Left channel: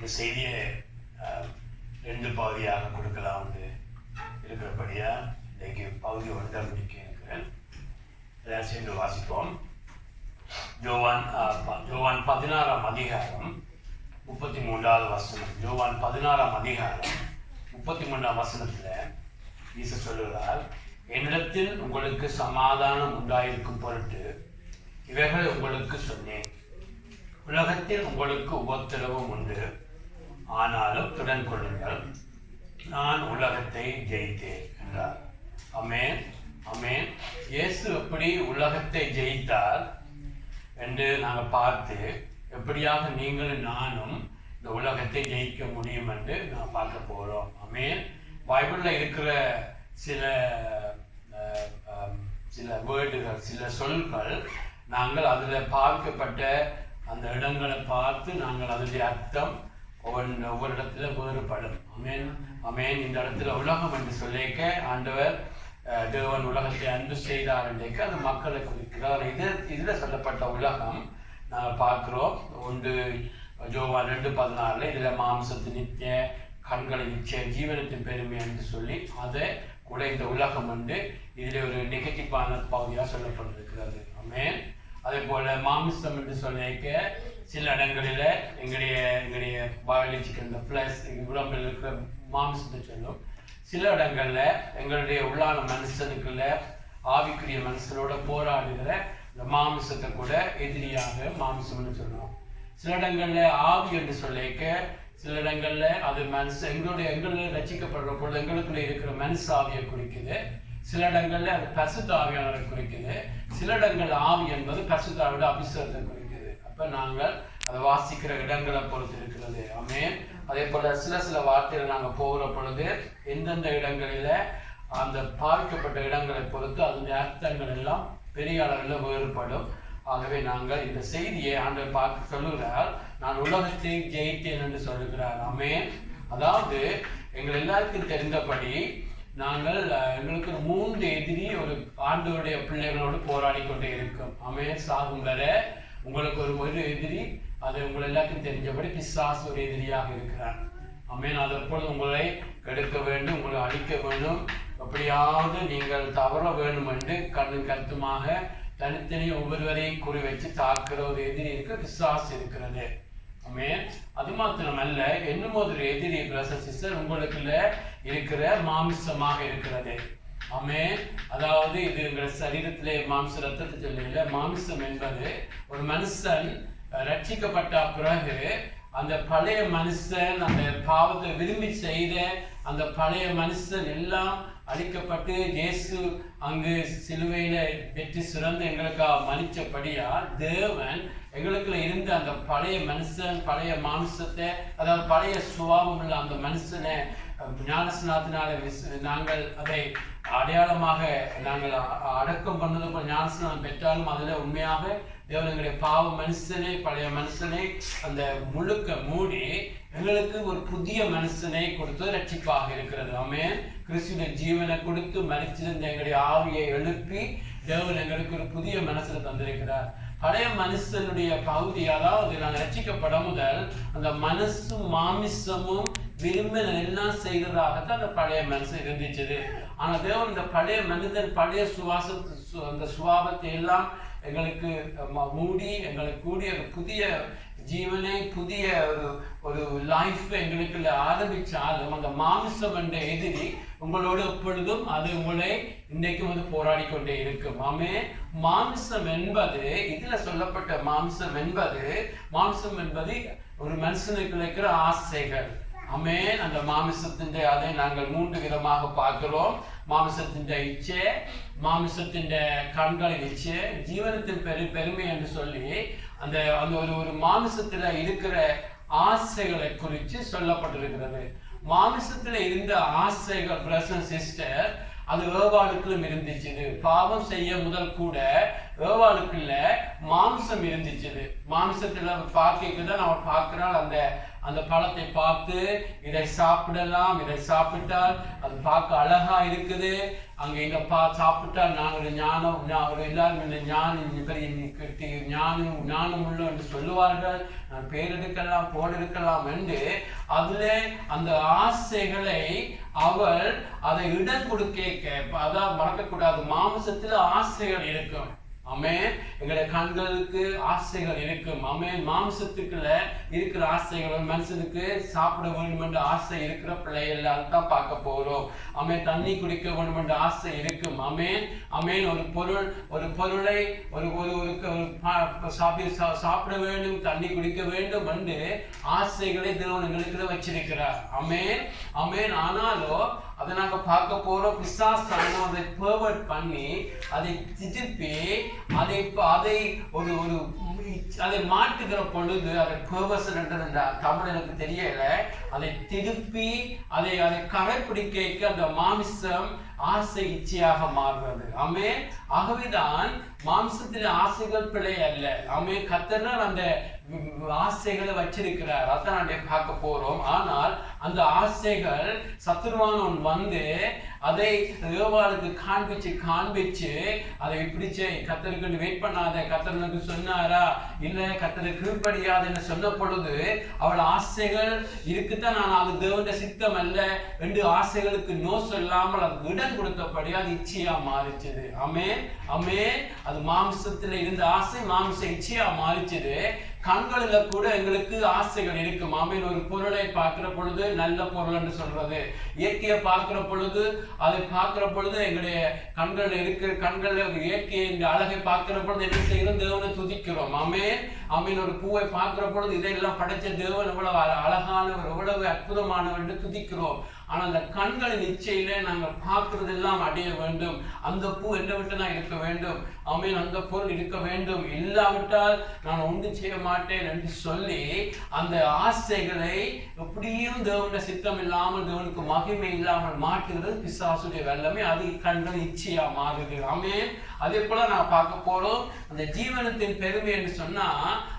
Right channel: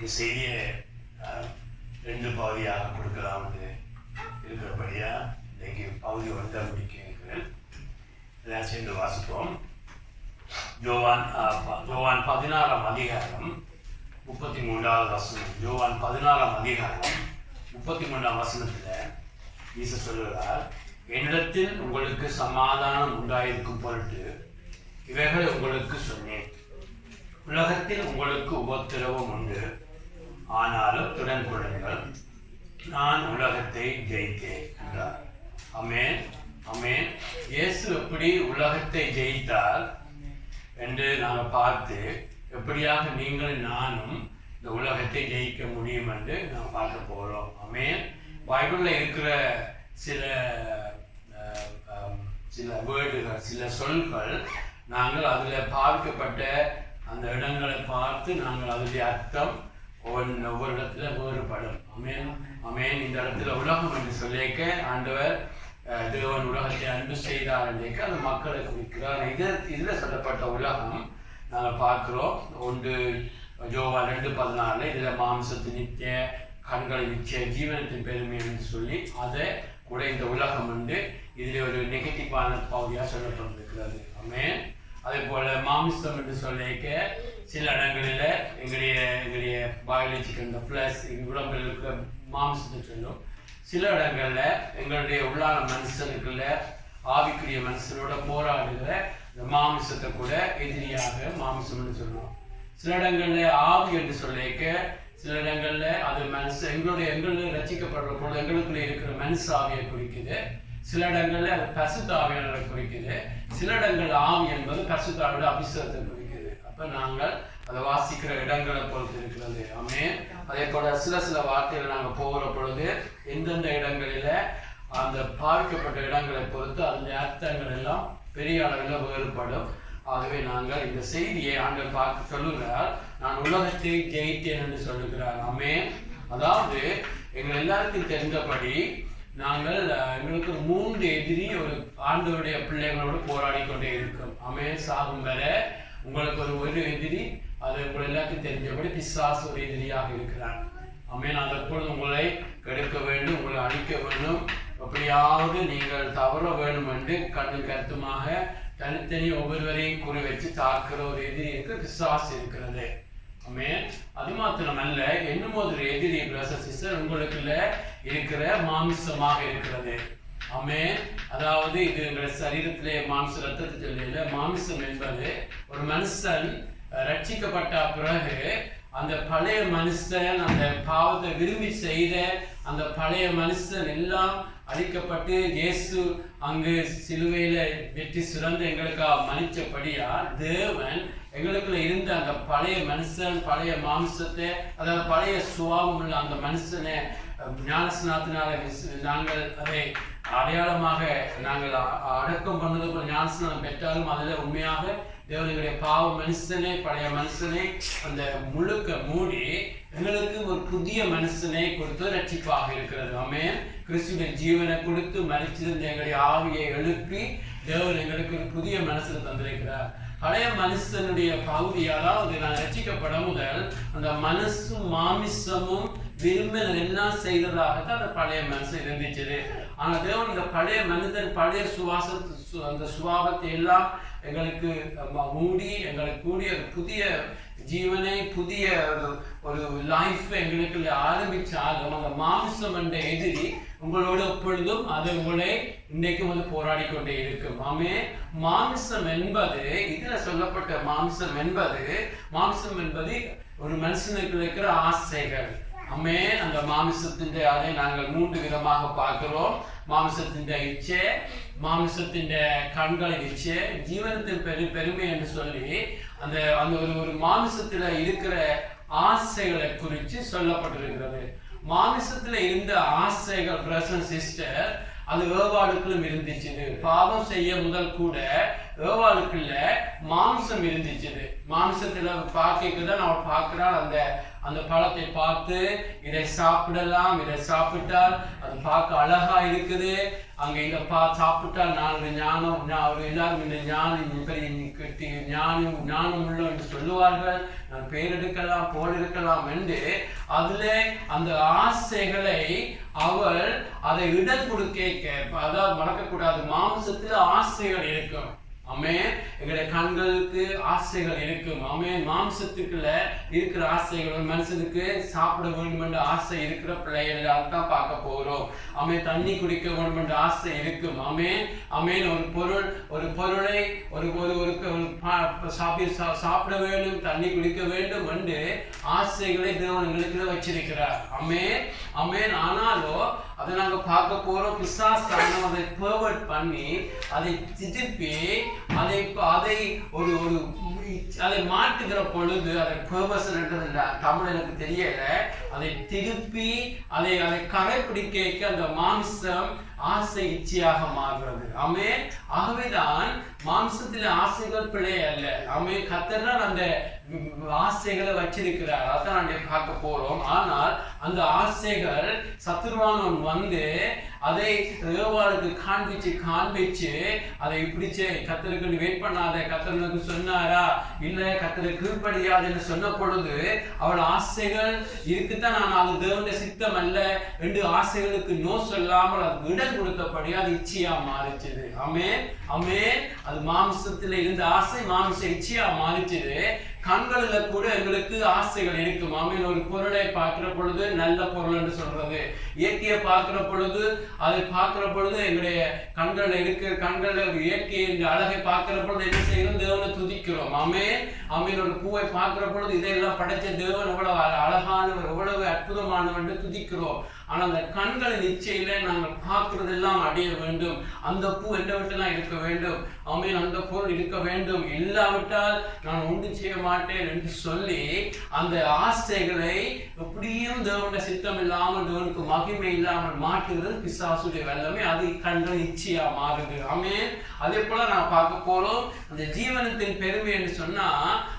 இந்த செய்தியை 2 பகுதியாக கொடுக்கலாம்னு இருக்கிறபடியா இன்றைக்கு பகுதி 1 முடிக்க இருக்கிறேன். எல்லாம் சேர்ந்து வாசிப்போம். யோவான் 16ஆம் அதிகாரம் 33வது வசனம். யோவான் 16ஆம் அதிகாரம் 33ஆம் வசனத்தில் இயேசு சொல்லுகிறார், என்னிடத்தில் உங்களுக்கு சமாதானம் உண்டாயிருக்கும் பொருட்டு இவைகளை உங்களுக்கு சொன்னேன். உலகத்தில் உங்களுக்கு உபத்திரவம் உண்டு, ஆனாலும் திடன் கொள்ளுங்கள், நான் உலகத்தை ஜெயித்தேன் என்றார். ஆமென், ஆமென். இயேசு எப்படி உலகத்தை ஜெயித்தார் என்று நாம் பார்த்து எப்படியாக நீங்களும் நானும் இந்த உலகத்தை ஜெயிக்க முடியும் என்று நாம் பார்க்க போகிறோம். ஆமென். பைபிளில் இருக்கிற சில வேர்டுகள், சில சொற்கள் நாங்கள் அதில் பார்க்கப்பட்ட அந்த இடங்களை பார்த்து நாங்கள் அதனுடைய அர்த்தம் ஒவ்வொரு இடத்துல வேறுபடும். ஆமென், ஆமென். இந்த இடத்துல உலகம் என்று சொல்லிக்க ஆண்டவர் தேவன் உலகத்தை அன்பு செய்தார் என்றைக்க அந்த மக்களை குறிக்கிறார். இதில் சொல்லப்பட்ட உலகம் நாங்கள் பார்க்குறோம். 1 யோவான் 2:14 இதில் மாம்சத்து நித்திய கண்களை நிச்சய ஜீவனத்தின் பெருமை என்று சொல்லி அதை கூட இந்த உலகம் வந்து இதில் ஒரு நெகட்டிவான பகுதியாக சொல்லப்பட்டிருக்கிறது. ஆமென். அதே போல் மாமிசம் என்று சொல்லிக்க சில இடங்களில் எங்களுடைய பயாலஜிக்கல் இந்த ப்ளஸ் உடம்பில் இருக்கிற மாமிசத்தை சொல்லும். சில இடங்களில் எங்களுடைய உள்ளான மனுஷனுக்குள்ள ஆவிக்குரிய மனுஷனோட போராடுகிற இந்த மாமிசத்தை கூட எதிரியாக மாமிசம்னு சொல்லுவோம். சில இடங்களில் ஆவி என்று சொல்லிக்க, சில இடங்களில் அது எங்களில் ரசிக்கப்படுற பொழுது எங்களுக்குள்ள இருக்கிற மனுஷ ஆவியை குறிக்குது. சில இடங்களில் அது பரிசுத்த ஆவியானவரை குறிக்குது. சில இடங்கள் ஆவி என்பது பரிசுத்த ஆவியோட அபிஷேகத்தை குறிக்குது. அப்போ நாங்கள் அதை வாசிக்கிற இடங்களை பொறுத்து இருக்கிறது. ஆமென். அதே போல் சில வார்த்தைகள் நாங்கள் போகிற பொழுது எந்தெந்த இடங்களில் அந்த பார்க்கப்பட்ட இடங்களை பொறுத்து அதனுடைய அர்த்தங்கள் எல்லாம் பெரிய அளவில் வேறுபடும். ஆகவே நாங்கள் இந்த செய்தியை ஆண்டவர் பார்க்க சொல்லுகிறார், நான் உலகத்தை ஜெயித்தேன் என்று சொல்லுகிறார். ஆமென். அதாவது எங்கள் எல்லாருக்கும் தெரிந்தபடி நாங்கள் எங்களுக்கு 3 எதிரி ஒரு ஆண்டவருடைய பிள்ளைகளோடு போராடி கொண்டே இருக்கும். ஆமென். சாகும் வரை உங்களுக்கு ஒரு எதிரி, அது உங்கள் எல்லாருக்கும் தெரிஞ்சபடி பிசாசு ஒரு எதிரியாக இருக்கிறார். ஆமென். அதற்பொழுது உங்களை கெடுக்க வேண்டும், உங்களை அழிக்க வேண்டும், அப்படியாவது நீங்கள் தவற வேண்டும் என்று கருத்துமாக தனித்தனி ஒவ்வொருவரையும் குறி வச்சு தாக்குற ஒரு எதிரி இருக்கு, பிசாசு இருக்கிறது. ஆமென். அது மாத்திரமல்ல, இன்னும் ஒரு எதிரி சிஸ்டர் உங்களுக்குள்ள இருக்கிற மாமிசமாக இருக்கிறது. ஆமென். அதாவது இது எங்கள் சரீரத்திலே மாம்ச ரத்தத்தை சொல்லல, மாமிசம் என்பது ஒரு மனுஷன் ரட்சிக்கப்பட்ட பிறகு அந்த பழைய மனுஷன் அந்த பாவத்தை விரும்பி செய்த அந்த பழைய மனுஷன் எல்லாம் அழிக்கப்பட்டு இயேசு அங்கு சிலுவையில வெற்றி சிறந்து எங்களுக்காக மன்னிச்சபடியா தேவன் எங்களுக்குள்ள இருந்த அந்த பழைய மனுஷன், பழைய மாம்சத்தை, அதாவது பழைய சுபாவம் உள்ள அந்த மனுஷனை ஞானஸ்நானத்தினால நாங்கள் அதை அடையாளமாக நாங்கள் அடக்கம் பண்ணது போல ஞானஸ்நானம் பெற்றாலும் அதில் உண்மையாக தேவனுடைய பாவ மனுஷனை, பழைய மனுஷனை அந்த முழுக்க மூடி எங்களுக்கு ஒரு புதிய மனுஷனை கொடுத்து ரட்சிப்பாக இருக்கிறது. ஆமென். கிறிஸ்துவின் ஜீவனை கொடுத்து மரிச்சிருந்த எங்களுடைய ஆவியை எழுப்பி தேவன் எங்களுக்கு ஒரு புதிய மனுஷனை தந்திருக்கிறார். பழைய மனுஷனுடைய பகுதி, அதாவது நான் ரட்சிக்கப்பட முதல் அந்த மனசும் மாமிசமும் விரும்பின எல்லாம் செய்ததாகத்தான் அந்த பழைய மனுஷன் இருந்துச்சு. ஆனால் தேவன் இந்த பழைய மனிதன் பழைய அந்த சுபாவத்தை எல்லாம் எங்களுக்கு மூடி எங்களுக்கு கூடிய ஒரு புதிய ஜீவனை, புதிய ஒரு லைஃப் எங்களுக்கு ஆரம்பித்தாலும் அந்த மாமிசம் என்ற எதிரி உங்களோடு எப்பொழுதும் அது உங்களை இன்றைக்கும் அது போராடி கொண்டே இருக்கும். ஆமென். மாமிசம் என்பது இதில் சொல்லப்பட்ட மாமிசம் என்பது ஒரு மனுஷனுக்கு இருக்கிற ஆசைகள். ஆமென். அந்த மாமிசத்தின் அதை நாங்கள் 3 விதமாக பார்க்கிறோம். மாமிசத்தின் இச்சை, மாமிசத்தின் கண்களின் இச்சை, ஜீவனத்தின் பெருமை என்று சொல்லி அந்த அந்த ஒரு மாமிசத்தில் இருக்கிற ஆசைகளை குறித்து சொல்லப்பட்டிருக்கிறது. மாமிசத்தில் இருந்த ஆசைகள் பிரசன் சிஸ்டர் அது வேறுபாடுகளும் இருந்துச்சு. பாவம் செய்ய முதல் கூட ஏவாளுக்குள்ள மாம்சம் இருந்துச்சு. மாம்சத்துல பார்க்க தான் நம்ம பார்க்கிறாள். அந்த பழத்தை பார்த்து இதை சாப்பிடலாம், இதை சாப்பிட்டால் அது பார்க்க அழகா இருக்குது, அங்க இந்த சாப்பிட்டால் நான் ஞானம் எல்லாரும் இந்த ஞானம் பெரிய ஞானம் உள்ள என்று சொல்லுவார்கள், நான் பேர் எடுக்கலாம் போல் இருக்கலாம் என்று அதுல அந்த ஆசைகளை அவள் அதை இடம் கொடுக்க, அதாவது மறக்கக்கூடாது. மாம்சத்துல ஆசைகள் இருக்கும். ஆமென். எங்களுடைய கண்களுக்கு ஆசைகள் இருக்கும். ஆமென். மாம்சத்துக்குள்ள இருக்கிற ஆசைகள், மனுஷனுக்கு சாப்பிட வேண்டும் என்ற ஆசை இருக்கிற பிள்ளைகள் தான் பார்க்க போறோம். ஆமென். தண்ணி குடிக்க வேண்டும் என்ற ஆசை இருக்கும். ஆமென். ஆமென். ஒரு பொருளை சாப்பிட வேண்டும், தண்ணி குடிக்க வேண்டும் என்று ஆசைகளை தேவன் எங்களுக்குள்ள வச்சிருக்கிறார். ஆமென். ஆமென். ஆனாலும் அதை நாங்கள் பார்க்க போறோம். பிசாசான அதை பெர்வர்ட் பண்ணி அதை திருப்பி அதை மாட்டுகிற பொழுது, அதை பெர்வர்ஷன் என்றது தமிழ் எனக்கு தெரியல, அதை திருப்பி அதை கடைப்பிடிக்க அந்த மாம்சம் ஆசை இச்சையாக மாறுகிறது. ஆமென். ஆகவேதான் மாம்சத்தில் ஆசைகள் பிழை அல்ல. ஆமென். கர்த்தர் தான் அந்த ஆசைகளை வச்சிருக்கிறார். அதான் நாங்கள் பார்க்க போறோம். ஆனால் அந்த ஆசைகள் சத்துருவானவன் வந்து அதை ஏவாளுக்கு காண்பிச்சு அதை பிடிச்சு கர்த்தருக்கு வெயிட் பண்ணாத, கர்த்தருக்கு சொன்னாரா இல்ல கர்த்தருக்கு கீழ்ப்படியாதுன்னு சொன்ன பொழுது அவள் ஆசைகள் இருக்குத்தான், நான் அது தேவனுடைய சித்தம் அல்ல என்று ஆசைகளுக்கு நோ சொல்லாமல் அதுக்கு இடம் கொடுத்தபடி அது இச்சையா மாறிச்சது. ஆமென். ஆமென். அது மாம்சத்துல இருந்த ஆசை மாம்ச இச்சையா மாறிச்சது. கண்களில கூட எங்களுக்கு ஆசைகள் இருக்கும். ஆமென். ஒரு பொருளை பார்க்கிற பொழுது நல்ல பொருள் என்று சொல்றது, இயற்கையை பார்க்கிற பொழுது அதை பார்க்கிற பொழுது எங்களுடைய கண்களில் இயற்கையை இந்த அழகை பார்க்கிற பொழுது என்ன செய்கிறோம்? தேவனை துதிக்கிறோம். ஆமென். ஆமென். ஒரு பூவை பார்க்கிற பொழுது இதெல்லாம் படைச்ச தேவன் எவ்வளவு அழகானவர், எவ்வளவு அற்புதமானவர் என்று துதிக்கிறோம். ஆனால் அந்த கண்களின் இச்சையில நாங்கள் பார்க்கிறதெல்லாம் அடைய வேண்டும். அந்த பூ என்னை விட்டு நான் இருக்க வேண்டும். ஆமென். அந்த பொருள் இருக்க வேண்டும், இல்லாவிட்டால் நான் ஒன்றும் செய்ய மாட்டேன் என்று சொல்லி அந்த ஆசைகளை எப்படியும் தேவனுடைய சித்தம் இல்லாமல், தேவனுக்கு மகிமை இல்லாமல் மாற்றுகிறது பிசாசுடைய வல்லமை. அது கண்கள் இச்சையா மாறுது. ஆமென். அதே போல நான் பார்க்க போறோம் அந்த ஜீவனத்தின் பெருமை என்று சொன்னா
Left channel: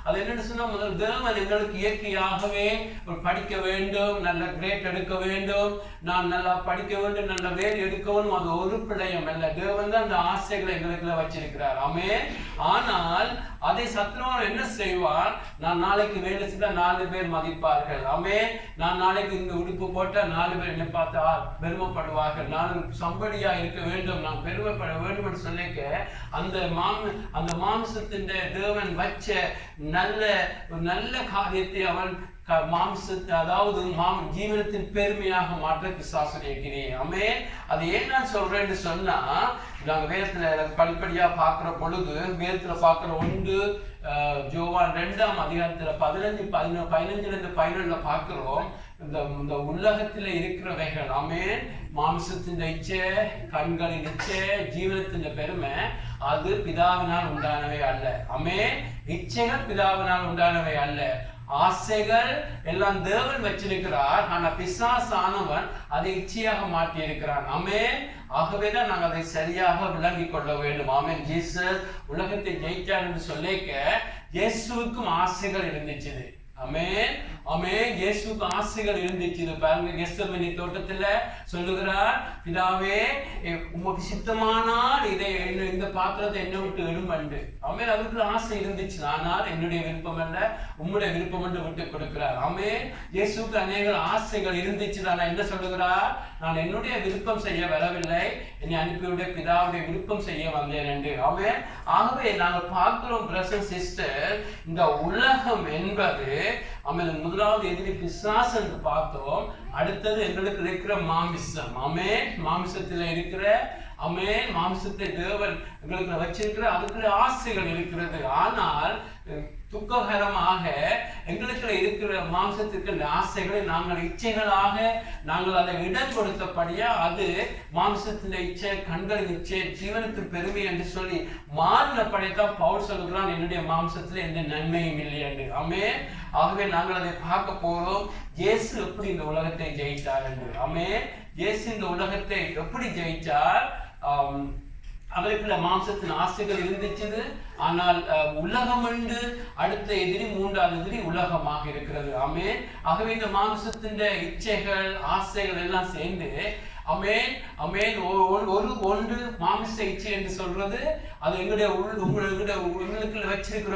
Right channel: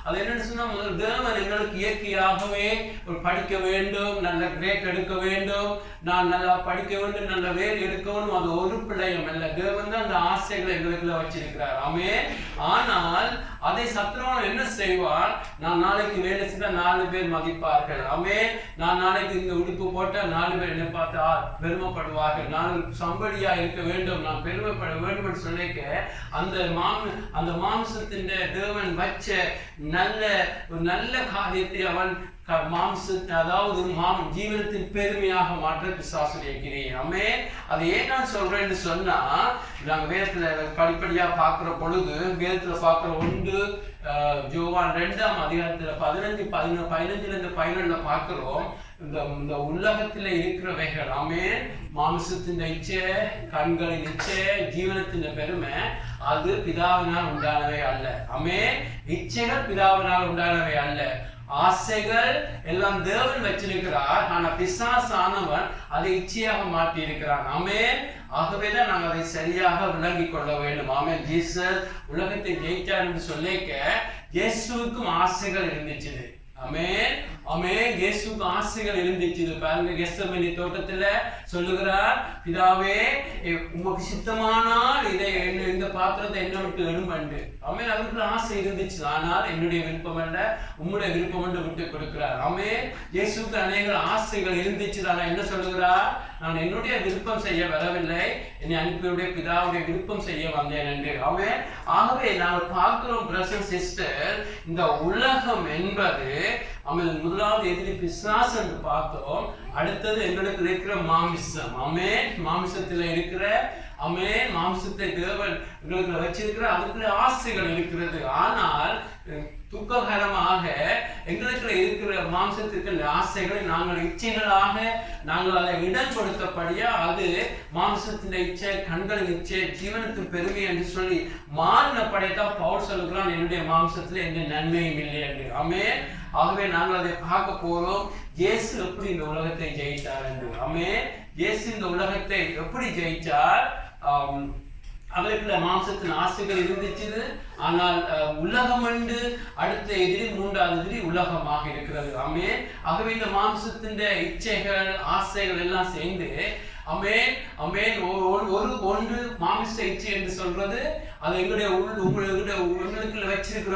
அது என்னன்னு சொன்னா, முதல் தேவன் எங்களுக்கு இயற்கையாகவே ஒரு படிக்க வேண்டும், நல்ல கிரேட் எடுக்க வேண்டும், நான் நல்லா படிக்க வேண்டும், நல்ல வேலை எடுக்க வேண்டும், அது ஒரு பிள்ளையம் அல்ல. தேவன் தான் அந்த ஆசைகளை எங்களுக்குள்ள வச்சிருக்கிறார். ஆமென். ஆனால் அதை சத்துருவான் என்ன செய்வான்? நான் நாளைக்கு வேலை செய்தால் 4 பேர் மதிப்பார்கள். ஆமென். நான் நாளைக்கு இந்த உடுப்பு போட்டால் 4 பேர் என்னை பார்த்தா பெருமைப்படுவார்கள், நான் சம்படியா இருக்க வேண்டும், நான் பெருமைப்பட வேண்டும் என்று சொல்லிக்க அந்த மாம்சத்தின் தேவன் வச்ச ஒரு நல்ல காரியத்தை அவன் மாம்சத்தை, அதாவது ஜீவனத்தின் பெருமையாக மாற்ற பிசாசுடைய கிரியை. ஆமென். அது ஏன் நான் சொல்றேன்னு சொன்னா, நாங்கள் வேதத்துல படிப்படியா பார்க்கிற பொழுது வேதத்துல பார்க்கிற 1 யோவான் 2ஆம் அதிகாரத்துல 15 பார்க்கிறோம். இந்த உலகத்துல இருக்கிறவைகள், ஆமென், மாம்சத்தின் இச்சை, கண்களின் இச்சை, ஜீவனத்தின் பெருமை அது பிதாவினால் உண்டானவை அல்ல. ஆமென். இச்சைகள் பிதாவினால் உண்டானவை அல்ல. ஆசைகள் எல்லாம் தேவன் வச்சிருக்கிறார். ஆனா பிசாசானவன் அதை இச்சையாக மாற்றி இருக்கிறான். ஆமென். ஆகவேதான் நாங்கள் அதை சரியாக விளங்கி கொள்ள வேண்டும். ஆமென். ஜீசஸ் உலகத்தை ஜெயிச்சார் என்று சொல்லிக்க இயேசுவுக்கும் ஆசைகள் இருந்துச்சு. ஆமென். ஆமென். இயேசுவுக்கு ஆசைகள் இருந்துச்சு. பாருங்க, கெத்செமனே தோட்டத்துல சொல்லுகிறார், பிதாவே உமக்கு சித்தமானால் இந்த பாத்திரத்தை என்ன விட்டு எடுமண்டு. ஆமென். அதுக்குள்ள ஆசை இருந்துச்சு. ஆனால் என்னுடைய விருப்பம் அல்ல, உம்முடைய விருப்பம் என்று விட்டு கொடுக்கிறார். ஆமென். இயேசுக்கு அநேக ஆசைகள் இருந்துச்சு. நான் என்ன சொல்லுகிறார்? நான் என்னுடைய விருப்பம் செய்ய வரவில்லை, என்னை அனுப்பியுடைய பிதாவுடைய விருப்பம் செய்ய வந்தேன் என்று. ஆமென். ஆகவே நாங்கள் பார்க்கிறோம் பிரதர்ஸ் அண்ட் சிஸ்டர், இந்த உலகம் என்பது முதலாவது எதிரி பிசாசு என்று பார்த்தோம். அடுத்தது எங்களுக்கு இருக்கிற மாமிசம். ஆமென். மாமிசத்துல இருக்கிற, ஆமென், மாமிசத்தை தேவன் எங்களுக்கு வச்சிருக்கிற அதுக்குள்ள ஆசைகள் இருக்கிறது. ஆனால் துக்ககரமாக எங்களுக்கு இருக்கிற மாம்சத்திற்கு ஆசைகளை நாங்கள் இச்சைகளாக நாங்கள் அதை இடம் கொடுத்தபடியா அது மாம்சத்தின் இச்சை, கண்களின் இச்சை, ஜீவனத்தின் பெருமை என்று சொல்லி மாறினப்படையத்தான் பவுல் சொல்லுகிறான், என்னுடைய மாம்சத்துல எந்த நன்மையும் இல்லை என்று. ஆமென். ஆகவே நாங்கள் அதை பார்க்க போறோம், இயேசு எப்படி இந்த உலகத்தை ஜெயித்தார் என்று. ஆமென். இயேசு இந்த உலகத்தை எப்படி ஜெயிச்சார்? அவருக்குள்ள மாம்சத்தின் ஆசைகள் இருந்துச்சு. ஆனால் உலகம் என்று அடுத்த எதிரி, மூன்றாவது எதிரி உலகமாக இருக்கிறது. ஆமென். ஆகவே இந்த மாம்சத்தின் இச்சைகள் ஆசைகள் எல்லாம் சேர்ந்து அமேன் அமேன் ஒன்று மாமிச இச்சை என்று சொல்றது அது எங்களுடைய உங்களுக்குள்ள வச்சிருக்கிற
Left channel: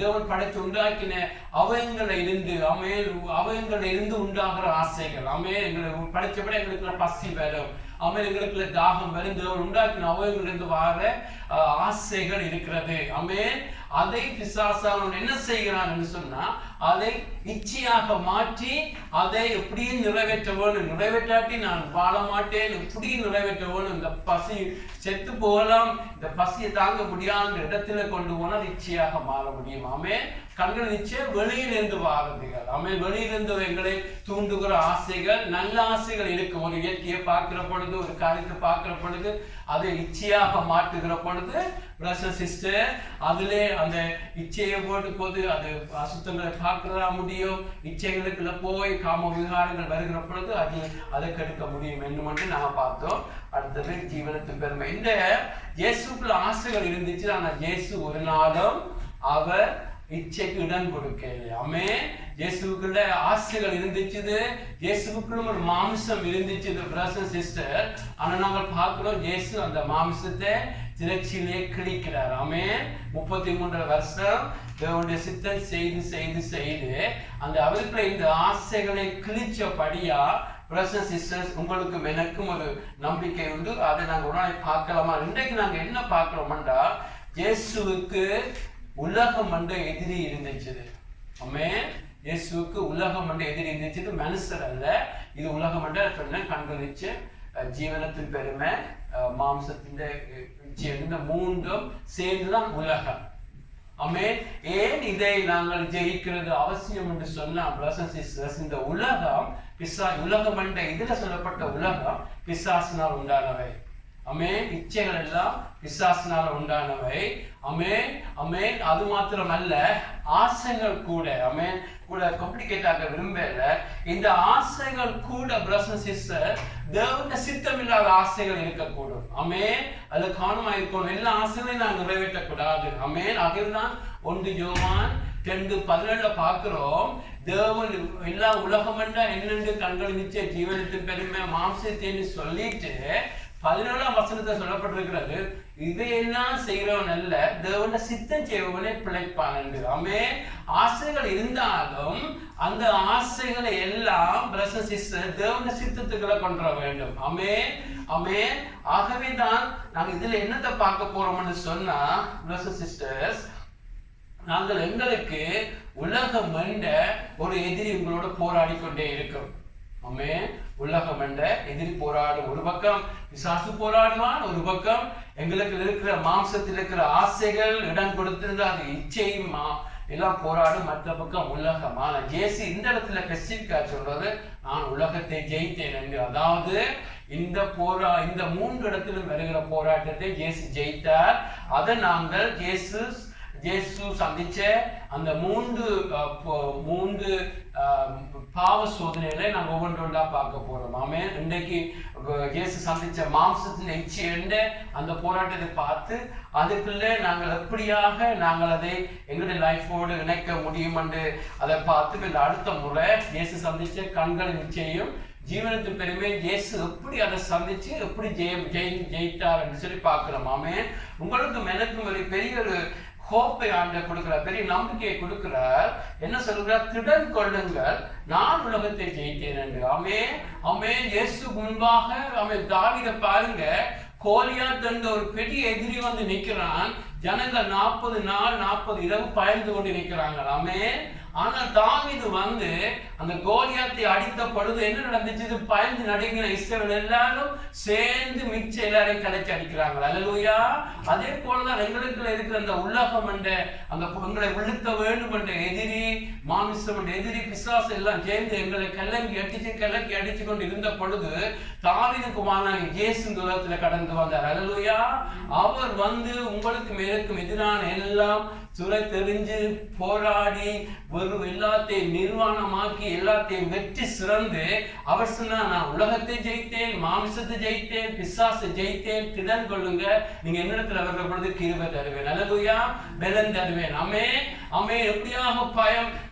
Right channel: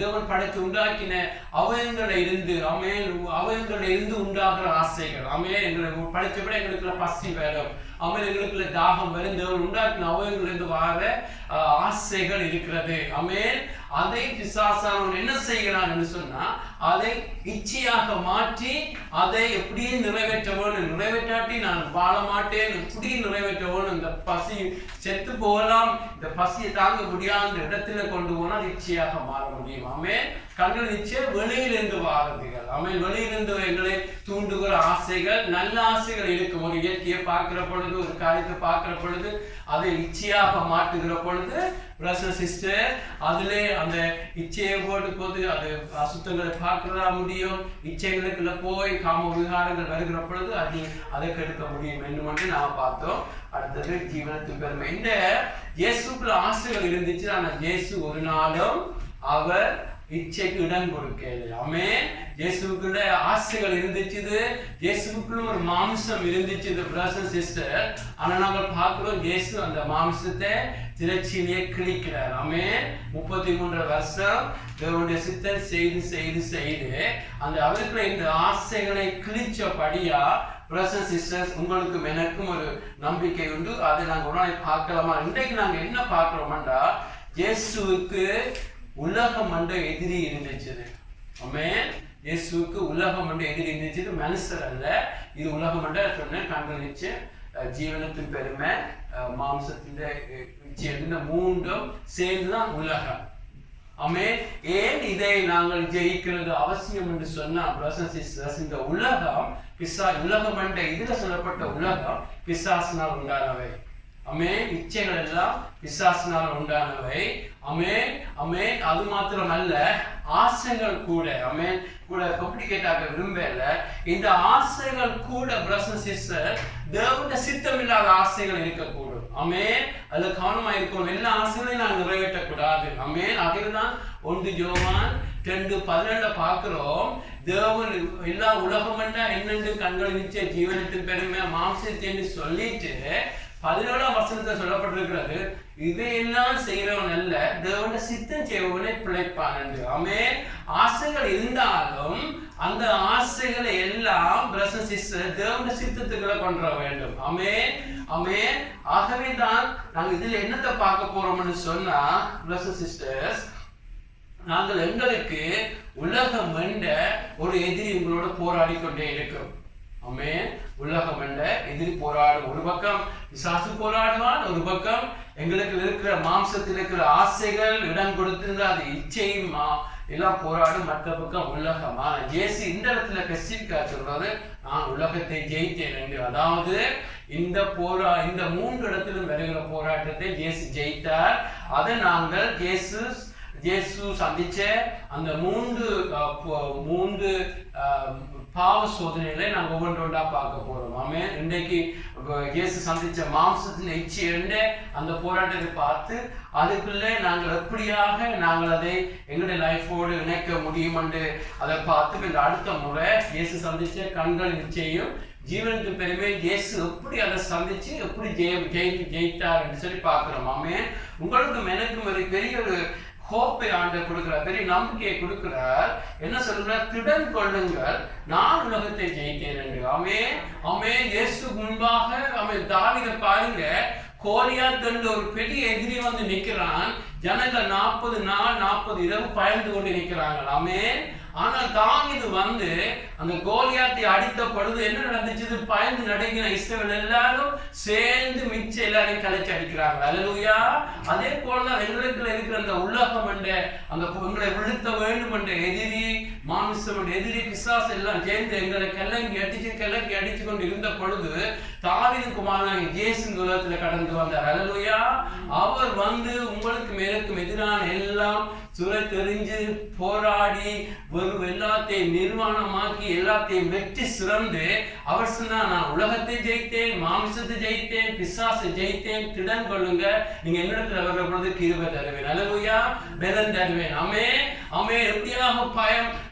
தேவன் படைத்து உண்டாக்கின அவயங்களை இருந்து அமேன் அவயங்களை இருந்து உண்டாகிற ஆசைகள். அமேன் எங்களை படைச்சபடி எங்களுக்குள்ள பசி வரும். அமேன் எங்களுக்குள்ள தாகம் வரும். தேவன் உண்டாக்கின அவயங்கள் இருந்து வார ஆசைகள் இருக்கிறது. அமேன். அதை பிசாசானவன் என்ன செய்கிறான் என்று சொன்னா அதை இச்சையாக மாற்றி அதை எப்படியே நிறைவேற்ற வேணும். நிறைவேற்றாட்டி நான் வாழ மாட்டேன், எப்படி நிறைவேற்ற வேணும். இந்த பசி செத்து போகலாம், இந்த பசியை தாங்க முடியாத இடத்துல கொண்டு போனால் இச்சையாக மாற முடியும். ஆமென். கண்கள் நிச்சயம் வெளியிலிருந்து வாரதுகள். ஆமென். வெளியிலிருந்து எங்களை தூண்டுகிற ஆசைகள், நல்ல ஆசைகள் இருக்கும். ஒரு இயற்கையை பார்க்கிற பொழுது, ஒரு காரியத்தை பார்க்கிற பொழுது அதை இச்சையாக மாற்றுகிற பொழுது பிரதர் சிஸ்டர் அதிலே அந்த இச்சையை போட்டு போது அது அசுத்தங்களை பார்க்கிறதா முடியும். இச்சைகளுக்குள்ள போய் காம விகாரங்கள் வருகிற பொழுது அதை கெடுக்க முடியும் என்று மட்டும் நான் பார்த்தோம். அடுத்தது ஜீவனத்தின் பெருமை. இந்த இயேசுக்குள்ள ஆசைகள் இருந்துச்சு. ஆனால் இயேசு ஒரு நாளும் அவர் இச்சைக்கு இடம் கொடுக்கல. ஆமென். இயேசுக்குள்ள ஆசைகள் இருந்துச்சு. இயேசுக்குள்ள ஒரு மாமிசம் இருந்துச்சு பிரதர் சிஸ்டர். ஆனா நாங்கள் பார்க்கிறோம் இயேசு அந்த மாமிசத்தை திரட்சியிலே கிழிக்கிறார். ஆமென். 33 வருஷம் தேவனுடைய சித்தம் செய்து செய்து செய்து அந்த அவருக்குள்ள இந்த ஆசைகளை கிழிச்சபடியா பிரதர் சிஸ்டர்ஸ் உங்களுக்கும் எனக்கும் ஒரு நம்பிக்கை உண்டு. அதை நாங்கள் ஒரு நாளைக்கு பார்க்கலாமா? இன்றைக்கு நாங்கள் என்ன பார்க்கிறோம்னா இயேசுவுக்கு உலகம் என்ற எதிரி இருந்துச்சு. ஆமென். இயேசுவுக்கு உலகம் என்ற எதிரி இருந்துச்சு. மனுஷர் அல்ல, இது உலகம் என்ற சொன்ன கண்களிச்சு ஜீவனத்தின் பெருமை மாம்சத்தின் இந்த மூன்றும் சேர்ந்துதான் உலகம். ஆமென். ஏன் இதை நாங்கள் ஜெயிக்கிறது அவசியம் என்று சொன்னா பிரதர் சிஸ்டர்ஸ் இந்த உலகம் உலகம் என்ற இதுல சொல்லப்பட்ட உலகம் பிசாசினால் உண்டானவை. அமேன். இச்சைகள் எல்லாம் பிசாசினால் உண்டானவை. அமேன் அமேன். அது மாத்திரமல்ல ஆசைகள் கூட அமேன் கூட காம்ப்ளிகேட்டாக விரும்பல. இந்த ஆசைகள் கூட பிரதர் சிஸ்டர் தேவனுடைய சித்தம் இல்லாத ஆசைகள் இருக்கக்கூடும். அமேன். அதுல கவனமா இருக்கணும். எல்லா ஆசைகளையும் நான் நிறைவேற்றக்கூடாது. அமேன். அதுதான் 1 யோவான் 2:17 பார்க்கிறோம். தேவன் எல்லா உலகம் என்னென்று கண்கள் நிச்சய ஜீவனத்தின் பெருமை மாம்சத்தை சொல்லிட்டு 17ஆம் வசனத்தை சொல்லப்பட்டிருக்கிறது இதையெல்லாம் செய்கிறவன் அல்ல தேவனுடைய சித்தம் செய்வனை பிழைப்பான் என்று. ஆமென். ஆசைகள் இருந்தாலும் அந்த ஆசைகளை எல்லாம் பிரதர் சிஸ்டர் தேவனுடைய சித்தத்துக்களை கொண்டு வேண்டும். ஆமென் ஆமென். ஆகவே தான் நாங்கள் இதுல என்னத்தை பார்க்க போறோம்னு சொன்னா பிரதர் சிஸ்டர்ஸ் நாங்கள் எங்களுக்கு உலகம் என்ற ஒரு எதிரி உங்களோட போராடி கொண்டே இருக்கும். ஆமென். உலகம் என்ற எதிரி போராடும். ஒரு பக்கம் பிசாசு போராடுவான், ஒரு பக்கம் எங்களுக்கு இருக்கிற மாம்சத்தில் இருக்கிற ஆசைகள் இடம் கொடுத்திருந்த அது இச்சையும் எல்லாம் போராடும். மற்ற பக்கம் உலகம். ஆனா ஜேசு இந்த இடத்துல ஸ்பெசிஃபிக்கா சொல்றது நான் உலகத்தை ஜெயித்தேன் என்று. அதாவது இந்த 3 இடத்திலும் வருகிற போராட்டத்தை ஜேசு ஜெயித்தார். அதை நாங்கள் ஜேசு சந்திச்ச அந்த 3 பாவ சோதனைகளை நாங்கள் ஒவ்வொன்றா பார்க்க போறோம். ஆமென். இன்றைக்கு இயேசு சந்திச்ச மாம்சத்தின் இச்சை அந்த போராட்டத்தை பார்த்து அதுக்குள்ள நாங்கள் எப்படியாக நாங்கள் அதை எங்களுடைய லைஃபோடு இணைக்க முடியும் என்று அதை பார்த்து இந்த அடுத்த முறை இயேசு சந்திச்ச கண்களின் இச்சையும் ஜீவனத்தின் பெருமை இயேசு எப்படி அதை சந்திச்சு எப்படி ஜெயித்தார் என்று சொல்லி பார்க்கிறோம். ஆமென். உங்களுக்கும் எனக்கும் ஒரு பெரிய ஒரு ஹோப்பை ஆண்டவர் கொடுக்கிறார், பெரிய நம்பிக்கையை கொடுக்கிறார். என்ன சொல்கிறார்? திடன் கொள்ளுங்கள், நான் உலகத்தை ஜெயித்தேன் என்று. ஆமென் ஆமென். இயேசு முன்பாக ஆமென் தாவீதை பாருங்க, கோலியாத் என்ற ஒரு பெரிய எதிரி வந்து நிற்கிறான். ஜனங்கள் 40 நாள் 40 இரவு பயந்து கொண்டு நிற்கிறாங்க. ஆமென். ஆனால் தாவீது வந்து அந்த கோலியாத்தை அடித்த பொழுது என்ன நடந்துச்சு? பயந்து நடுங்கின இஸ்ரவேல் எல்லாரும் சேர்ந்து மிச்ச எல்லாரையும் கலைச்சு அடிக்கிறாங்க. அல்லேலூயா. அதே போலதான் எங்களுக்குள்ள இருக்கிற அந்த உலகம் என்ற அந்த உங்களை விழுத்த வேண்டும் என்ற எதிரி, மாமிசம் என்ற எதிரி, பிசாசு எல்லாம் சேர்ந்து எங்களை கிளங்கி அடிச்சு கொண்டு இருந்த பொழுது தாவீதின் குமாரனாகிய இயேசு இந்த உலகத்துல கடந்து வந்தார். அல்லேலூயா. அவர் வந்து உங்களுக்கும் எனக்கும் எதிரான எல்லாம் சுரை தெரிஞ்சு போராடி ஒரு எல்லாத்தையும் நிர்வாணமாக்கி எல்லாத்தையும் வெற்றி சிறந்து அவர் சொன்னா, நான் உலகத்தை ஜெயித்தேன், மாமிசத்தை ஜெயித்தேன், பிசாசை ஜெயித்தேன், திடன் கொள்ளுங்க, நீங்க என்னிடத்துல வர்ற பொழுது கிருபை தருவேன், அல்லேலூயா, பலன் தருவேன். எப்படியாக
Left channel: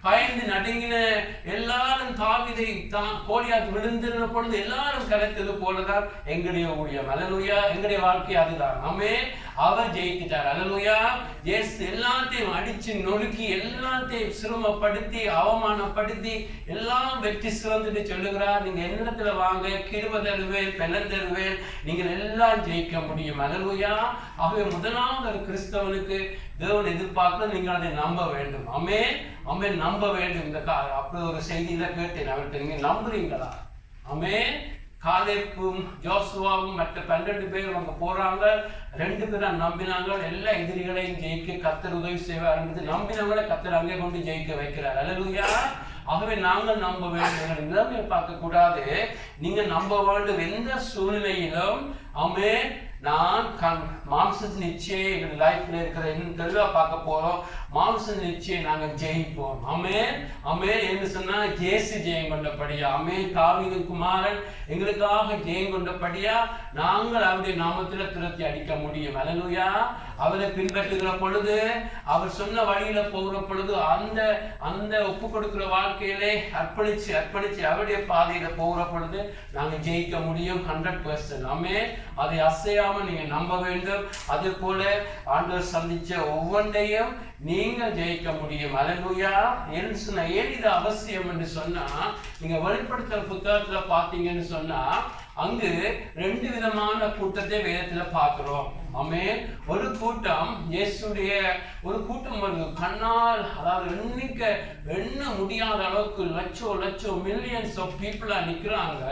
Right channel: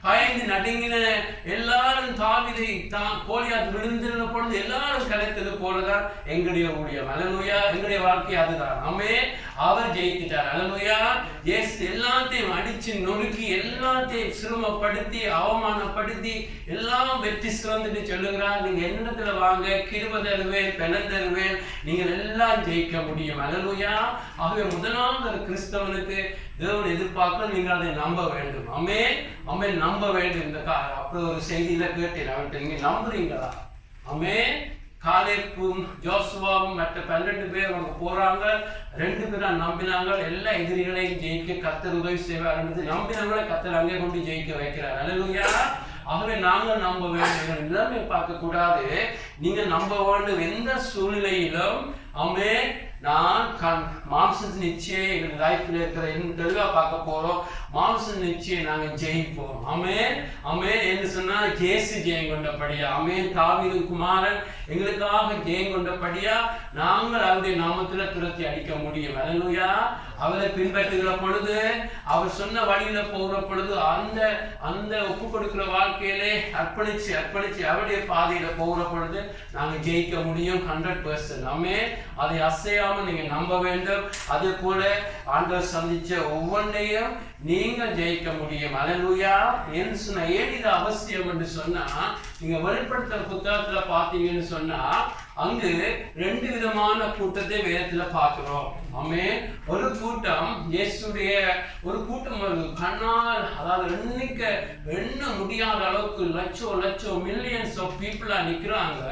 பயந்து நடுங்கின எல்லாரும் தாவீதை கோலியாத் விழுந்திருந்த பொழுது எல்லாரும் கிடைத்தது போலதான் எங்களுடைய ஊழியம், அல்லேலூயா, எங்களுடைய வாழ்க்கை அதுதான். அவர் ஜெயித்துட்டார், அல்லேலூயா. இயேசு எல்லாத்தையும் அடிச்சு நொறுக்கி எல்லாத்தையும் சிரமப்படுத்தி அவமானப்படுத்தி எல்லாம் வெற்றி சிறந்துட்டு சொல்லுகிறார், நீங்க என்னிடத்துல வாங்க, கிருபை தருவேன், பலன் தருவேன், நீங்கள் எல்லாம் ஜெயிக்க முடியும், அல்லேலூயா. ஆகவே முதலாவது ஒரு கிறிஸ்தவனுக்கு தேவன் எதிர்பார்க்க நீங்கள் அதை நம்ப வேண்டும். ஆமென், நம்ப வேண்டும். இந்த அப்படி ஒரு செய்தியில கேட்டேன், அவர்கிட்ட நீங்க நம்புறீங்களா? காலேப்பும் ஜோசுவாவும் மற்ற 12 பேர் அவங்க போறாங்க, 2 பேரும் நம்பினாங்க, எல்லா எதிரிகளையும் ஜெயிக்க கர்த்தர் உதவி செய்வார் என்று நம்பினவங்களை கர்த்தர் அங்கே கொண்டு ஜெயிக்க வைக்கிறார், அல்லேலூயா. ஆகவே நாங்கள் நம்ப வேண்டும், நிலைமையை பார்க்க கூடாது, நீங்க நம்ப வேண்டும். எந்த சூழ்நிலையிலும் நான் மாம்சத்தின் நிச்சயம் எங்கள் லைஃப்ல இருக்கிற தெளிவா பார்க்க போறோம். மாம்சத்தின் நிச்சயம் நாங்கள் ஜெயிப்போம். என்று சொன்னா ஜேசு ஜெயம் கொண்டபடியா, தாவீதின் குமாரன் எங்களுக்காக ஜெயம் கொண்டபடியா நாங்கள் அவருடைய நாமத்துல துரத்தி அடிக்க முடியும், அல்லேலூயா. அவரை பின்பற்றுகிற பொழுது, அவர் சொன்ன வழியில போகிற பொழுது, அந்த ஒப்பு கொடுக்கிற வாழ்க்கையிலே அர்ப்பணிச்சு அவருடைய பாதையில போகிற பொழுது நாங்க ஜெயிக்க முடியும் 100%. அதை அசையாம நீங்க நம்ப வேண்டும். அதே போல ஆண்டவர் சந்திச்ச ஒவ்வொன்றையும் நீங்கள் ஜெயிக்க முடியும், அல்லேலூயா. ஏன் இது அவசியம் என்று சொன்னா, நீங்க வெளிப்படுத்துற புத்தகத்துல பாத்தீங்கன்னு சொன்னா அங்கு 2 விதமான கூட்டத்தை வேதத்துல பார்க்கிறோம். ஒரு கூட்டம் இயேசுடைய ஒரு கூட்டம் வருது, கண்ணால் அதாவது எண்ண முடியாத அளவுக்கு லட்சம் மில்லியன்ஸ் ஆஃப் பீப்புளா நிக்கிறாங்க.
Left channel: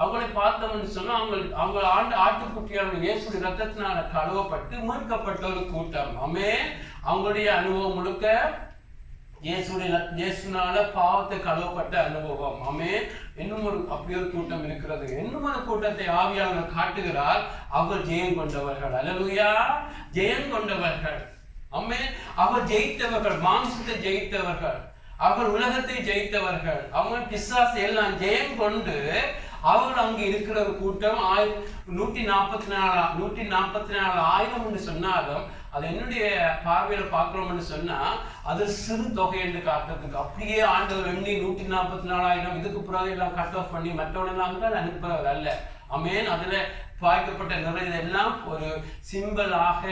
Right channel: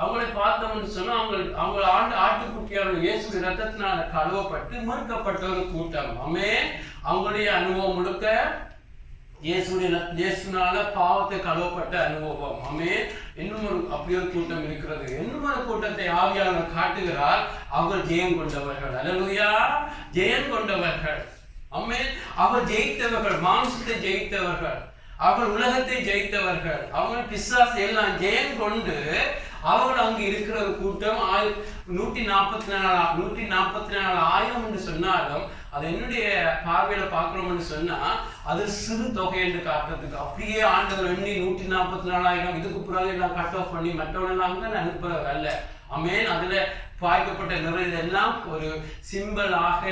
அவங்களை பார்த்தோம்னு சொன்னா அவங்க ஆட்டுக்குட்டியான இயேசுடைய ரத்தத்தினால கழுவப்பட்டு மீட்கப்பட்ட ஒரு கூட்டம். அவங்களுடைய அனுபவம் முழுக்க இயேசுனால பாவத்தை கழுவப்பட்ட அனுபவம். இன்னும் அப்படி ஒரு கூட்டம் இருக்கிறது. இன்னும் ஒரு கூட்டத்தை ஆவியாளர் காட்டுகிறார், அவர்கள் ஜெயம் கொண்டவர்கள், அல்லேலூயா, ஜெயம் கொண்டவர்கள். அவர் ஜெயித்தவர்கள், மாம்சத்தை ஜெயித்தவர்கள், அவர்கள் உலகத்தை ஜெயித்தவர்கள், அவங்க பிசாசு எல்லாம் ஜெயம் கொண்டு அவர்கள் அங்கு இருக்கிற ஒரு கூட்டம் 144,000 என்று சொன்னாலும் அது என்னுடைய பார்வையில பார்க்கிறோம்னு சொன்னா அது சிறு தொகை என்று காட்டுறதுக்கு அப்படியே ஆண்டவர் எண்ணி 144,000 இதுக்கு பிறகு எல்லாம் கட் ஆஃப் பண்ணி மற்றவனெல்லாம் தான் அனுப்புறது அல்ல. அதுல பாய்க்கப்பட்ட நிறைய எல்லாம் ஒரு சிம்பிளாக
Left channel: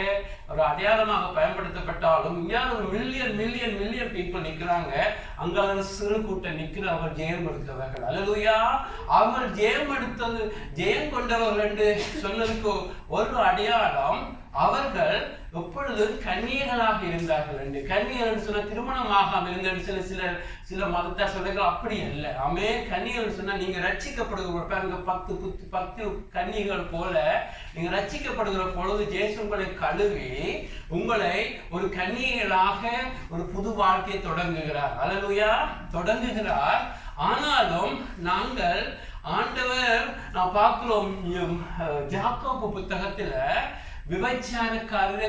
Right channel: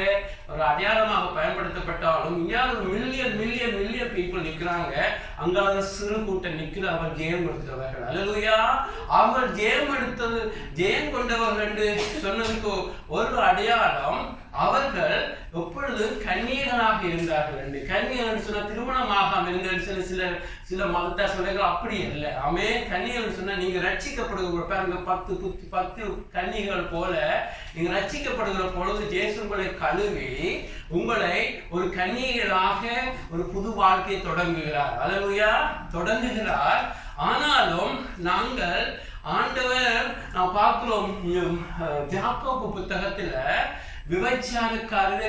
ஒரு அடையாளமாக பயன்படுத்தப்பட்டாலும் இங்கே ஒரு மில்லியன் பீப்புள் நிற்கிறாங்க. அங்காவது சிறு கூட்டம் நிற்கிற அவர் ஜெயம் எடுத்தவர்கள், அல்லேலூயா. அவர்கள் ஜெயம் கொண்டவர்கள் என்று சொன்னதுக்கு ஒரு அடையாளம், அவர்கள் எப்பொழுது கன்னியர்களாக இருந்தார்கள் என்று. கன்னியர்கள் சொன்ன திருமணமாக இருந்த சில மதத்தை சொல்லுங்கள், அப்படி அல்ல. கன்னியர்கள் சொன்னா நீங்க ரட்சிக்கப்படுகிற 10 கன்னிகள் போல நீங்க ரட்சிக்கப்படுகிற பொழுது இயேசு உங்களை கழுவி உங்களை ஒரு கன்னியர்களாக ஒரு புது வாழ்க்கையை தொடங்குகிறார், அல்லேலூயா, தொடங்குகிறார். ஆனாலும் நாங்கள் ஆண்டவர் நாம் பார்க்கிறோம் யாக்கோபு புத்தகத்துல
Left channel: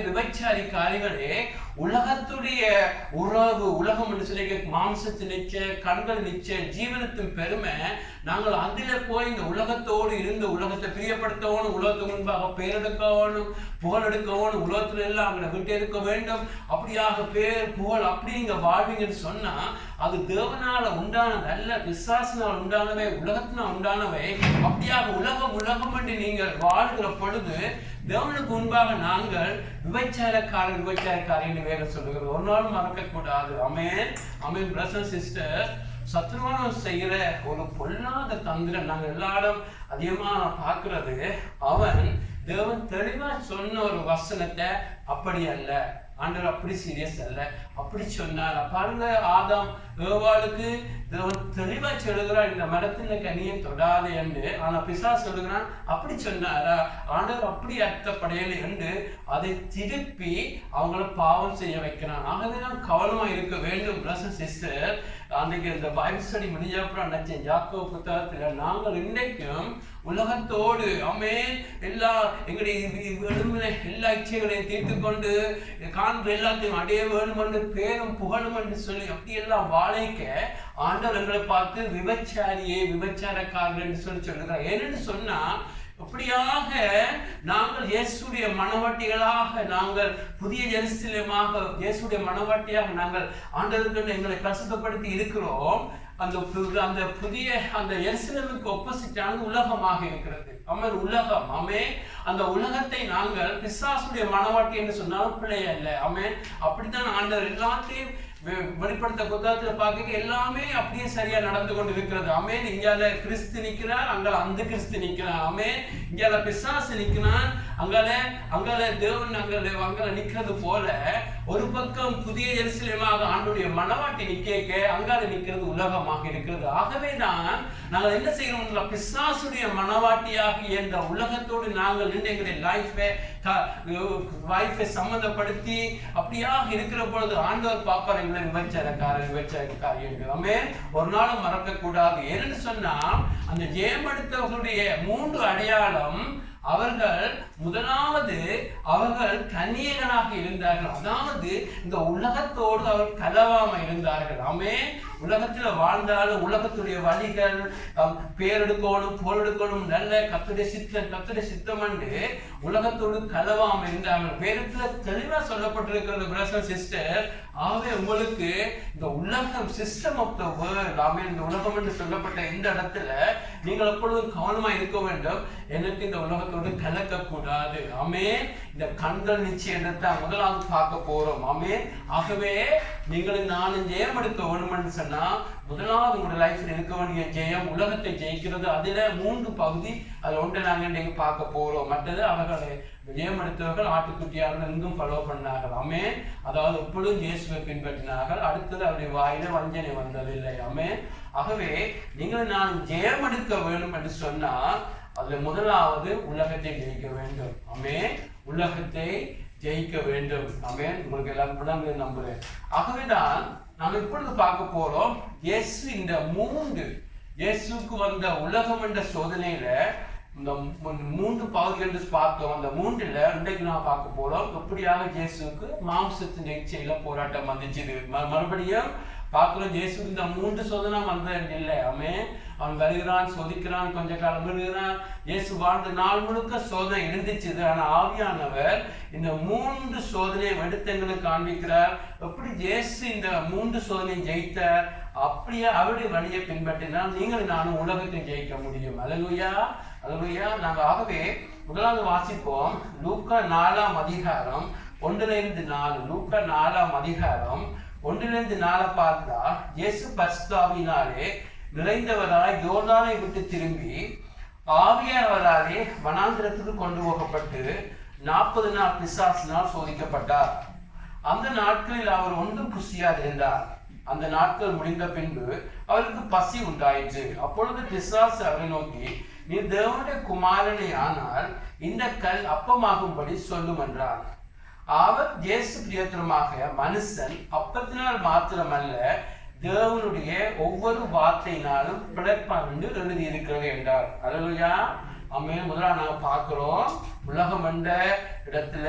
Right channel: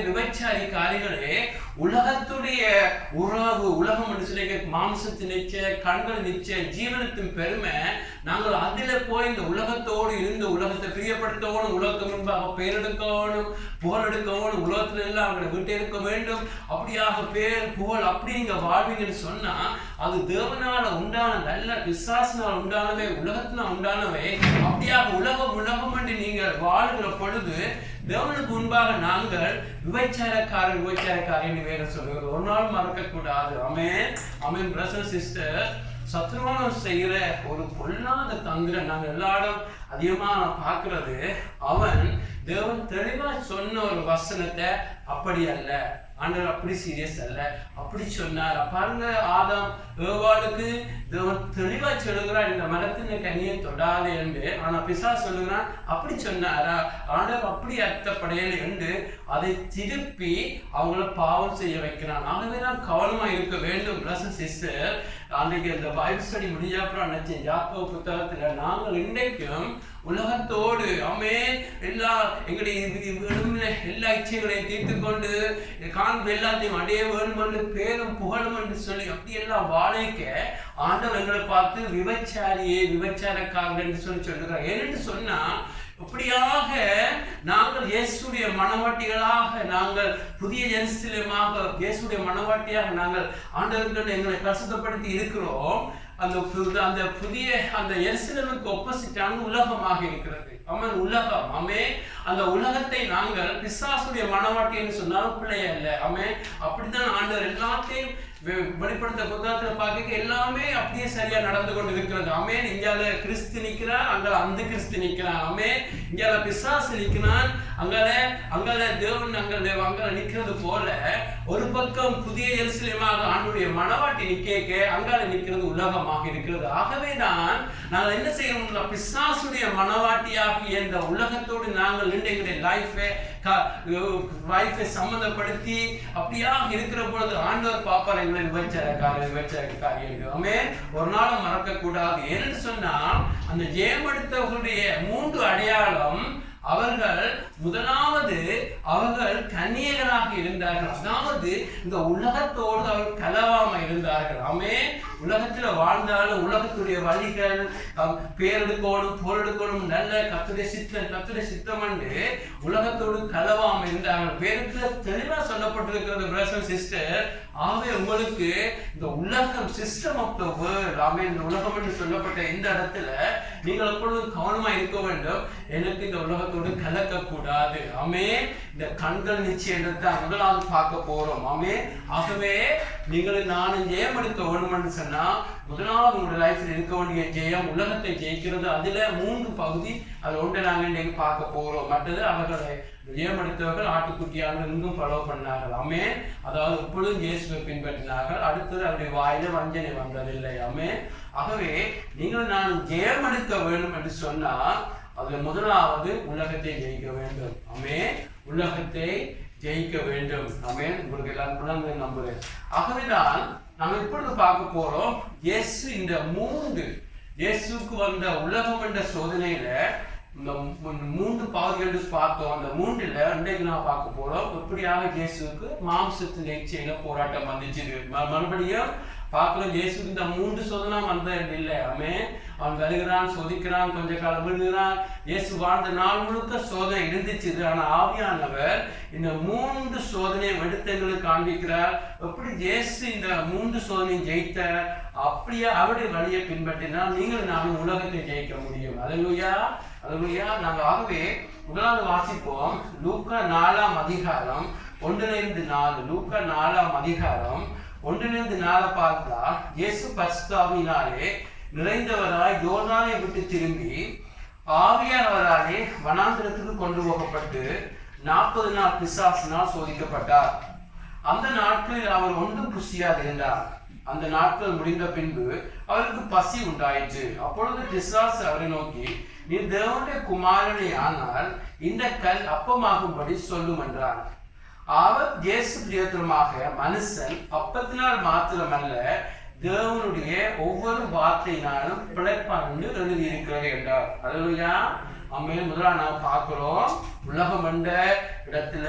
விபச்சாரிக்காரிகளே உலகத்துடைய உறவு, உலகம் என்று சொல்லி மாம்சத்தின் நிச்சயம், கண்கள் நிச்சயம், ஜீவனத்தின் பெருமை, நாங்கள் அதில் போய் இந்த உலகத்தோடு இருந்து உலகத்தை பிரியப்படுத்தணும், உலகத்துக்கு முன்பாக பேரெடுக்கணும், புகழ் எடுக்கணும், உலகத்துல எல்லாம் அவங்களை விட்டு எடுக்க வேண்டும், அப்படியாக பேர் புகழ் அப்படி நீங்க வாழ்வீங்கன்னு சொன்னா அது தேவனால உண்டானது அல்ல, பிசாசினால் உண்டானவை, உலகத்தினால் உண்டானவை. அப்படியாக உலகம் என்று நீங்கள் வாழ்கிற பொழுது தேவனுக்கு முன்பாக நாங்கள் விபச்சாரக்காரன் வேற சொல்லுகிறது. ஒரு நாள் மறக்க கூடாது. ஆமென் பிரதர் சிஸ்டர், சத்ருவானம் செய்கிற ஒரு பொல்லாத தந்திரம் நாங்கள் எல்லாரும் அதிகமா பார்க்கிறது. தேவன் தெளிவா சொன்ன ஒரு வசனத்தை அப்படி அல்ல, ஆண்டவர் அப்படி சீரியஸ் அல்ல, அப்படி சொன்னார். பாருங்க, ஆதாம் ஏவாளுக்கு தேவன் தெளிவா சொல்லுகிறார் இந்த மரத்தின் கனியை தொடாது என்று. ஆனா பிசாசு சொல்லுகிறான் அப்படி சொன்னாரா, ஆண்டவர் அப்படி அர்த்தப்படையல் என்று அதை திருப்பி அவங்கள பாவம் செய்ய வைக்கிறான். ஆகவே தான் கவனமா இருக்க வேண்டும் பிரதர் சிஸ்டர். அன்றைக்கு இந்த பைபிள் ஸ்டடி முடிஞ்ச அப்புறம் நினைச்சேன், யாக்கோபு புத்தகத்தில் நாங்கள் இன்றைக்கும் உலகத்தோடு எல்லா எங்களுடைய எல்லா இச்சைகளையும் தீர்த்து கொண்டு காண்பு எல்லாத்தையும் அடைய வேணும் என்று பேரும் புகழும் என்று சொல்லி அப்படியெல்லாம் வாழைக்க ஆண்டவர் எங்களை பார்த்து விபச்சாரக்காரர்கள் என்று சொல்லுகிறார். ஏனென்று சொன்னா இப்படியாக நாங்கள் இயேசுடைய மனவாட்டிகளாக, நாங்கள் புதிய ஜெருசலேமாக இயேசுடைய மனவாட்டியாக நாங்கள் ஆண்டவருக்கு எங்களை பரிசுத்தப்படுத்தி இருக்கிறோம். அந்த புதிய அந்த எருசலேமுக்கு ஒப்போசிட்டான உலகமாக இருக்கிறது. உலகம் அந்த உலகத்தை நாங்கள் பிசாசுடைய மனவாட்டி என்று சொன்னாலும் பிள்ளைய இல்லை. அப்படித்தான் ஆண்டவர் எல்லாத்தையும் வெளிப்படுத்த புத்தகத்தில் பார்க்க எல்லாமே அப்படியே சரியா நடந்து கொண்டு இருக்கிறது. இங்கால கிறிஸ்து நிற்கிறார், அங்கால அந்த கிறிஸ்து நிற்கிறார். இங்கால பிசாசு நிற்கிறான், அங்கால தேவன் அங்கால நிற்கிறது போல ஒரு பக்கம் புதிய எருசலேமாக ஆண்டுடைய மனவாட்டி நிற்க, அங்கால நிற்கிறது உலகமாக இருக்கிறது. ஆகவேதான் நாங்கள் என்ன செய்யறோம், பிசாசுடைய மனவாட்டியாக இந்த உலகத்தோடு நாங்கள் நின்று எங்களுடைய லைஃபை சம்பந்தப்படுத்தி அப்படியாக இருக்கிற பொழுது ஆண்டவர் பாப்பார் எங்களை விபச்சாரக்காரர்கள். ஒரு நாளும் மறக்க கூடாது. ஏன்னு சொன்னால் அந்த ஜெயமெடுத்தவர்களுடைய 3 அடையாளம், அவர்கள் முதலாவது அவர்கள் கன்னியர்களாக இருந்தார்கள். அதாவது இந்த உலகத்தோடு அவர் கலவாம இருந்தார்கள். உலகத்தில் வாழ்ந்தாலும் உலகத்துடைய வழிகள் பேரெடுக்கணும் பொருளெடுக்கணும் நல்ல கர்த்தருடைய சித்தம் என்று உலகத்தோடு கலவாம இருந்தார்கள். பேருக்கு தெளிவா சொல்லப்பட்டிருக்கிறது பிரதர் சிஸ்டர். ஆகவே உங்களுக்கு இந்த உலகம் சிஸ்டம் ஆஃப் த வேர்ல்ட், இந்த உலகம் என்று சொல்லப்பட்ட இந்த இடத்துல நீங்கள் எப்பொழுதும் கவனமா இருக்க வேண்டும். எனக்கு இந்த உலகத்தோடு கலக்க கூடாது. இந்த கண்கள் நிச்சயம் தான் முதலாவது பார்க்க போறோம். ஆகவே நீங்கள் நானும் ஜெயம் எடுக்க வேணும்னு சொன்னா முதலாவது உங்களுடைய லைஃப்ல இருக்க வேண்டிய ஜெயம் உலகத்தை ஜெயிக்கிறது. அதுல 3 பகுதி, அது ஒன்றை நாங்கள் இன்னைக்கு பார்க்க போறோம். மற்றது அவர்களை ஜெயம் எடுத்தவர்கள் ஆட்டுக்குட்டியாக எங்கும் ஃபாலோ பண்ணார்கள். அதாவது எப்பொழுதும் இயேசுவை பின்பற்றினார்கள். அடுத்தது அவருடைய வாயில வஞ்சனை வந்ததில்லை. ஆகவே நீங்கள் நான் ஜெயம் எடுக்க வேண்டும் என்று சொன்னால் அதுல முதலாவது உலகத்தை ஜெயிக்க வேண்டும். உலகத்தை ஜெயிக்க வேண்டும். உங்களுக்கு எல்லாம் விளங்கு நம்புறேன். ஆகவேதான் நாம் இப்பொழுது பார்க்க போறோம். இயேசுக்கு வந்த உலகம் என்ற சோதனையில இந்த 3 பகுதிகள் பார்த்தோம். அந்த 3ல இன்றைக்கு நான் பார்க்க போறோம். எப்படியாக இயேசுக்கு மாம்சத்தின் இச்சையில போராட்டம் வந்துச்சு. மறுபடியும் பார்க்கிறோம், இயேசுக்கு இந்த 3 சோதனை வந்தது இல்லை. அவன் வருகிறான், சோதிக்கிறான், கொஞ்ச காலம் விழுகிறான். இயேசு வாழ்ந்த நாள் முழுக்க சோதனை இருந்துச்சு. ஆனா ஆவியானவர் இந்த 3 சோதனையை எடுத்தங்களுக்கு காண்பிக்கிறார். எப்படி இயேசு இந்த 3 சோதனையும் ஜெயித்தார், அப்படியே அவருடைய வழியை பின்பற்றினால் நீங்கள் நானும் உலகத்தை ஜெயிக்க முடியும். அல்லேலூயா, அல்லேலூயா. நாங்கள் ஆகவே முதலாவது வாசிப்போம். லூக்கா 4ஆம் அதிகாரம் 1-4. லூக்கா 4ஆம் அதிகாரம் 1-4 பார்த்தா, இயேசு பரிசுத்தாவியினாலே நிறைந்தவராய் யோர்தானை விட்டு திரும்பி ஆவியானவராலே வனாந்திரத்துக்கு கொண்டு போகப்பட்டு 40 நாள் பிசாசினால் சோதிக்கப்பட்டார். அந்த நாட்களில் அவர் ஒன்றும் புசியாது இருந்தார். அந்த நாட்கள் முடிந்த பின்பு அவருக்கு பசி உண்டாயிற்று. அப்பொழுது பிசாசு அவரை நோக்கி, நீ தேவனுடைய குமாரனை ஆனால் இந்த கல் அப்பமாகும்படி சொல்லும் என்றார். அவர் இயேசு பிரியத்திரமாக, மனுஷன் அப்பத்தினால் மாத்திரமல்ல தேவனுடைய ஒவ்வொரு வார்த்தையினாலும் பிழைப்பான் என்று எழுதியிருக்கிறது என்றார். அல்லேலூயா. முதலாக நாம் பார்க்கிறோம், உலகம் என்ற இடத்துல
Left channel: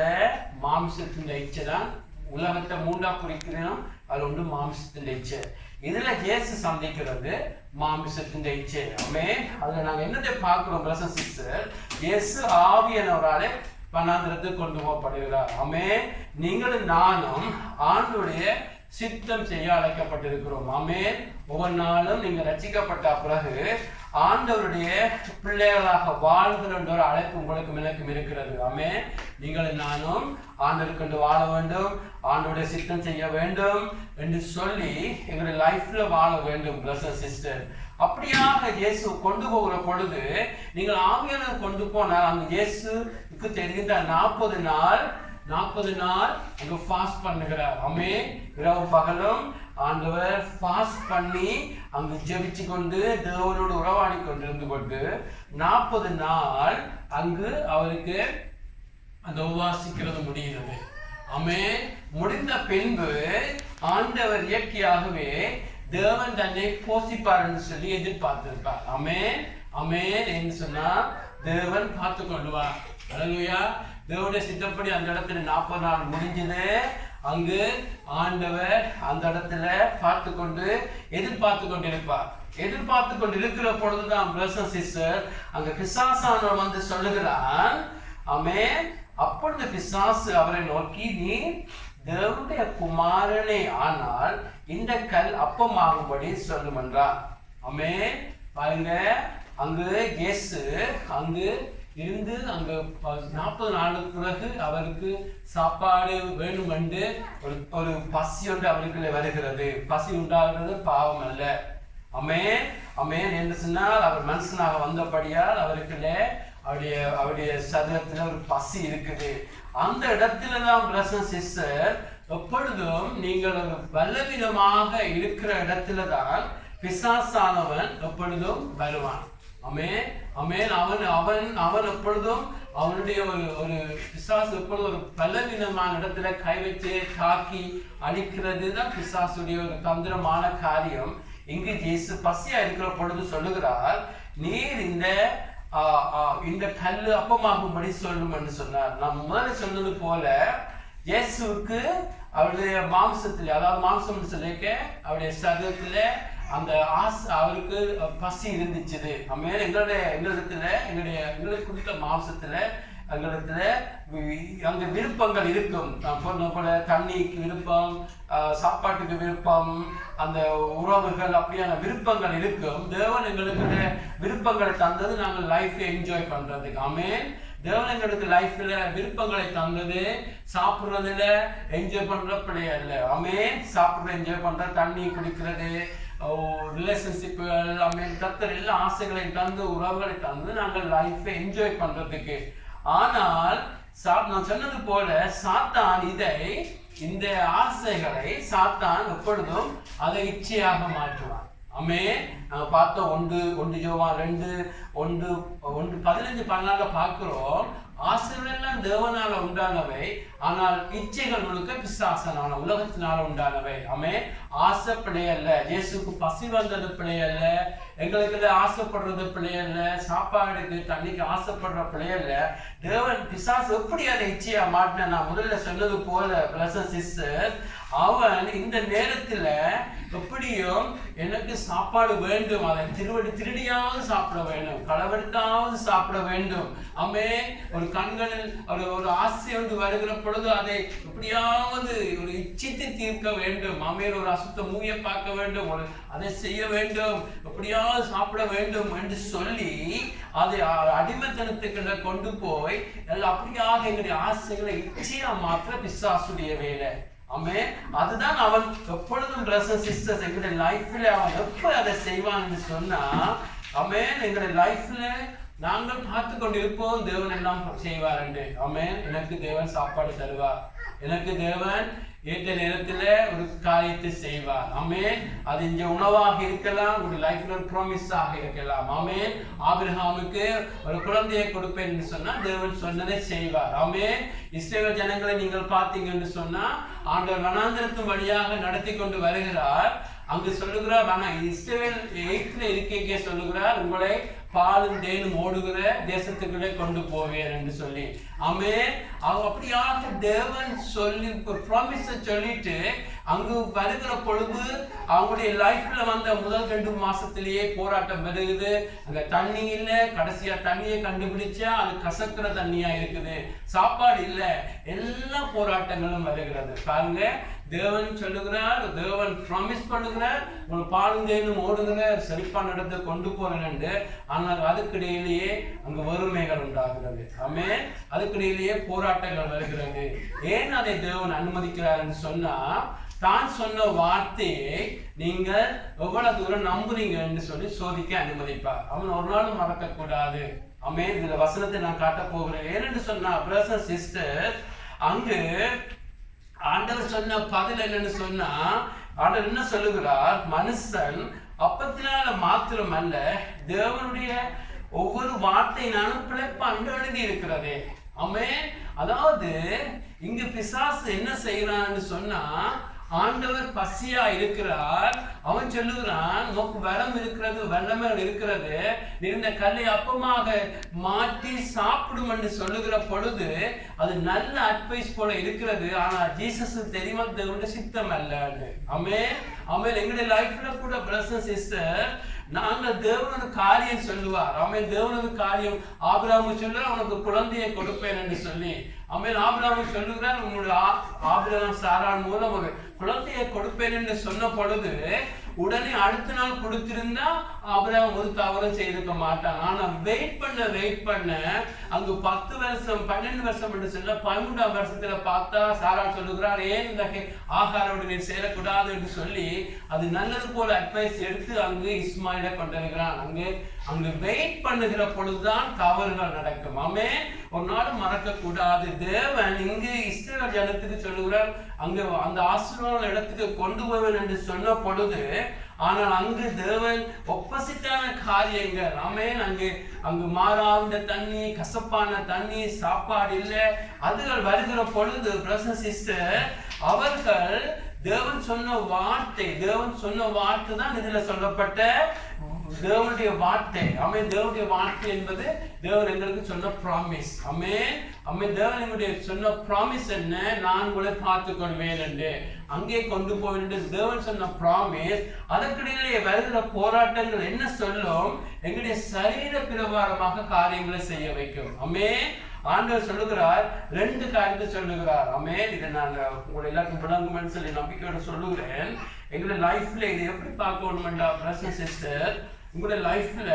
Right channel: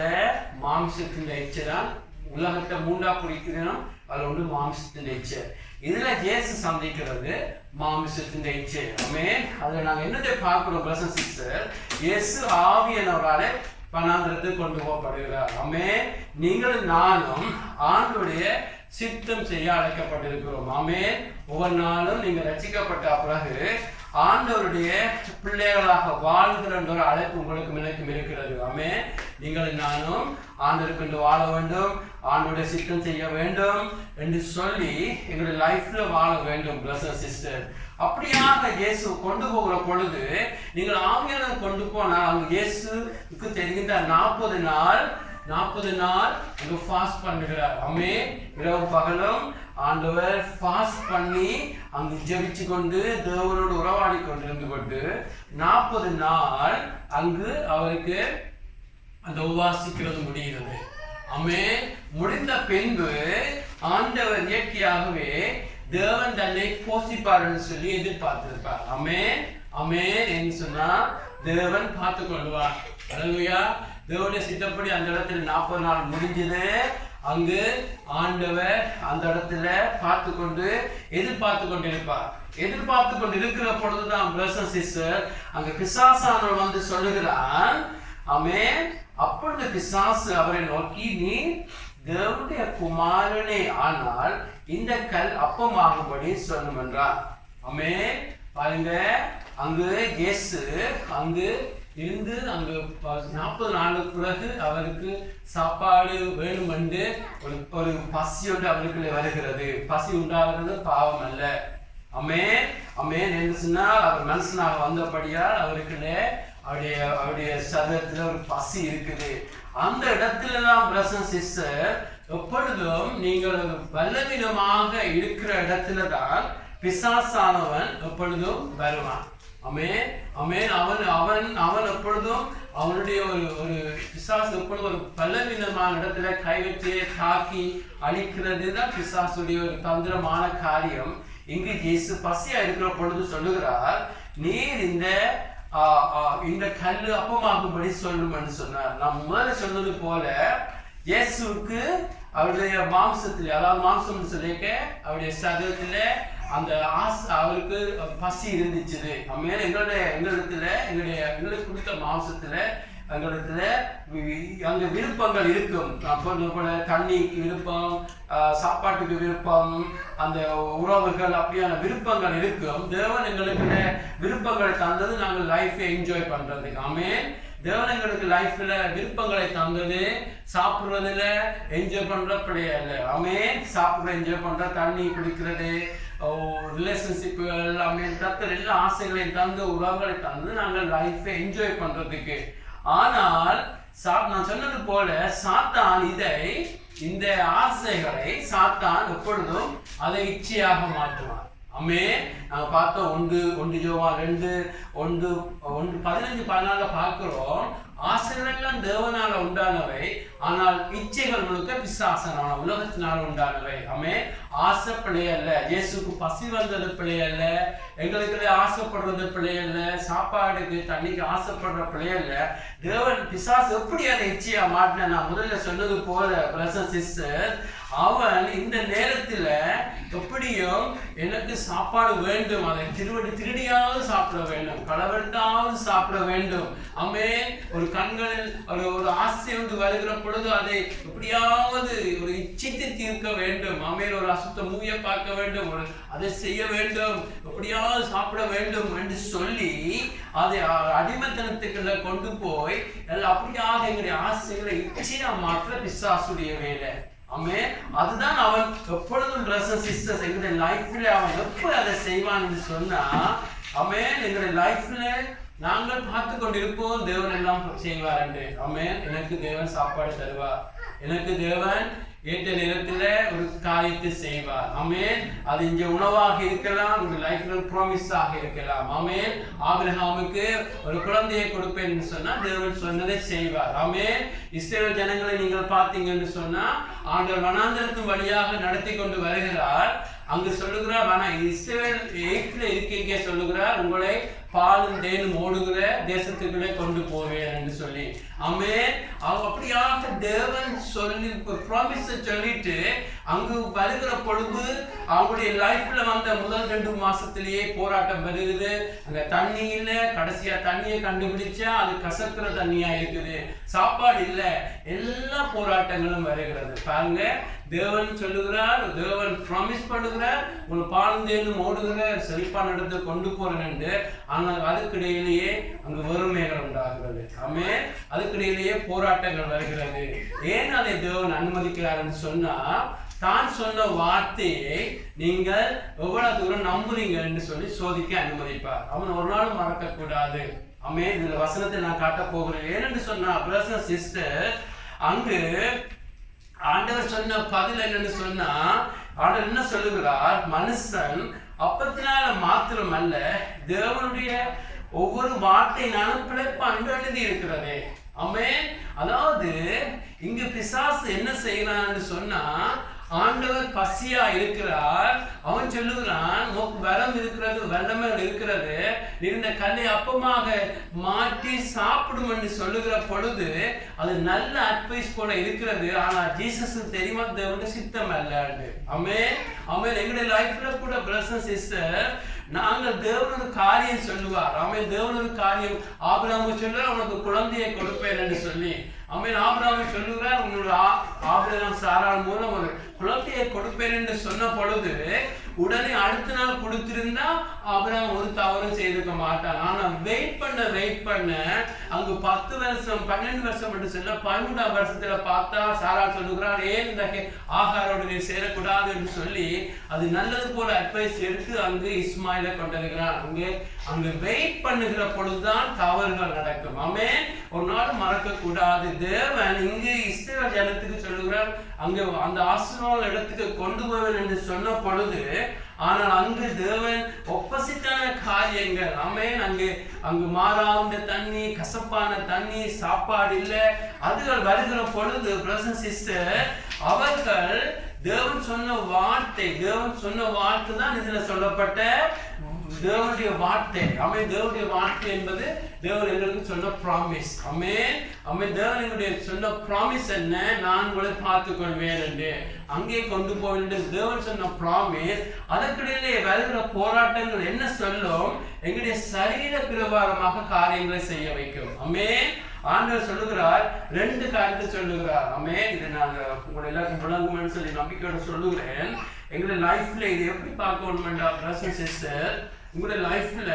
மாம்சத்தின் இச்சை தான். உலகத்தை 3ஆ பிரிக்கிறோம். அதுல ஒன்று மாம்சத்தின் இச்சை. இதுல இயேசு சந்திக்கிறது மாம்சத்தின் இச்சை. அதுல நாங்க என்னத்தை பார்க்கிறோம் பிரதர் சிஸ்டர், இயேசு ஆவியானவராலே வனாந்திரத்துக்கு கொண்டு போகப்படுகிறார். நீங்கள் நானும் ஆண்டுடைய சித்தம் செய்ய அழைக்கப்பட்டிருக்கிறோம். ஒவ்வொரு நாளும் நீங்க ரட்சிக்கப்பட்ட பிறகு ஆண்டவருடைய பிள்ளைகளாக வாழ்கிற ஒரு அழைப்பு உங்களுக்கு எனக்கும் இருக்கிறது. நீங்கள் நானும் ஆண்டவருக்கு வாழ வேண்டும், ஆண்டவருடைய சித்தம் செய்ய வேண்டும் என்று சொல்லி எங்களுடைய லைஃப்ல வாழ வேண்டும் பிரதர் சிஸ்டர். அப்படியாக இயேசு கொண்டு போகிற பொழுது நீங்கள் ஆவியானவர் கொண்டு போனால் அங்கு இயேசுக்கு தெரிகின்ற 40 நாள் இங்கு ஃபாஸ்ட் பண்ணுகிறார். இரவு பகலும் ஆண்டவர் ஃபாஸ்ட் பண்ணி அங்கு ஜெபிச்சு கொண்டு தேவனோடு உறவாடி கொண்டிருந்து கொண்டு 40 நாள் அங்கு அவருக்கு அந்த உபவாசிக்கிறது முடிகிறது. முடிந்த பின்பு ஆண்டவர் இயற்கையாகவே தேவன் தன்னை போஷிப்பார்னு சொல்லி எதிர்பார்த்திருப்பார். ஆமென் ஆமென் என்று சொன்னா தேவன் பார்த்து கொள்வார். அல்லேலூயா. தேவனுடைய சித்தப்படி அந்த இடத்துல 40 நாள் முடிஞ்சது. அங்கு ஆண்டவர் அந்த இடத்துல பார்த்து கொண்டு எதிர்பார்த்து கொண்டிருப்பார். எதிர்பார்த்து கொண்டு இருக்கிற பொழுதுதான் பிரதர்ஸ் சிஸ்டர் அங்க பிசாசானவன் வந்து சொல்லுகிறான். ஆமென். அப்பொழுது பிசாசு அவரை நோக்கி, நீ தேவனுடைய குமாரனே ஆனால் இந்த கல் அப்பமாகும்படி சொல்லும் என்றார். ஆமென். பாருங்க, அங்கு இயேசு அங்கு இருந்து அங்கு 40 நாளுக்கு பிறகு அவருக்கு சாப்பாடு வேணும் என்று ஒரு பசி ஒன்று அவருக்குள்ளே வருகிறது. பசி உண்டாகிறது பாவம் அல்ல. ஆமென் ஆமென் என்று சொன்னால் அவர் மனுஷனாக வந்தபடியால் அவருக்குள்ளே அவருடைய சரீரத்தில் ஒரு பசி இருக்குது. அந்த இடத்துல தான் பிரதர்ஸ் சிஸ்டர் எப்பொழுதும் நீங்கள் ஒரு பலவீனமாக இருக்கிற இடத்துல தான் பிசாசானவன் எப்பொழுதும் வருவான். ஆமென் ஆமென். அவன் எப்பொழுதும் அவனுடைய ஒரு பிசாசு எப்பொழுதும் ஒரு பலவீனமான இடத்துல கை வச்சு தாக்கி அழிக்கிறது தான் பிசாசுடைய ஒரு தந்திரமான காரியம். இங்கு இயேசு பசியா இருக்கிற பொழுது சொல்லுகிறார், நீர் இந்த கல்லு அப்பமாகும்படி சொல்லும் என்று சொன்னார். நான் முதல்ல சொன்னது போல இயேசுவுக்கு அவருடைய மாம்சத்தில், அதாவது மாம்சம் சொல்லிக்க அவருடைய சரீரத்துல அந்த அவருக்கு பசி இருந்துச்சு. ஆமென். எங்களுக்கு கொடுத்த மாம்சத்துல எங்களுக்கு அங்க விருப்பங்கள் இருக்கும். போல தண்ணிக்கு விருப்பம், சாப்பாட்டுக்கு விருப்பம், அந்த உறவுகள் அப்படியான விருப்பங்கள் இருக்கும். தேவன் எங்களுக்கு விருப்பங்களை தந்தது நாங்கள் லைஃபை என்ஜாய் பண்றதுக்கு. ஆமென். தேவன் எங்களுக்கு லைஃப்ல விருப்பங்களை தந்தது சாப்பிட்றதுல என்ஜாய் பண்ற பிள்ளையா இல்லை. ஆமென். சாப்பிட்ற என்ஜாய் பண்ற, தண்ணி குடிக்கிறது, ரிலேஷன்ஷிப்புகள் எல்லாமே கர்த்தர் எல்லா ஆசைகளையும் தந்து உறவுகளை தந்து நாங்கள் லைஃபை என்ஜாய் பண்றதுக்கு. ஆனால் நான் சொன்னது போல சாத்தான் இந்த ஆசைகளை சாத்தான் எப்பொழுதும் அதை இச்சையாக மாற்றுவான். ஆமென். நான் பார்த்தோம் 1 யோவான் 2:15-14 பார்க்கிறோம். ஆசைகள் எல்லாம் தேவனால உண்டானவை, ஆனால் இச்சைகள் முழுக்க பிசாசனால உலகத்தினால உண்டானவை. ஆமென். ஆசை பிழை அல்ல. இயேசுக்கு பசி வந்தது பிழை அல்ல. எங்களுக்கு ஆசைப்படுறது பிழை அல்ல. சாப்பாடுக்கு தண்ணிக்கு ஆசைப்படுற பிழை அல்ல. தேவன் பிசாசு எப்படி அதை இச்சையா மாட்டின, நான் முதல்ல சொன்னது போல பிரதர்ஸ் சிஸ்டர், அவன் இந்த நேரத்துல எப்படியும் எனக்கு சாப்பாடு வேண்டும், அதை திருடியாவது சாப்பிட வேண்டும், களவெடுத்தாவது சாப்பிட வேண்டும். ஆமென். ஒரு கண்களில் ஒரு ஆசை ஒன்று வருகிற பொழுது அதை எப்படியாவது ஒரு இச்சித்து தீர்க்க வேண்டும். ஆமென். ஒரு அசுத்த மூவியை பார்க்க வேண்டும், அதை செய்ய வேண்டும், எப்படியாவது சாப்பிட வேண்டும் என்று சொல்லி அதை அடிமைத்தனத்துக்குள்ள கொண்டு போய் அப்படியாக எங்களுடைய ஆசைகளை இச்சையா மாற்ற பிசாசுடைய வேலை. ஆமென். அதுதான் அவன் எப்பொழுதும் பிரதர்ஸ் சிஸ்டர்ஸ் எங்களுடைய லைஃப்ல அவன் எப்ப அதை செய்வான்னு சொன்னா, ஆமென், எங்களுடைய லைஃப்ல நாங்கள் பார்த்து கொண்டிருப்போம் தேவன் எல்லாம் செய்வார் என்று. ஆமென். எனக்கு தேவன் சாப்பாடு தருவார், எனக்கு தேவன் ஏற்ற நேரத்துல ஒரு காரியத்தை செய்வார். ஆமென். அது இங்க உணவாக இருக்கலாம், ஒரு லைஃப்ல ப்ராமிஸாக இருக்கலாம். ஆமென். ஆபிரகாமுக்கு ஒரு குழந்தையை கொடுப்பேன் என்று சொன்னா தேவன் சொன்னதை செய்வார். ஆமென். இஸ்ரவேல் ஜனங்களை நீங்கள் பார்த்தீங்கன்னு சொன்னா ஆண்டவர் வனாந்திரத்தின் வழியாக நடத்தி கொண்டு வருகிறார். அங்கு சொல்லுகிறார், இஸ்ரவேல் 8ல இருக்கே சொல்லுகிறார், உங்களை பாலும் தேனும் ஓடுகிற தேசத்துக்குள்ளே கொண்டு போவேன் என்று சொல்லி. ஆமென். அப்படியாக தேவன் சொல்லி ப்ராமிஸை சொல்லிட்டு அங்கு வருகிற பொழுது அவங்களுடைய லைஃப்ல வந்த முதல் 2 மாசத்திலேயே போராட்டம் வருகிறது. அங்க தண்ணி இல்லை, கடைசியா தண்ணியை கண்டுபிடிச்சா அது கசக்கிற தண்ணியா இருக்குது, சாப்பாடு இல்லை, எல்லா போராட்டங்களும் வருகிறது. பாருங்க, தேவன் சொல்லுகிறார், தேவன் ப்ராமிஸ் பண்ணுகிறார், ஒரு பாலுந்தேனும் ஓடுகிற செழிப்பான இடத்தை கொண்டு போறேன் என்று. ஆனால் அதுக்கிடையிலேயே அங்கு வறுமைகள் உண்டாகிறது. ஆமென். அதுக்கிடையிலேயே போராட்டங்கள் வருகிறது. ஏன் அதை தேவன் அனுமதிக்கிறார் என்று சொன்னா, தான் சொன்ன வார்த்தையை நீங்கள் எவ்வளவு தூரம் நம்புறீங்க என்று சொல்லி சோதிக்க அனுமதிப்பார். அவன் ஒரு நாளும் மறக்க கூடாது. ஆமென். இந்த வசனத்தை நான் காட்ட போகிறேன். ஏனென்று சொன்னா பிரதர்ஸ் சிஸ்டர், அங்கு ஆண்டவர் சொன்ன பதில் என்னன்னு சொன்னா, ஆண்டவர் என்ன சொல்லுகிறார், மனுஷன் அப்பத்தினால மாத்திரம் அல்ல தேவனுடைய ஒவ்வொரு வார்த்தையினாலும் பிழைப்பான் என்று எழுதி இருக்கிறதே. ஆமென். அதாவது இங்கு பிசாசு என்ன செய்யறான்னு சொன்னா, ஆண்டவர் பசியா இருக்கிறார். அவன் சொல்லுகிறான், வரம் இருக்கிறது, வல்லமை இருக்கிறது, இந்த கல்லை அப்பமாக மாற்றி சாப்பிடும் என்று சொல்லுகிற பொழுது அது நல்ல அட்வைஸ் போல இருக்கிறது. ஆனா ஜீசஸ் தெரியுமா தேவனுடைய சித்தம் அல்ல. ஆமென் ஆமென். எங்களுடைய லைஃப்ல கூட பிரதர்ஸ் சிஸ்டர், நாங்கள் தேவனோட காரியம் சொல்லுவார். ஆமென். தேவனோட காரியம் ஆபிரகாம் சொல்லுவார், அவனுக்கு குழந்தையை கொடுப்பேன் என்று சொல்லி. ஆமென். ஆபிரகாம் சொல்லுகிறார், உன்னோட ஆபிரகாம் சாராள் மூலம் ஒரு குழந்தையை கொடுப்பேன் என்று சொன்ன பொழுது உடனே அடுத்த நாள் கொடுத்திருந்தா ஆபிரகாம் ஒரு தவறும் செய்திருக்க மாட்டான். ஆனா வெயிட் பண்ண அங்கு 10 வருஷம் 12 வருஷம் என்று சொல்ல 13ஆம் வருஷத்துல பார்த்தா சாராள் சொல்லுகிறார், ஏன் இந்த ஆகாரோடு நீ சேரக்கூடாது என்று சொல்லி அது நல்லது போல அட்வைஸ் எடுத்து அங்கு இஸ்மாயிலை கொண்டிருக்கிறான். அங்கு வெயிட் பண்ணுகிற பொழுதுதான் தவறுகள் நடக்கும். ஆமென். ஒரு நாள் மறக்க கூடாது. தேவன் இங்கு இஸ்ரவேல் ஜனத்துக்கு சொல்லுகிறார், அங்கு அந்த ஆசீர்வாத இடத்துக்கு கொண்டு போவேன் என்று சொன்ன பொழுது, ஆனால் அங்கு தேவன் ஒப்போசிட்டான காரியங்கள். ஆமென். அங்கு மாறாந்த தண்ணி, கசப்பான தண்ணி, சாப்பாடு இல்லை, அதுகள் வருகிற பொழுது பிரதர்ஸ் சிஸ்டர், அவர்கள் தேவன் சொன்ன வார்த்தை தான் இதுல சொல்லப்பட்ட தேவனுடைய வார்த்தை. ஆமென். தேவனுடைய வார்த்தை என்பது தேவன் எங்களுக்கு சொன்ன ப்ராமிஸ். ஆமென் ஆமென். தேவன் எங்களுடைய சொன்ன ப்ராமிஸ் என்ன? நான் உங்களை பார்த்துக் கொள்வேன் என்று, அங்கே கொண்டு போவேன் என்று தேவன் சொன்ன ப்ராமிஸ். அதற்கிடையிலே வருகிற போராட்டங்கள் என்ன சொல்லும்? எங்களுடைய சரீர பிரகாரமாக காரியங்களை செய்ய வைக்கும். ஆமென். ஆண்டவர் சொல்லுகிறார், 2 காரியத்தை சொல்லுகிறார். ஆமென். இதை நாங்கள் உங்களை எல்லாருக்கும் விளங்குமென்னு சொல்லி நம்பிக்கையோட சொல்லுகிறேன். எங்களுடைய லைஃப்ல இது எப்படி பார்க்கணும்டா பிரதர்ஸ் சிஸ்டர், உங்களுடைய லைஃப்ல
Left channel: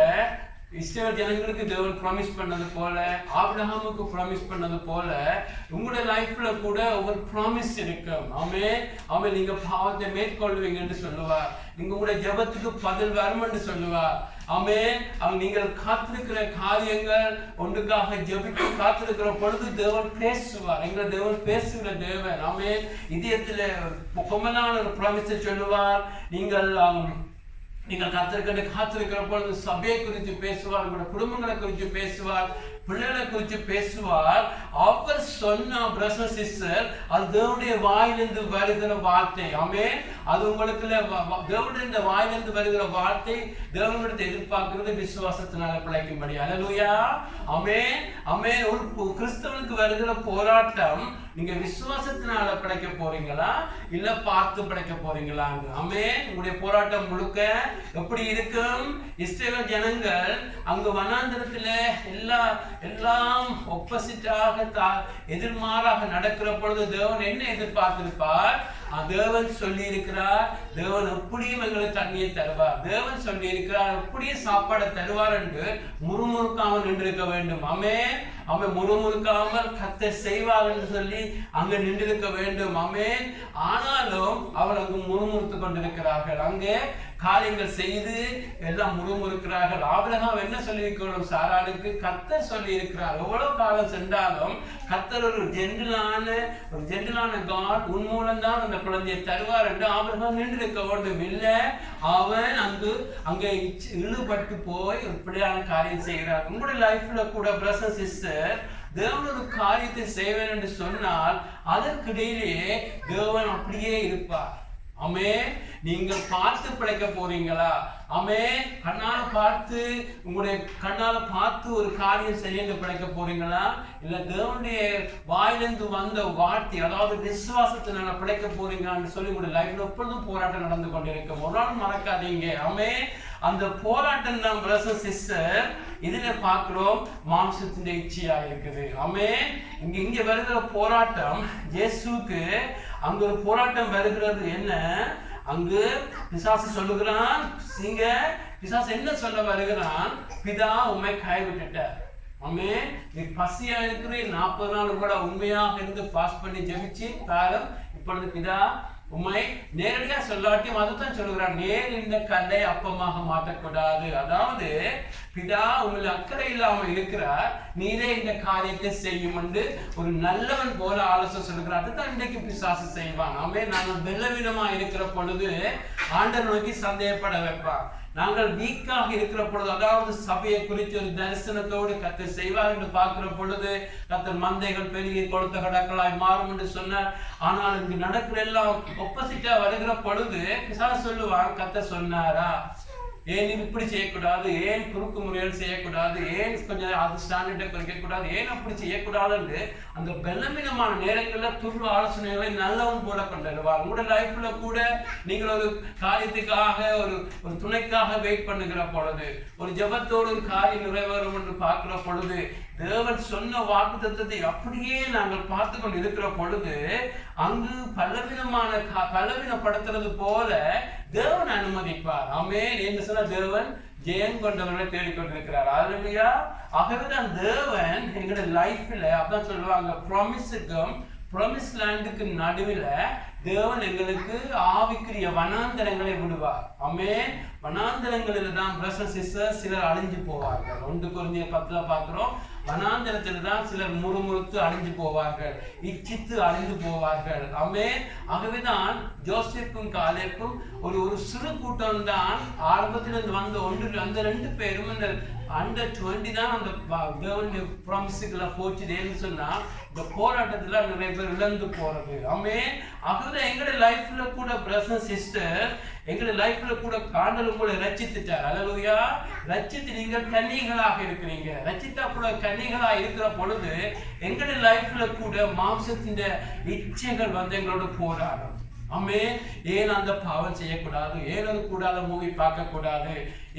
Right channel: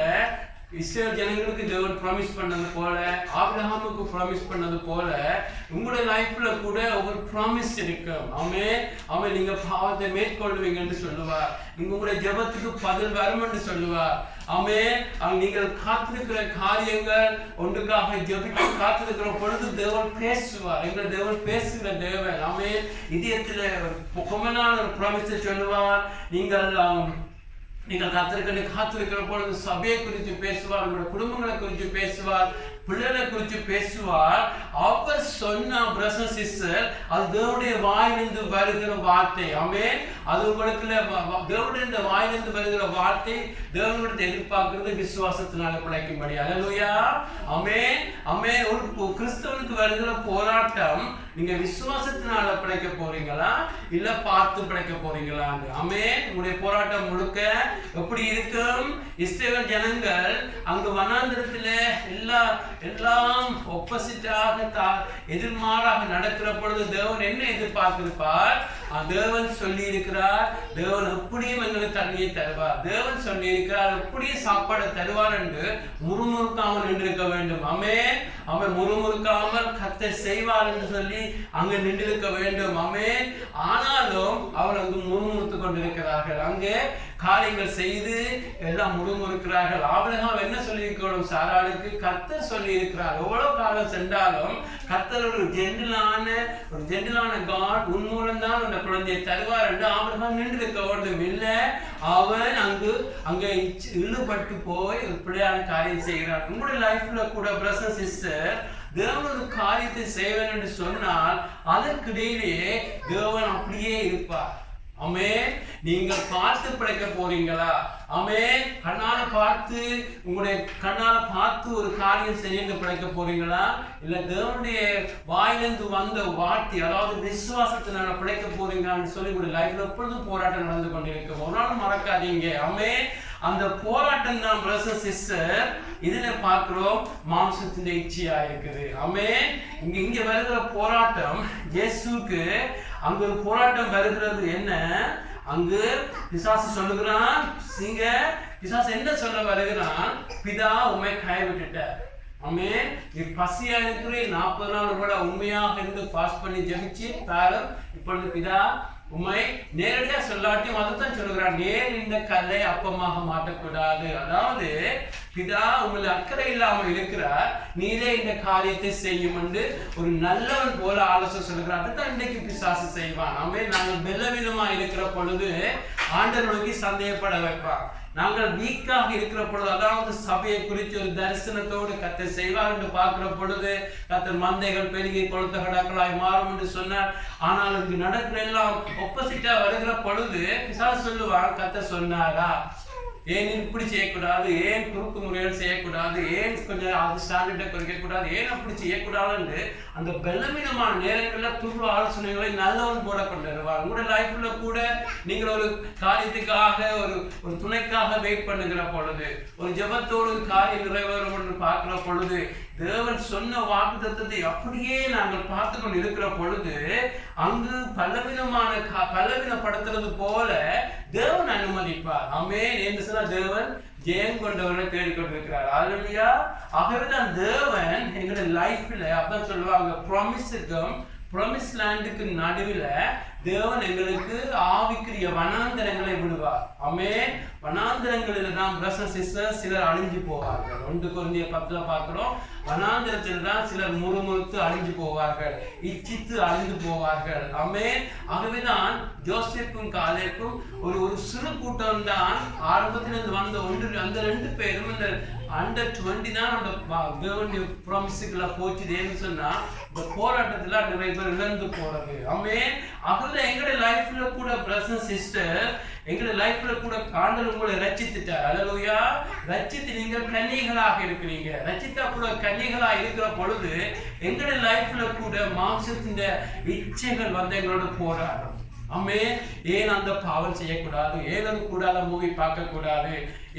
இஸ்ரவேல் ஜனங்களுக்கு தேவன் ப்ராமிஸ் பண்ணது போல, ஆபிரகாமுக்கு ப்ராமிஸ் பண்ணது போல உங்களுடைய லைஃப்ல கூட ஒரு ப்ராமிஸ் இருக்கும். ஆமென் ஆமென். நீங்க பாவத்தை மேற்கொள்வீங்க என்று சொல்லுவார். நீங்க உங்களுடைய ஜெபத்துக்கு பதில் வரும் என்று சொல்லுவார். ஆமென். நீங்கள் காத்திருக்கிற காரியங்கள் ஒன்றுக்காக ஜெபித்து காத்திருக்கிற பொழுது தேவன் பேசுவார். எங்கள் தேவன் பேசுகிற தேவன். ஆமென். இதயத்தில் பொம்மனான ஒரு ப்ராமிஸை சொல்லுவார். நீங்கள் காத்திருக்கிற பொழுது சபையை குறித்து பேசுவார், உங்களுடைய குடும்பங்களை குறித்து பேசுவார், பிள்ளைகளை குறித்து பேசுவார். அவர் சொன்ன பிரதர்ஸ் சிஸ்டர், அது தேவனுடைய வாயிலிருந்து வருகிற வார்த்தை. ஆமென். அது உங்களுக்குள்ள தேவனுடைய வாயிலிருந்து வருகிற வார்த்தை தேவனுடைய எதிர்பார்க்கிறது விசுவாசத்தினால பிழைக்கும்படி. அல்லேலூயா. ஆமென் ஆமென். ஒரு கிறிஸ்தவனுக்கு வருகிற போராட்டம், நீங்க விசுவாசத்தினால பிழைக்க போறீங்களா இல்ல பார்த்து பிழைக்க போறீங்களா? ஆமென். உங்களுடைய போராட்டம் முழுக்க எப்படி இருக்கும்? இஸ்ரவேல் ஜனங்கள் அங்கு வனாந்திரத்துல எல்லாம் ஒப்போசிட்டாக எதிர்மாறாக நடக்கிற பொழுது தேவன் என்ன எதிர்பார்த்திருப்பார்? தேவன் சொல்லி இருக்கிறார், தேவன் எப்படியும் எங்களுக்கு தண்ணியை தருவார், தேவன் சொல்லி இருக்கிறார் எப்படியும் சாப்பாடு தருவார் என்று முறுமுறுக்காமல் நின்றிருக்க வேண்டும். ஆமென் ஆமென். முறுமுறுக்காமல் கர்த்தர் செய்வார் என்று சொல்லி அங்கு நின்றிருக்க வேண்டும். ஆமென். ஆனாலும் அவர் அங்கு முறுமுறுத்து கொண்டிருக்கிறார்கள். அங்கே காரியங்கள் செய்து எல்லாம் முறுமுறுக்கிறார்கள். ஆபிரகாம் என்ன சொல்லியிருக்கணும்? சாராளுக்கு கர்த்தர் சொல்லி இருக்கிறார். எவ்வளவு காலம் சென்றாலும் கர்த்தர் ஒரு ஜென்டிலான காட், உன் மூலம் தான் அந்த குழந்தையை தருவார் என்று ஆபிரகாம் நின்றிருக்க வேண்டும். இல்லை, அவன் அங்கே இழுபட்டு போய் ஒரு பிள்ளையான காரியம் செய்கிறார். உங்களுடைய லைஃப்ல கூட பிரதர்ஸ் சிஸ்டர், தேவன் ஒரு காரியத்தை செய்வேன் என்று சொன்னால் அதற்கிடையிலேயே தேவன் அப்படியே இருப்பார். ஆமென். நீங்கள் பார்த்து பிழைக்க போறீங்களா? ஆமென். உங்களுடைய கண்ணால பார்த்து ஒரு காரியம் செய்ய பிழைக்க போறீங்களா? இல்ல தேவனுடைய வாயிலிருந்து வந்த வார்த்தை, அதாவது விசுவாசத்தினால பிழைக்க போறீங்கன்னு சொல்லி உங்களுடைய லைஃப்ல எப்பொழுதும் போராட்டம் நடந்து கொண்டிருக்கும். ஒரு நாள் மறக்காதீங்க. ஆமென். அந்த போராட்டம் தான் பிரதர்ஸ் சிஸ்டர் இதுல பார்க்கிறோம், மாம்சத்தின் இச்சையா இருக்குது. ஆமென். இங்க வருகிற போராட்டம் இயேசுக்கு அங்கு ஒரு போராட்டம் வருகிறது. என்ன? அங்கு பிசாசு சொல்லுகிறான், பிசாசு என்ன சொல்ல வருகிறான்? பிதா உம்மை கைவிட்டுட்டார். ஆமென். நீ பசியா இருக்கிற 40 நாள் கூட உண்மையாக இருந்து ஃபாஸ்ட் பண்ணி ஜெபிச்சு பாரம், இப்பொழுது பிதா உம்மை நேரடியா சொல்லாட்டியும் அதைத்தான் சொல்லுகிறான், நேர் இந்த கல்லை அப்பமாக மாற்றக்கூடாது. அதாவது பிதா உங்களை அக்கறை இல்லாம இருக்கிறார், நீரே இந்த காரியத்தை செய்யும் என்று ஒரு நல்லவன் போல ஆலோசனை சொல்லுகிறார். அதுதான் இன்றைக்கு பிசாசு செய்வான். நாங்கள் பலவீனமா இருக்கிற பொழுது ஆண்டவர் நோக்கி சந்தேகப்பட வைப்பான். நாங்கள் வீக்காக இருக்கிற பொழுது, அதாவது சபையை குறித்து ஒரு தரிசனத்தோடு கர்த்தர் செய்வார் என்று பார்க்கிற பொழுது கர்த்தர் மந்தைகள் பெருகி கொளுத்த கடக்களாய் மாறும் என்று சொன்னார். ஆனால் இங்கு நடக்கிற எல்லாம் ஒப்போசிட்டா வருகிற பொழுது பிசாசு சொல்லுவான், கர்த்தர் சொன்னாரா, ஏன் இப்படி செய்யக்கூடாது, ஏன் குறுக்கு முறையில் செய்யக்கூடாது, ஏன் கொஞ்சம் அது ஸ்டாண்டர்டை குறைக்கக்கூடாது, ஏன் அப்படி செய்யக்கூடாதுன்னு அந்த பலவீனமான நேரங்களில் துரு ஆலோசனைகளை நல்லவன் போல கொண்டு வருவார். உங்களுடைய லைஃப்ல கூட நீங்கள் ஒரு காரியத்துக்காக ஒரு துணைக்காக வெயிட் பண்ணுகிற பொழுது, ஒரு ஜபத்தோடு ஒரு காரியம் நிறைவேறும் என்று பார்க்கிற பொழுது, தேவன் சொன்ன வாக்குத்தத்தத்தை அப்படியே நாங்கள் பார்த்து கொண்டு இருக்கிற பொழுது அங்கு பலவீனப்படுத்துறது போல தேவன் அனுமதிப்பார். ஆமென் என்று சொன்ன தேவன் ஜெயம் கொண்டவர்களை தேடிக்கொண்டிருக்கிறார். அல்லேலூயா. ஆகவேதான் தேவன் எங்களுடைய லைஃப்ல அப்பதான் சொல்லுவாங்க, ப்ராமிஸ் லேண்டுக்கு நடுவில் தேவன் எங்களுக்கு ஆவிக்குரிய வனாந்தரங்களை விடுவார். ஆமென். வனாந்தரங்களில் தான் பிரதர்ஸ் சிஸ்டர்ஸ் சிலர் அழிஞ்சு போவார்கள். 1 கொரிந்தியர் 10 பார்க்கிறோம். வனாந்தரத்தில் தான் சிலர் முறுமுறுத்து அழிஞ்சு போவார்கள், இச்சித்து அழிந்து போவார்கள். ஆமென். ஆகவேதான் ஜோசப்பும் காலேபும் ஒரு சிறு கூட்டம் தான் ஆரம்பத்திலிருந்து வந்த அந்த 2 பேரும் இந்த Under 20 தான் அந்த தேவனுடைய ப்ராமிஸுக்குள்ள போச்சுதேன்னு சொன்னா இந்த போராட்டத்துல நிறைய பேர் இழந்து போறது. ஆமென். ஆகவே எங்களுடைய லைஃப்ல கூட பிரதர்ஸ் சிஸ்டர், எங்களுடைய லைஃப்ல கூட ஆண்டவர் உங்களை ரட்சித்துட்டார். அல்லேலூயா. ரட்சித்து நீங்கள் கன்னிகளாக இருக்கிறீங்க. ரட்சித்தா கூட கன்னிகளாக இருக்கிற பொழுது எங்களுடைய லைஃப்ல கூட மாம்சத்தின் இச்சைகள் வந்து எங்களோட போராடும். ஆமென். ஏன் அந்த பாவம் செய்யக்கூடாது, ஏன் ஒரு கூடாத மூவி பார்க்கக்கூடாது,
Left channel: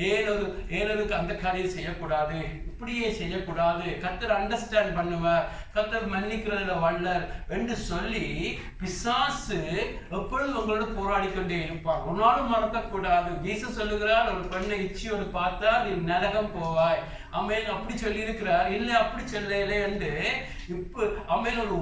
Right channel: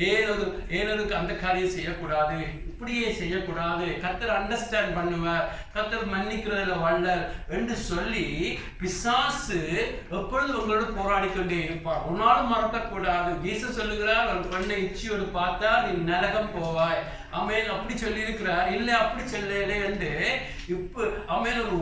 ஏன் ஒரு அந்த காரியம் செய்யக்கூடாது, இப்படியே செய்யக்கூடாது, கர்த்தர் அண்டர்ஸ்டாண்ட் பண்ணுவார், கர்த்தர் மன்னிக்கிறதுல வல்லர் என்று சொல்லி பிசாசு எப்பொழுது உங்களோட போராடி கொண்டே இருப்பார். ஒரு நாளும் மறக்கக்கூடாது. ஜீசஸ் சொல்லுகிறார், ஒரு பெண்ணை இச்சியோடு பார்த்தா நீ நரகம் போவாய். ஆமென். அப்படி சொல்லி இருக்கிறார். இல்லை அப்படி சொல்லலே என்று இப்போ ஆமென் ஒரு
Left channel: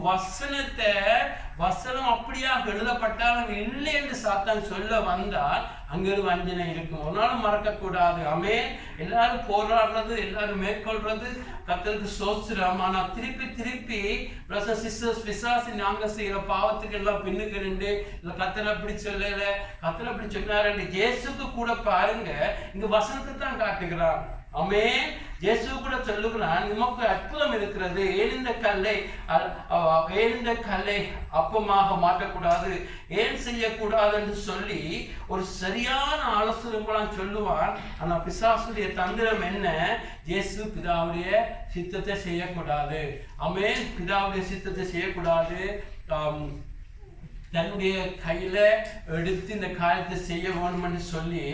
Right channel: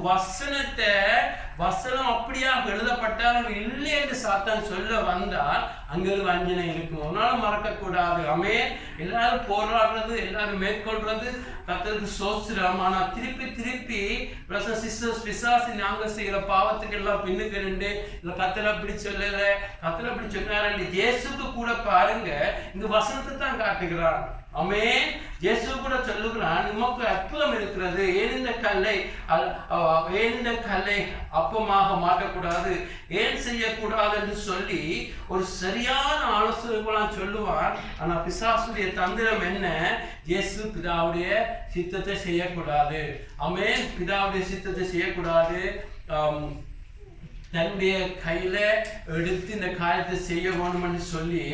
வசனம் அப்படியாக எழுதப்பட்டாலும் இல்லை என்று சாத்தான் சொல்ல வந்தால் அங்க ஒரு வஞ்சனை இருக்கும். ஒரு நாளும் மறக்கக்கூடாது. ஆமென். எல்லாரும் போராடுறது, எல்லாரும் மேற்கொள்றது கர்த்தருக்கு ஸ்தோத்திரம். ஆனா திருப்பி பிரதர்ஸ் சிஸ்டர்ஸ் பிசாசு நாங்க செய்யற பாவத்துக்கு எல்லாம் பின்னுக்கு நின்று இல்ல கர்த்தர் அப்படி சொல்லல, கர்த்தர் அப்படி சொன்னாரு. இயேசுக்கு கூட பாருங்க இங்க வசனத்தை தான் காட்டுகிறான். ஆமென். இயேசு கூட சொல்லுகிறான், நமக்கு அற்புதம் இருக்கிறது, ஏன் இந்த கல்லை அப்பமாக மாற்றக்கூடாது, ஏன் செய்யக்கூடாது என்று சொல்லி ஒரு சரியான ஆலோசனைகளாம் சொல்லுவான். ஆனா பிசாசுடைய தந்திரம் என்ன? இயேசு பிதாவுடைய சித்தத்தை செய்யக்கூடாது. ஆமென். பிதாவுடைய சித்தத்தை செய்யக்கூடாது, தன்னுடைய கையில எடுத்து இந்த காரியத்தை செய்ய வேணும் என்று சொல்லி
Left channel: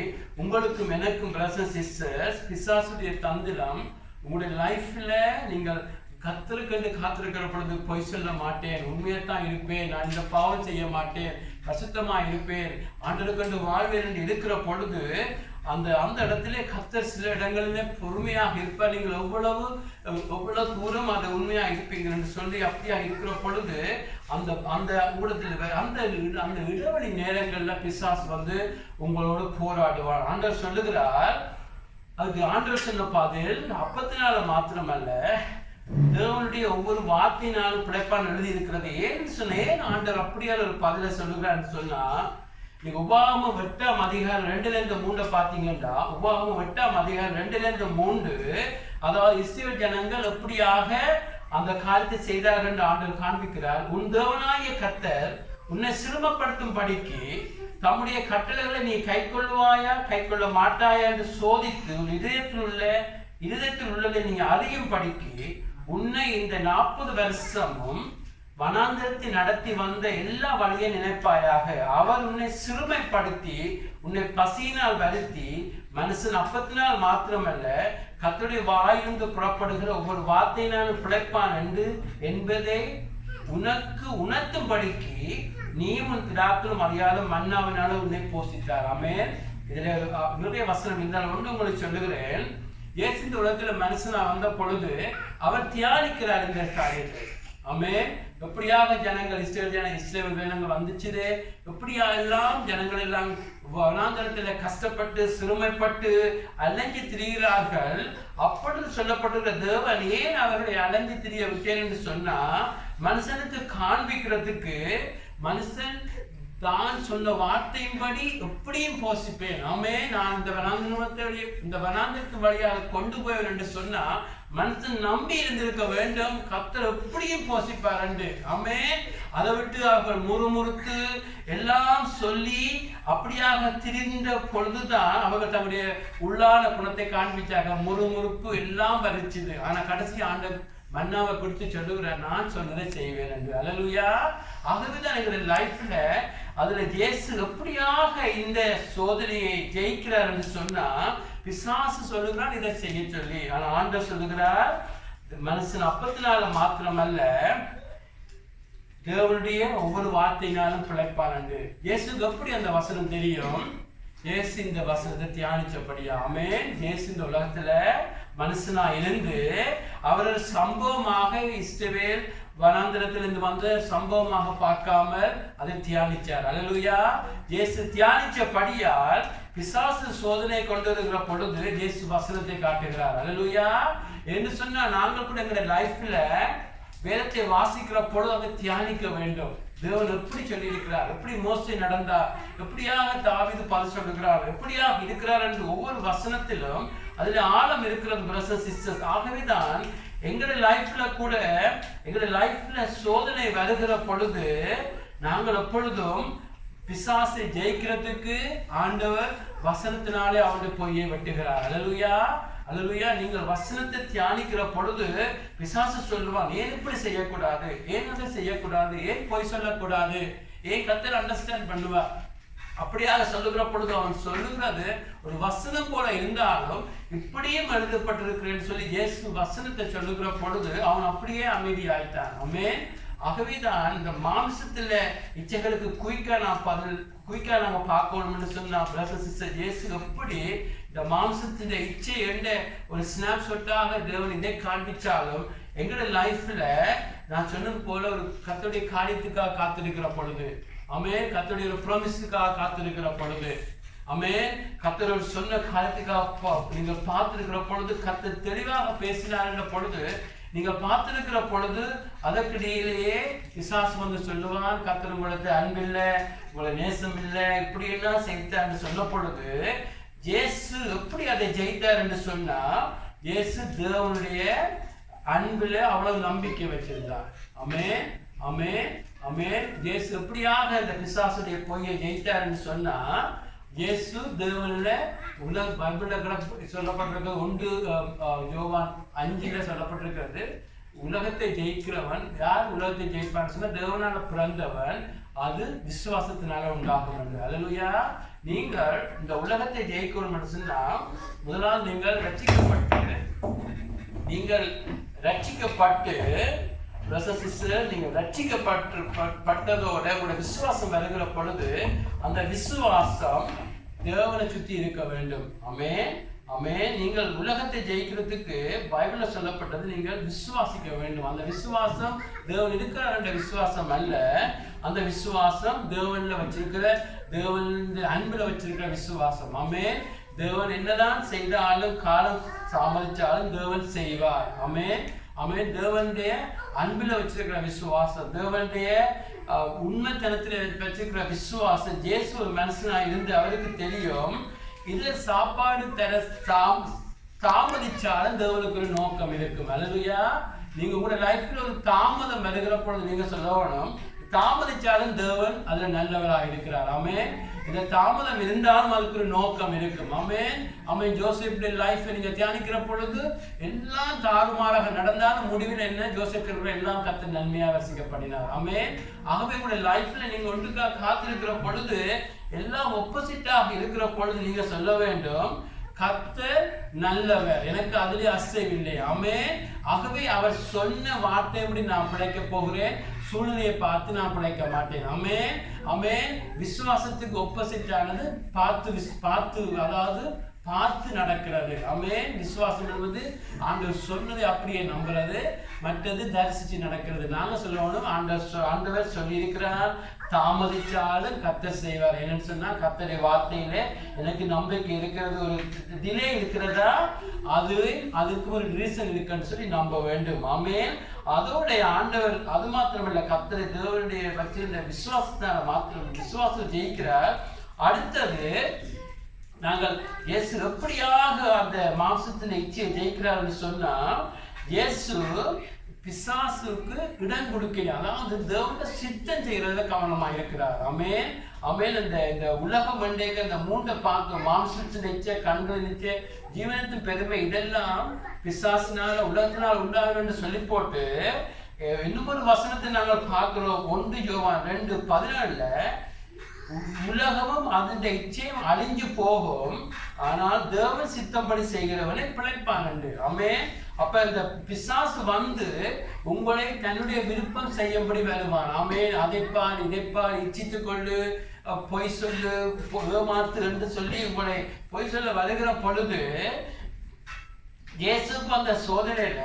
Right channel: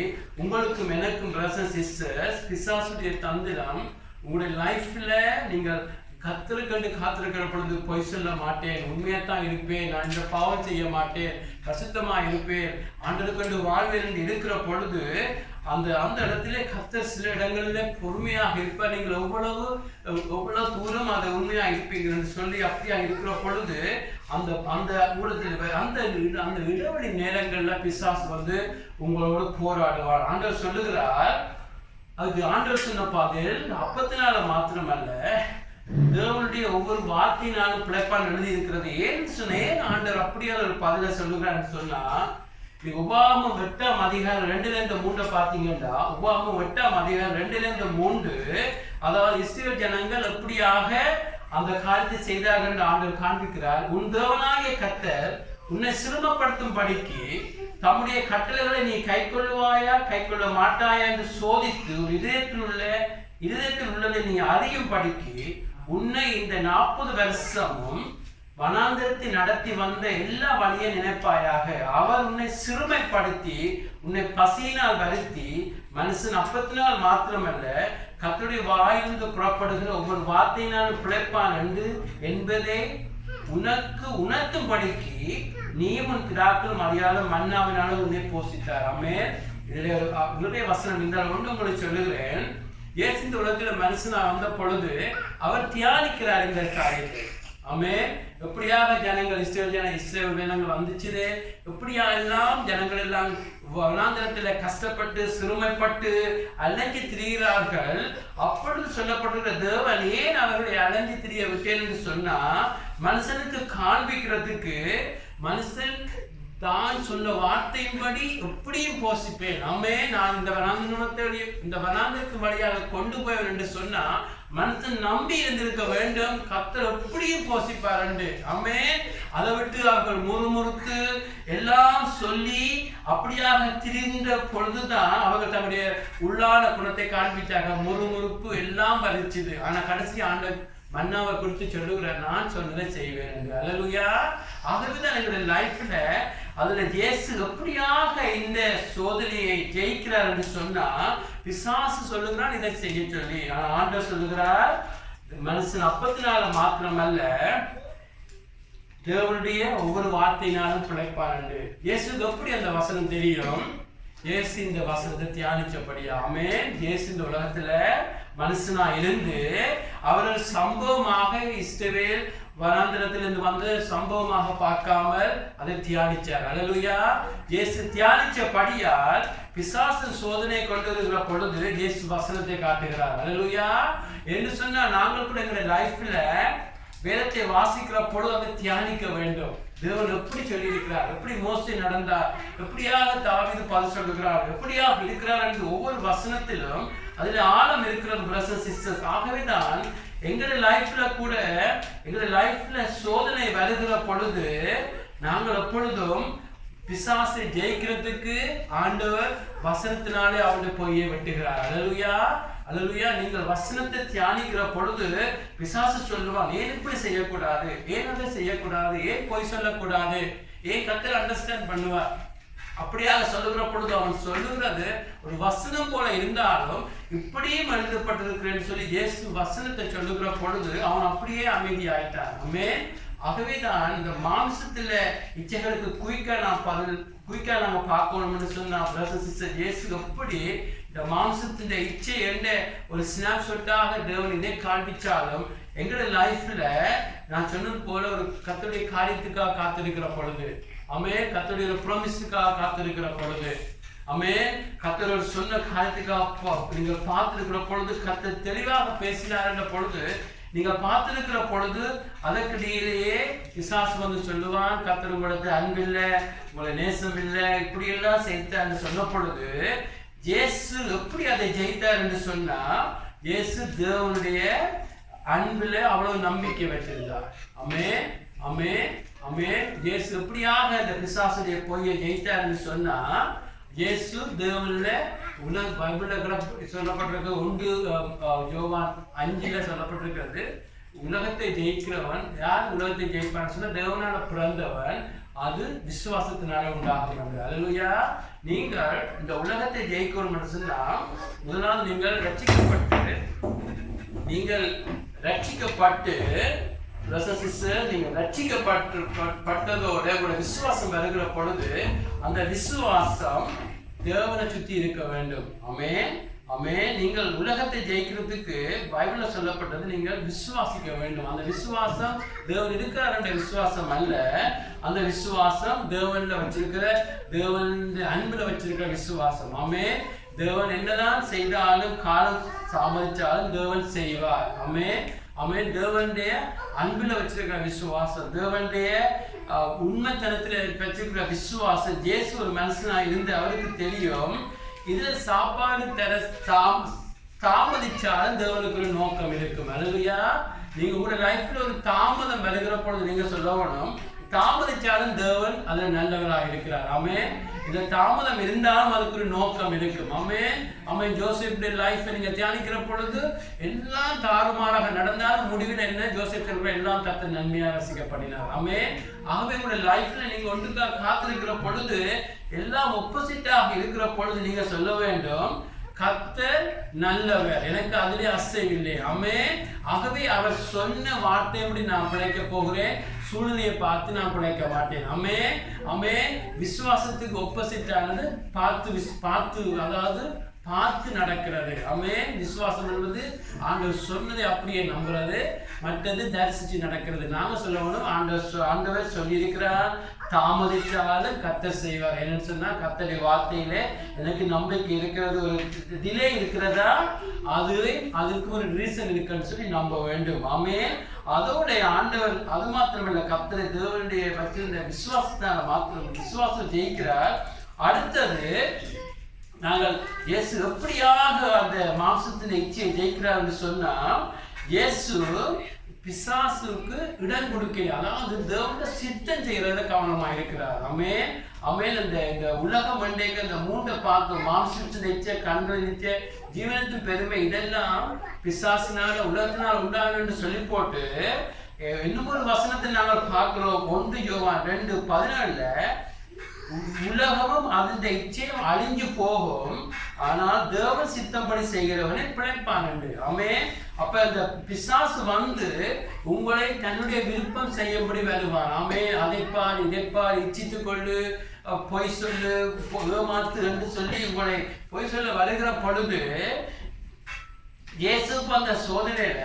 உங்களுக்கும் எனக்கும் பிரதர்ஸ் சிஸ்டர்ஸ் பிசாசுடைய தந்திரம் உங்களுடைய லைஃப்ல நீங்கள் கர்த்தருக்கென்று காத்திருக்கிற பொழுது பொய் சொல்ல மாட்டேன், உண்மையாத்தான் இருப்பேன், நான் இந்த பாவம் செய்ய மாட்டேன், பரிசுத்தமா இருப்பேன், ஆண்டவருக்கென்று வாழ்வேன் என்று இருக்கிற பொழுது அந்த இடத்திலே கர்த்தர் சில இடங்களிலே பொறுமையாக இருப்பார். நீங்கள் எவ்வளவு தூரம் அதை உண்மையாக இருப்பீங்க என்று சொல்லி அப்படியா இருக்கிற பொழுது அந்த அந்த இடைவெளி நேரங்கள்ல பிசாசு வந்து உங்களோட போராடுவார். ஆண்டவர் சொல்லுகிறார், அதுக்கு ஆண்டவர் சொன்ன பாதையில் அப்பத்தினால மாத்திரமல்ல தேவனுடைய ஒவ்வொரு வார்த்தையினாலும் பிழைப்பான் எழுதி இருக்கிறது. ஏன்னு சொன்னேன் ஆண்டவர் அப்படியான ஒரு பதில சொல்லுகிறான்னு சொன்னா, உபாகமம் 8ஆம் அதிகாரம் 2-3 பார்த்தீங்கன்னா, உபாகமம் 8ஆம் அதிகாரம் 2-3 அதாவது இஸ்ரவேல் ஜனங்கள் எப்படியாக அந்த காரியத்தை செய்தார்கள் என்று ஆண்டவர் காண்பிக்கிறார். உன் தேவனாகிய கர்த்தர் உன்னை சிறுமப்படுத்தும் படிக்கு தம்முடைய கட்டளைகளை நீ கைக்கொள்வாயா கைக்கொள்ள மாட்டாயா என்று சோதித்து இதயத்தில் உள்ளதை நீ அறியும் படிக்கு உன்னை இந்த 40 வருஷமும் வனாந்தரத்தை நடத்தி வந்த எல்லா வழியை நினைப்பாயாக. அவர் உன்னை சிறுமைப்படுத்தி உன்னை பசியினால் வருத்தி மனுஷன் அப்பத்தினால் மாத்திரமல்ல கர்த்தருடைய வாயிலிருந்து புறப்படுகிற ஒவ்வொரு வார்த்தையினாலும் பிழைப்பான் என்பதை உனக்கு உணர்த்தும்படிக்கு நீயும் உன் பிதாக்களும் அறியாத மன்னாவினாலும் உன்னை போஷித்தார். ஆமென். இதுல நிறைய வசனம் இருந்தால் ஒன்று உங்களுக்கு சொல்லுகிறேன். இயேசு இந்த உலகத்தில் மனுஷனா வந்த பொழுது அவர் தியானிக்கிறார் இந்த காரியத்தை. ஆமென். எப்படியாக ஜனங்கள் இஸ்ரவேல் ஜனங்கள் வந்துச்சுது, எப்படியா எல்லாம் ஜனங்கள் எல்லாம் வனாந்தரத்தில் கஷ்டப்பட்டு சிறுமைப்பட்டு அலைஞ்சு திரிகிறார்கள். அப்பொழுது சொல்லப்பட்டிருக்கிற தேவன் ஏன் அவர்களை அலைஞ்சு திரிய விட்டேன் என்று சொன்னா, மனுஷனுக்கு காண்பிக்கிறதுக்கு மனுஷன் தான் சொன்ன வார்த்தையின்படி எப்படியும் போசிப்பேன். அம்மே நான் இந்த வனாந்திரத்தின் வழியாக கொண்டு போவேன் என்று சொன்னா மனுஷன் நம்பி இருந்திருக்க வேண்டும். கர்த்தர் எப்படியும் போசிப்பார் என்று. அம்மே அதை விட்டு அவர்கள் முறுமுறுத்து எல்லாம் சொல்லி அப்படியாக திரிந்த பொழுதுதான் அவர்கள் தங்களுடைய உள்ளான குணத்தை காண்பிச்சாங்க. முறுமுறுப்பு எல்லாம் வரிச்சுது. ஆனா கடைசி ஆண்டு மன்னாவை குறித்து சொல்லுகிறார், நான் சொன்னதை செய்வேன் என்று. அல்லேலூயா. ஆகவேதான் எங்களுடைய லைஃப்ல அதுல இயேசு எப்படியாக இந்த சோதனையை ஜெயிக்கிறார் என்று சொன்னா பிசாசு சொல்லுகிறான் இதை செய்ய சொல்லி. ஆனா ஆண்டவர் சொல்லுகிறார் மனுஷன் அப்பத்தினால மாத்திரமல்ல தேவனுடைய ஒவ்வொரு வார்த்தையினாலும் பிழைப்பான் என்று. இயேசுக்கு எப்படி அந்த வசனம் தெரியும்? இயேசு இந்த வசனத்தை தியானிச்சபடியா. ஆமென். இயேசு இந்த உலகத்துல மனுஷனா இருந்து அவர்கள் சம்பவமாக இஸ்ரவேல் வனாந்திரத்திலிருந்து வந்து சம்பவமாக பார்க்காமல் அதை தியானிச்சார். அல்லேலூயா. இயேசு தியானிச்சபடியால் பிசாசு சோதனை கொண்டு வருகிற பொழுது இயேசு வசனத்தை காட்டுகிறார். அல்லேலூயா. என்று சொன்னா நாங்கள் கூட எங்களுடைய லைஃப்ல வேதத்தை வாசிக்கிற பொழுது அதை தியானிக்க வேண்டும். தேவன் எப்படி சொல்லி இருக்கிறார், எப்படி மோசே நடந்தார், எப்படியாக தாவீது பதில் சொல்லுகிறார், எப்படியாக இருக்கிறார் என்று ஒவ்வொரு வசனத்திலும் அதுல ஆழம் இருக்கிறது பிரதர்ஸ் சிஸ்டர்ஸ். ஆகவே தான் எங்களுடைய லைஃப்ல கூட எங்களுடைய லைஃப்ல சோதனை வருகிற பொழுது நாங்கள் எப்பொழுதும் பிசாசை ஜெயிக்கிறதுக்கு ஆண்டவர் வசனத்தினாலே அவனுடைய பொய்யை வெட்டுகிறார். அல்லேலூயா. அல்லேலூயா. நீங்கள் வசனத்தை தியானிக்கிற பொழுது பிசாசு சொல்லுவான், ஏன் இப்படி செய்யக்கூடாது, ஏன் அதை செய்யக்கூடாது, ஏன் பொய் சொல்லக்கூடாது, ஏன் கர்த்தர் அண்டர்ஸ்டாண்ட் பண்ணுவார். அப்படியாக சொல்லுகிற பொழுது அவன் சொல்லுகிறது ஒரு வசனம் போல இருந்தாலும் இப்படியும் எழுதப்பட்டிருக்கிறேன்னு சொல்லி இயேசு வசனத்தை சொல்லுகிற பொழுது அவன் அப்படியே அமைதியாயிட்டான். ஆமென். ஆகவேதான் இந்த மாம்சத்துல இச்சைகளுக்கு குயிக்கா நாங்க பார்க்கணும்னு சொன்னா பிரதர்ஸ் சிஸ்டர் இயேசு எப்படி இந்த மாம்சத்தின் இச்சை என்ற ஒரு ஸ்னாப்ஷாட்டாக தேவன் இதை காண்பிச்சாலும் எங்களுடைய லைஃப்ல நான் சொன்னது போல ஒரு கர்த்தருடைய காரியத்துக்காக காத்திருக்கிற பொழுது, ஆமென், கர்த்தருடைய ஒரு ப்ராமிஸுக்காக காத்திருக்கிற பொழுது, ஆமென், கர்த்தர் சொன்ன காரியத்துக்காக நீங்கள் பார்த்திருக்கிற பொழுது கர்த்தர் தெளிவாக பேசினார் என்ற பொழுது நீங்கள் பார்த்திருக்கிற பொழுது அதற்கிடையிலேயே பிசாசு வந்து சொல்லுவான், கர்த்தர் உங்களுக்கு அன்பில்லை, உங்களை நேசம் இல்லை, இப்படி எல்லாம் செய்தார் சொன்ன பொழுது இயேசு எப்படி அதை ஜெயித்தார் என்று சொன்னா இயேசு தேவனுடைய அன்பில் அவ்வளவு நம்பிக்கை வச்சிருந்தார். ஆமென். ஆமென். ஆமென். இயேசு எப்படியாக இந்த பிசாசுடைய பொய்யை ஜெயித்தார் என்று சொன்னா இயேசு தேவனில் உலக பைபிளில் கூட சொல்லப்பட்டிருக்கிறது 1 யோவான் 5 சொல்லப்பட்டிருக்கிறது, உலகத்தை ஜெயிக்கிறவன் யார் உலகத்தை ஜெயிப்பான்னு சொன்னா தேவனால பிறந்தவன், அது விசுவாசத்தினால உண்டாகும் என்று. அல்லேலூயா. நீங்கள் இந்த உலகத்தை ஜெயிக்கணும் சொன்னா முதலாவது நீங்கள் ரட்சிக்கப்பட்டு நீங்கள் ரட்சிக்கப்பட்டதோட ஒரு விசுவாசம் வருகிற பொழுது அந்த விசுவாசம் தேவனை சுற்றி இருக்க வேண்டும். ஆமென். ஆமென். நீங்கள் உலகத்தை ஜெயிக்கிறதுக்கு பைபிள்ல சொல்லப்பட்டது நீங்கள் விசுவாசிக்க வேண்டும். அந்த விசுவாசம் தேவன் இருக்கிறார் என்ற விசுவாசம் அல்ல, அந்த விசுவாசம் தேவன்ல வச்சிருக்கிற தேவனுடைய அன்புல வச்சிருக்கிற விசுவாசம். ஆமென். தேவன் என்னதான் செய்தாலும் காலம் தாமதிச்சாலும் தேவன் செய்வார். ஆமென். ஆமென். தேவனுடைய அன்புல வச்சிருக்கிற விசுவாசம், தேவனுடைய உண்மைத்தனத்தில் வச்சிருக்கிற விசுவாசம். இயேசு ஒரு மனுஷனா இருந்து அவருக்கு தெரியும் இதுல சாப்பாடு தர தாமதிச்சாலும் தேவனுக்கு ஒரு நோக்கம் இருக்கும். அல்லேலூயா. நீங்க உங்களோட லைஃப்ல ஒரு தாமதம் வருகிற பொழுது நீங்க சொல்லணும், தாமதிச்சாலும் தேவன் அதுல நல்லவராக இருக்கிறார். ஆமென். இந்த தாமதம் இருந்தாலும் அதுக்கு ஒரு நோக்கம் இருக்கும். ஆமென். ஆமென். ஜோசப்புடைய லைஃப்பை நீங்க தியானிக்கிற பொழுது எல்லாம் தாறுமாறாக நடந்தாலும் முடிவில் என்ன, ஜோசப் எல்லாம் கர்த்தர் நன்மையாக ரசிக்கப்படினார். ஆமென். ஆகவே உங்களுடைய லைஃப்ல நீங்க ஒன்றுக்காக காத்திருக்கிற பொழுது எல்லாம் ஒப்போசிட்டாக இருக்கிற பொழுது நீங்க சொல்ல வேண்டும், கர்த்தர் நல்லவர், எனக்கு அதிலே அசைவில்லை. ஆமென். ஆகவே அவர் சொன்ன வார்த்தைப்படி நான் பிழைக்க போகிறேன், சூழ்நிலையை பார்த்து நான் பிழைக்க மாட்டேன். ஆமென். ஆமென். விசுவாசத்துக்கு ஒப்போசிட்டானது பார்த்து நடக்கிறது. ஆமென். விசுவாசம் என்பது ஆண்டவர் சொன்னதை அப்படியே நம்புறது, மற்றது தரிசிச்சு நடக்கிறது. நாங்க சொல்லணும் ஆண்டவர் சொல்லியிருக்கிறார், தாமதிச்சாலும் கர்த்தர் செய்வார். என்னன்னு சொன்னா கர்த்தருடைய வார்த்தையிலே எனக்கு நம்பிக்கை இருக்கிறது, ஒரு டிலே இருக்கிறதா அதுக்கு ஒரு ரீசன் இருக்குன்னு சொல்லி நம்ப வேண்டும். ஆமென். அதோடைய ஆண்டவர் அது மாத்திரமல்ல, கர்த்தரை தேவனுடைய வச்சிருந்த விசுவாசத்தால மாத்திரம் விசுவாசம் ஜெயிக்கிறார். அடுத்தது நாங்கள் இயேசு எப்படியாக அந்த மாம்சத்தின் இச்சையை ஜெயிக்கிறார்னு சொன்னா, இயேசு பிசாசுக்கு இடம் கொடுக்கல, அதாவது தேவனுடைய சித்தம் செய்யறத கவனமா இருக்கிறார். ஆமென். ஆமென். இந்த உலகம் மண்டேக்கு இந்த மூண்டை பார்த்து மாம்சத்தின் இச்சை, கண்களின் இச்சை, ஜீவனத்தின் பெருமை இதெல்லாம் பிசாசினால உலகத்தினால் உண்டாகும் என்று சொல்லி போட்டு இன்னும் ஒரு வசனத்தை நாங்கள் பார்க்கிறோம். 1 யோவான் 2:17 உலகமும் அதன் இச்சையும் அழிஞ்சு போகும், ஆனால் தேவன் சித்தம்படி செய்கிறவனை பிழைப்பான் என்று. ஆமென். அப்ப இந்த பிசாசு வந்து உங்களை தன்னுடைய விருப்பம் செய்யும்படி வருவான். ஆமென். அதைப்பார் இதைப்பார், இச்சித்து கொள்ளு, பொய் சொல்லு, ஏமாத்து என்று சொல்லி உங்களை பொய் சொல்ல வருகிற பொழுது, இயேசுக்கு அந்த சோதனையில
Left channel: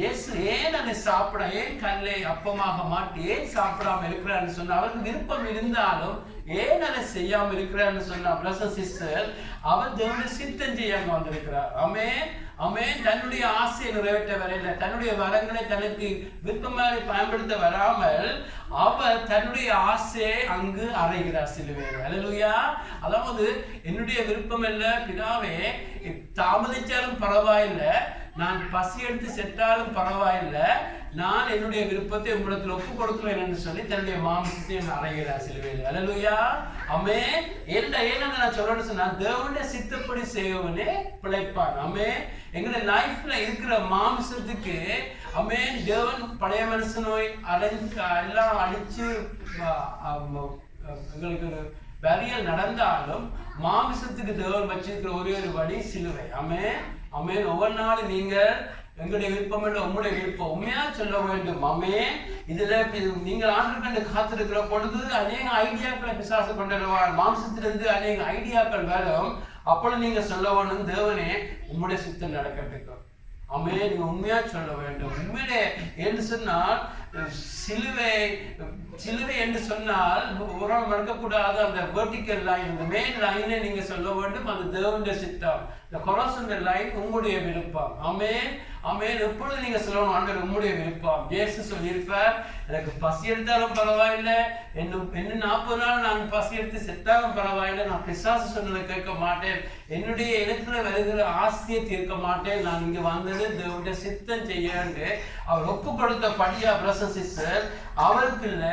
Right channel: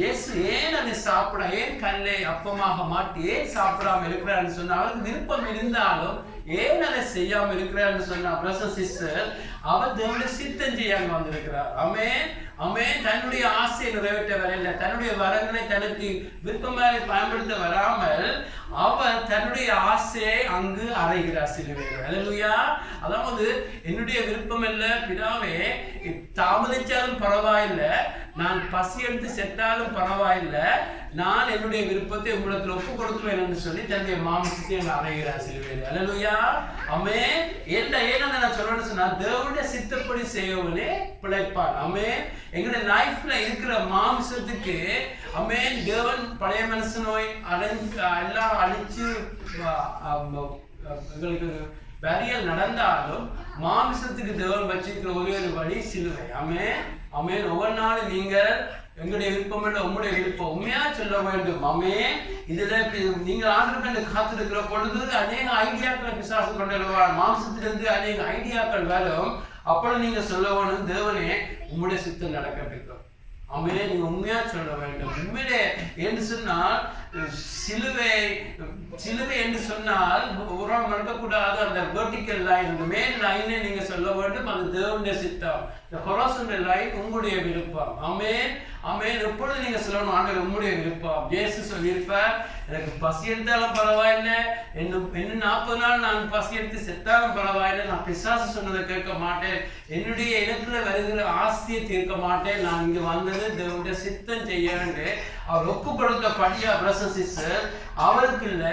இயேசு ஏன் அதை சாப்பிட, ஏன் கல்லை அப்பமாக மாட்டி ஏன் சாப்பிடாம இருக்கிறான்னு சொன்னா, அவருக்கு விருப்பம் இருந்தாலும் ஏன் அதை செய்யாம இருக்கிறான்னு சொன்னா, பிரதர் சிஸ்டர், அவர் தேவனுடைய சித்தம் செய்யாம வந்திருக்கிறார். ஆமென். ஆமென். தன்னுடைய ஆசையை நிறைவேற்ற வரையில, தன்னுடைய வரங்களை தனக்கு விருப்பமாக பயன்படுத்த வராமல் அவர் தன்னுடைய ஆசையை அங்கு அறைகிறார் சிலுவையில். அல்லேலூயா. அதாவது என்னுடைய விருப்பம் இல்ல பிதாவே, தாமதிச்சாலும் பரவாயில்லை, நான் பசி எடுத்து செத்தாலும் பரவாயில்லை, நான் என்னுடைய விருப்பத்தை உங்களிடத்தில் ஒப்பு கொடுத்துருவேன் என்று சொல்லி தன்னுடைய மாம்சத்தை அங்கே அறைகிறார் சிலுவையில். அல்லேலூயா. ஆமென். ஏன்னா நான் சொல்லணும்னு சொன்னா, தேவனுடைய சித்தப்படி செய்வனே பிழைப்பான். ஆமென். எங்களுடைய லைஃப்ல இருக்கிற மாம்சத்துக்கு ஆமென், தேவன் பழைய மனுஷ நோய் எல்லாம் அழிச்சு எங்களுக்கு பரியல் நடந்தாலும் மாமிசத்துக்கு தேவன் வச்சிருக்கிற ஒரே ஒரு வழி சிலுவை. ஆமென். ஆமென். ஒவ்வொரு நாளும் நீங்கள் எங்களுடைய விருப்பம் இல்லை, உங்களுடைய விருப்பம் உண்மையா சொல்ல வேண்டும். ஆமென். இதுல நீங்கள் ஆண்டவர் கண்டு காத்திருக்கிற பொழுது அநேக ஐடியாக்களை பிசாசு கொண்டுடுவார். மாம்சத்திலிருந்து அநேக ஐடியாக்கள் வரும். அப்பொழுது நீங்க சொல்ல வேணும், தேவனே உங்களுடைய சித்தம் நடக்கிறதுக்கு. ஆமென். நீங்க உண்மையா சொல்ல வேண்டும். உண்மையிலே என்று சொன்னால் சிலுவை என்று சொன்னால் உரம் மறக்கக்கூடாது. அந்த வெர்டிக்கல் லைன், இந்த மேல் லைனை நீங்க சொல்ல வேண்டும், அது தேவனுடைய சித்தம். இந்த ஹொரைசான்டல் லைன் உங்களுடைய விருப்பம். ஆமென். ஆமென். எப்பொழுது நீங்க சொல்லணும், ஆண்டவர் உங்களுடைய விருப்பம். இயேசு சொல்லியிருப்பார், எனக்கு பசி எடுத்தாலும் பரவாயில்லை, இன்னும் 40 நாள் நான் பசி எடுத்து செத்தாலும் பரவாயில்லை, நான் பிசாசு சொன்னதை கேட்க மாட்டேன், என்னுடைய இடத்துல வருகிற ஆசையை தீர்க்க மாட்டேன், நான் இங்க வந்தது தேவனுடைய சித்தம் செய்ய வேண்டும். அவர் ஒப்பு கொடுத்த படியா பிரசன் சிஸ்டர், அவருக்கு இல்ல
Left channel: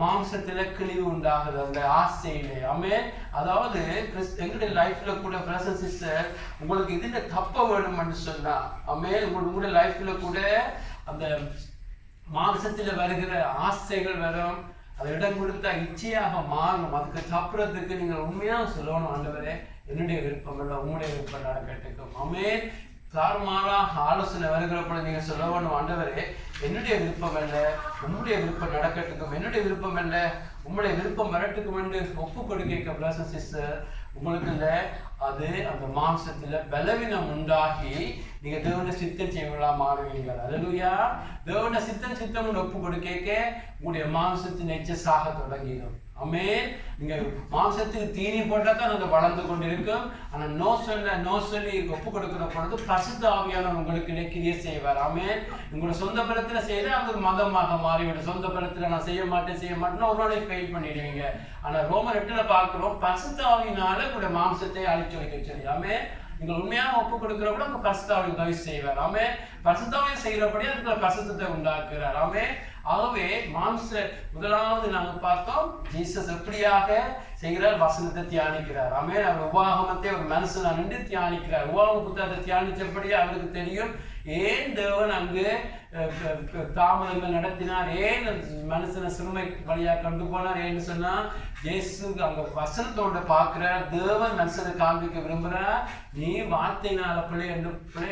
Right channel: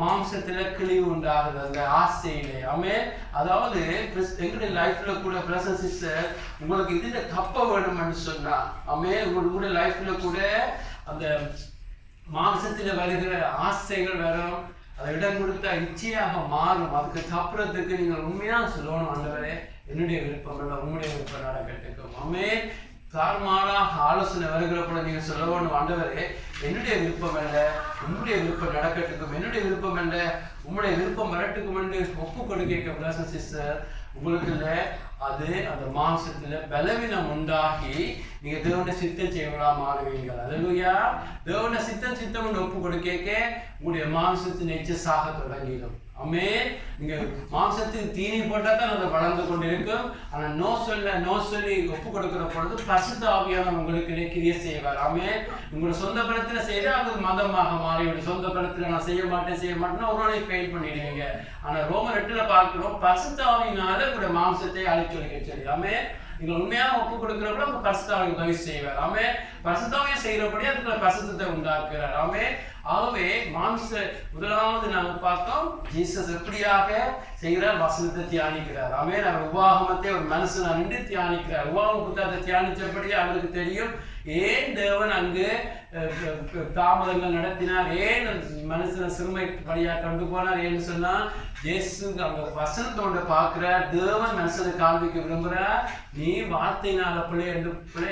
மாம்சத்துல கிழிவு உண்டாகுது அந்த ஆசையிலே. ஆமென். அதாவது எங்களுடைய லைஃப்ல கூட பிரசன் சிஸ்டர், உங்களுக்கு இதுல தப்ப வேணும்னு சொன்னா, ஆமென், உங்களுடைய லைஃப்ல கூட அந்த மாம்சத்துல வருகிற ஆசைகள் வரும், அதை இடம் கொடுத்தா இச்சையாக மாறும். அதுக்கு தப்புறதுக்கு நீங்கள் உண்மையா சொல்லணும், ஆண்டவரே என்னுடைய விருப்பம் இல்லை, உங்களுடைய விருப்பம் நடக்கட்டுக்கும். ஆமென். தாறுமாறாக ஆலோசனை வருகிறப்ப நீங்க சொல்லணும், ஆண்டவரே என்னுடைய விருப்பம் இல்லை, உங்களுடைய விருப்பம் நடக்கட்டுக்கும், என்னுடைய விருப்பம் இல்லை, உங்களுடைய விருப்பம் வரட்டுக்கும் என்று ஒப்பு கொடுக்க பிரதர் சிஸ்டர், உங்களுக்கு இல்லை அது அந்த மாம்சத்துல பலவீனம் உண்டாகி நீங்க தேவனுடைய சித்தம் செய்யலாம் மாறுவீங்க. அல்லேலூயா. தேவனுடைய சித்தம் ஒப்பு கொடுக்க உங்களுடைய மாம்சத்தின் இச்சை சாக தொடங்கிடும். ஆமென். நீங்க மாம்சத்துக்கு தீனி போட்டா தான் அது வளர்ந்து கொண்டிருக்கும். ஆனா நோ சொல்லி ஒப்பு கொடுக்கிற பொழுது பரிசுத்த ஆவியானவர் உங்களுக்கு கிரியை செய்வார். ஆமென். உங்களோட சொந்த பலத்துல செய்தா அது மதமாக மாறிவிடும். சொந்த பலத்துல நான் செய்ய மாட்டேன்னா ஒரு நாளை ஃபெயில் பண்ணிடுவீங்க. ஆனா ரோமர் 8ல பார்க்கிறோம், பரிசுத்த ஆவியினால உங்களுடைய மாம்சத்தை அழிச்சொலிக்க சொல்லி. ஆமென். நீங்கள் உண்மையாக ஒப்பு கொடுக்கிறப்ப உங்க பரிசுத்த ஆவி உதவி செய்வார். ஆமென். பரிசுத்த ஆவியை செய்யறபடி அதுக்குள்ள பரிசுத்தத்தை உண்டாக்குறார். ஆமென். ஆகவே முதலாவது நாங்கள் பார்த்தோம், ஜீசஸ் எப்படியாக செய்கிறார், வசனத்தை தியானிக்கிறார். ஆமென். அவர் உபாகமத்தை ஒரு மனுஷனை நின்று தியானிக்கிறார். உபாகம புத்தகத்தை தியானிச்சபடி அவருக்கு தெரியும் ஏன் தேவன் அங்கு தாமதங்கள் நடத்தினார், ஏன் மனுஷனை சிறுமை வழியாக கொண்டு போனார். ஏன்னு சொன்னா இயேசு அந்த வசனத்தோட பார்க்கிறார், தேவன் மனுஷனை காண்பிக்க விரும்புகிறார், நீ வார்த்தையினால பிள்ளை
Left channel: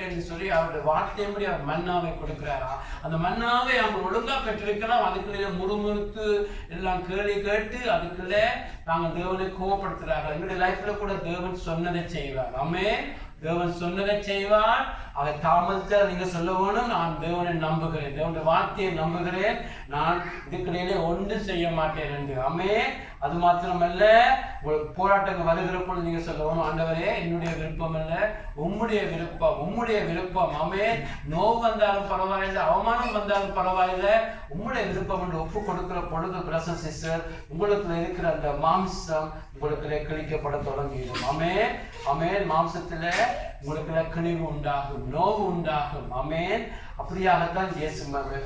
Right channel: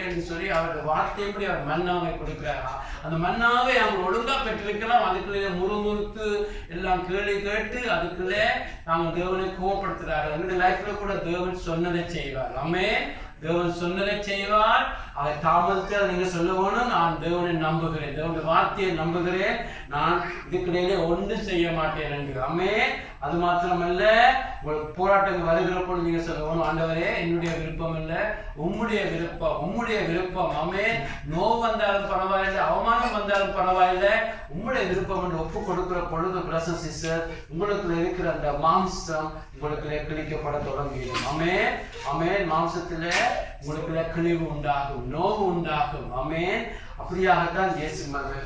என்று சொல்லி அவருடைய வார்த்தையின்படி அவர் மன்னாவை கொடுக்கிறார். அந்த மன்னாவை அவங்க ஒழுங்கா பெற்று இருக்கலாம், அதுக்குள்ளே முறுமுறுத்து எல்லாம் கேள்வி கேட்டு அதுக்குள்ளே நாங்கள் தேவனை கோவப்படுத்துகிறார்கள். எங்களுடைய லைஃப்ல கூட தேவன் சொன்னதை செய்வார். ஆமென். தேவன் சொன்னதை செய்வார். அதை தாமதத்தில் நீங்க சொல்ல வேணும், நான் தேவனை நம்புகிறேன், தேவனுடைய வார்த்தையை நம்புகிறேன், நான் இதுக்கிடையிலே ஒன்றும் செய்ய மாட்டேன் என்று. ஆமென். அது மாத்திரமல்ல, போராட்டங்கள் வருகிற பொழுது நீங்க சொல்ல வேணும், ஆண்டவரே என்னுடைய விருப்பம் அல்ல, உம்முடைய விருப்பம், உம்முடைய விருப்பம். ஆமென். நோவு வந்தாலும் பரவாயில்லை, அவமானம் வந்தாலும் பரவாயில்லை, உம்முடைய விருப்பம் என்று ஒப்பு கொடுக்கிற பொழுது பிரதர்ஸ் சிஸ்டர், உங்களுக்கு இருக்கிற அந்த மாம்சம் உங்களுக்கு கிழிக்கப்பட தொடங்கிடும். ஆமென். ஆமென். மாம்சத்துல உங்களுக்கு கிழிவு உண்டாகும், நோவு உண்டாகும். ஆமென். அப்படியாகத்தான் இயேசு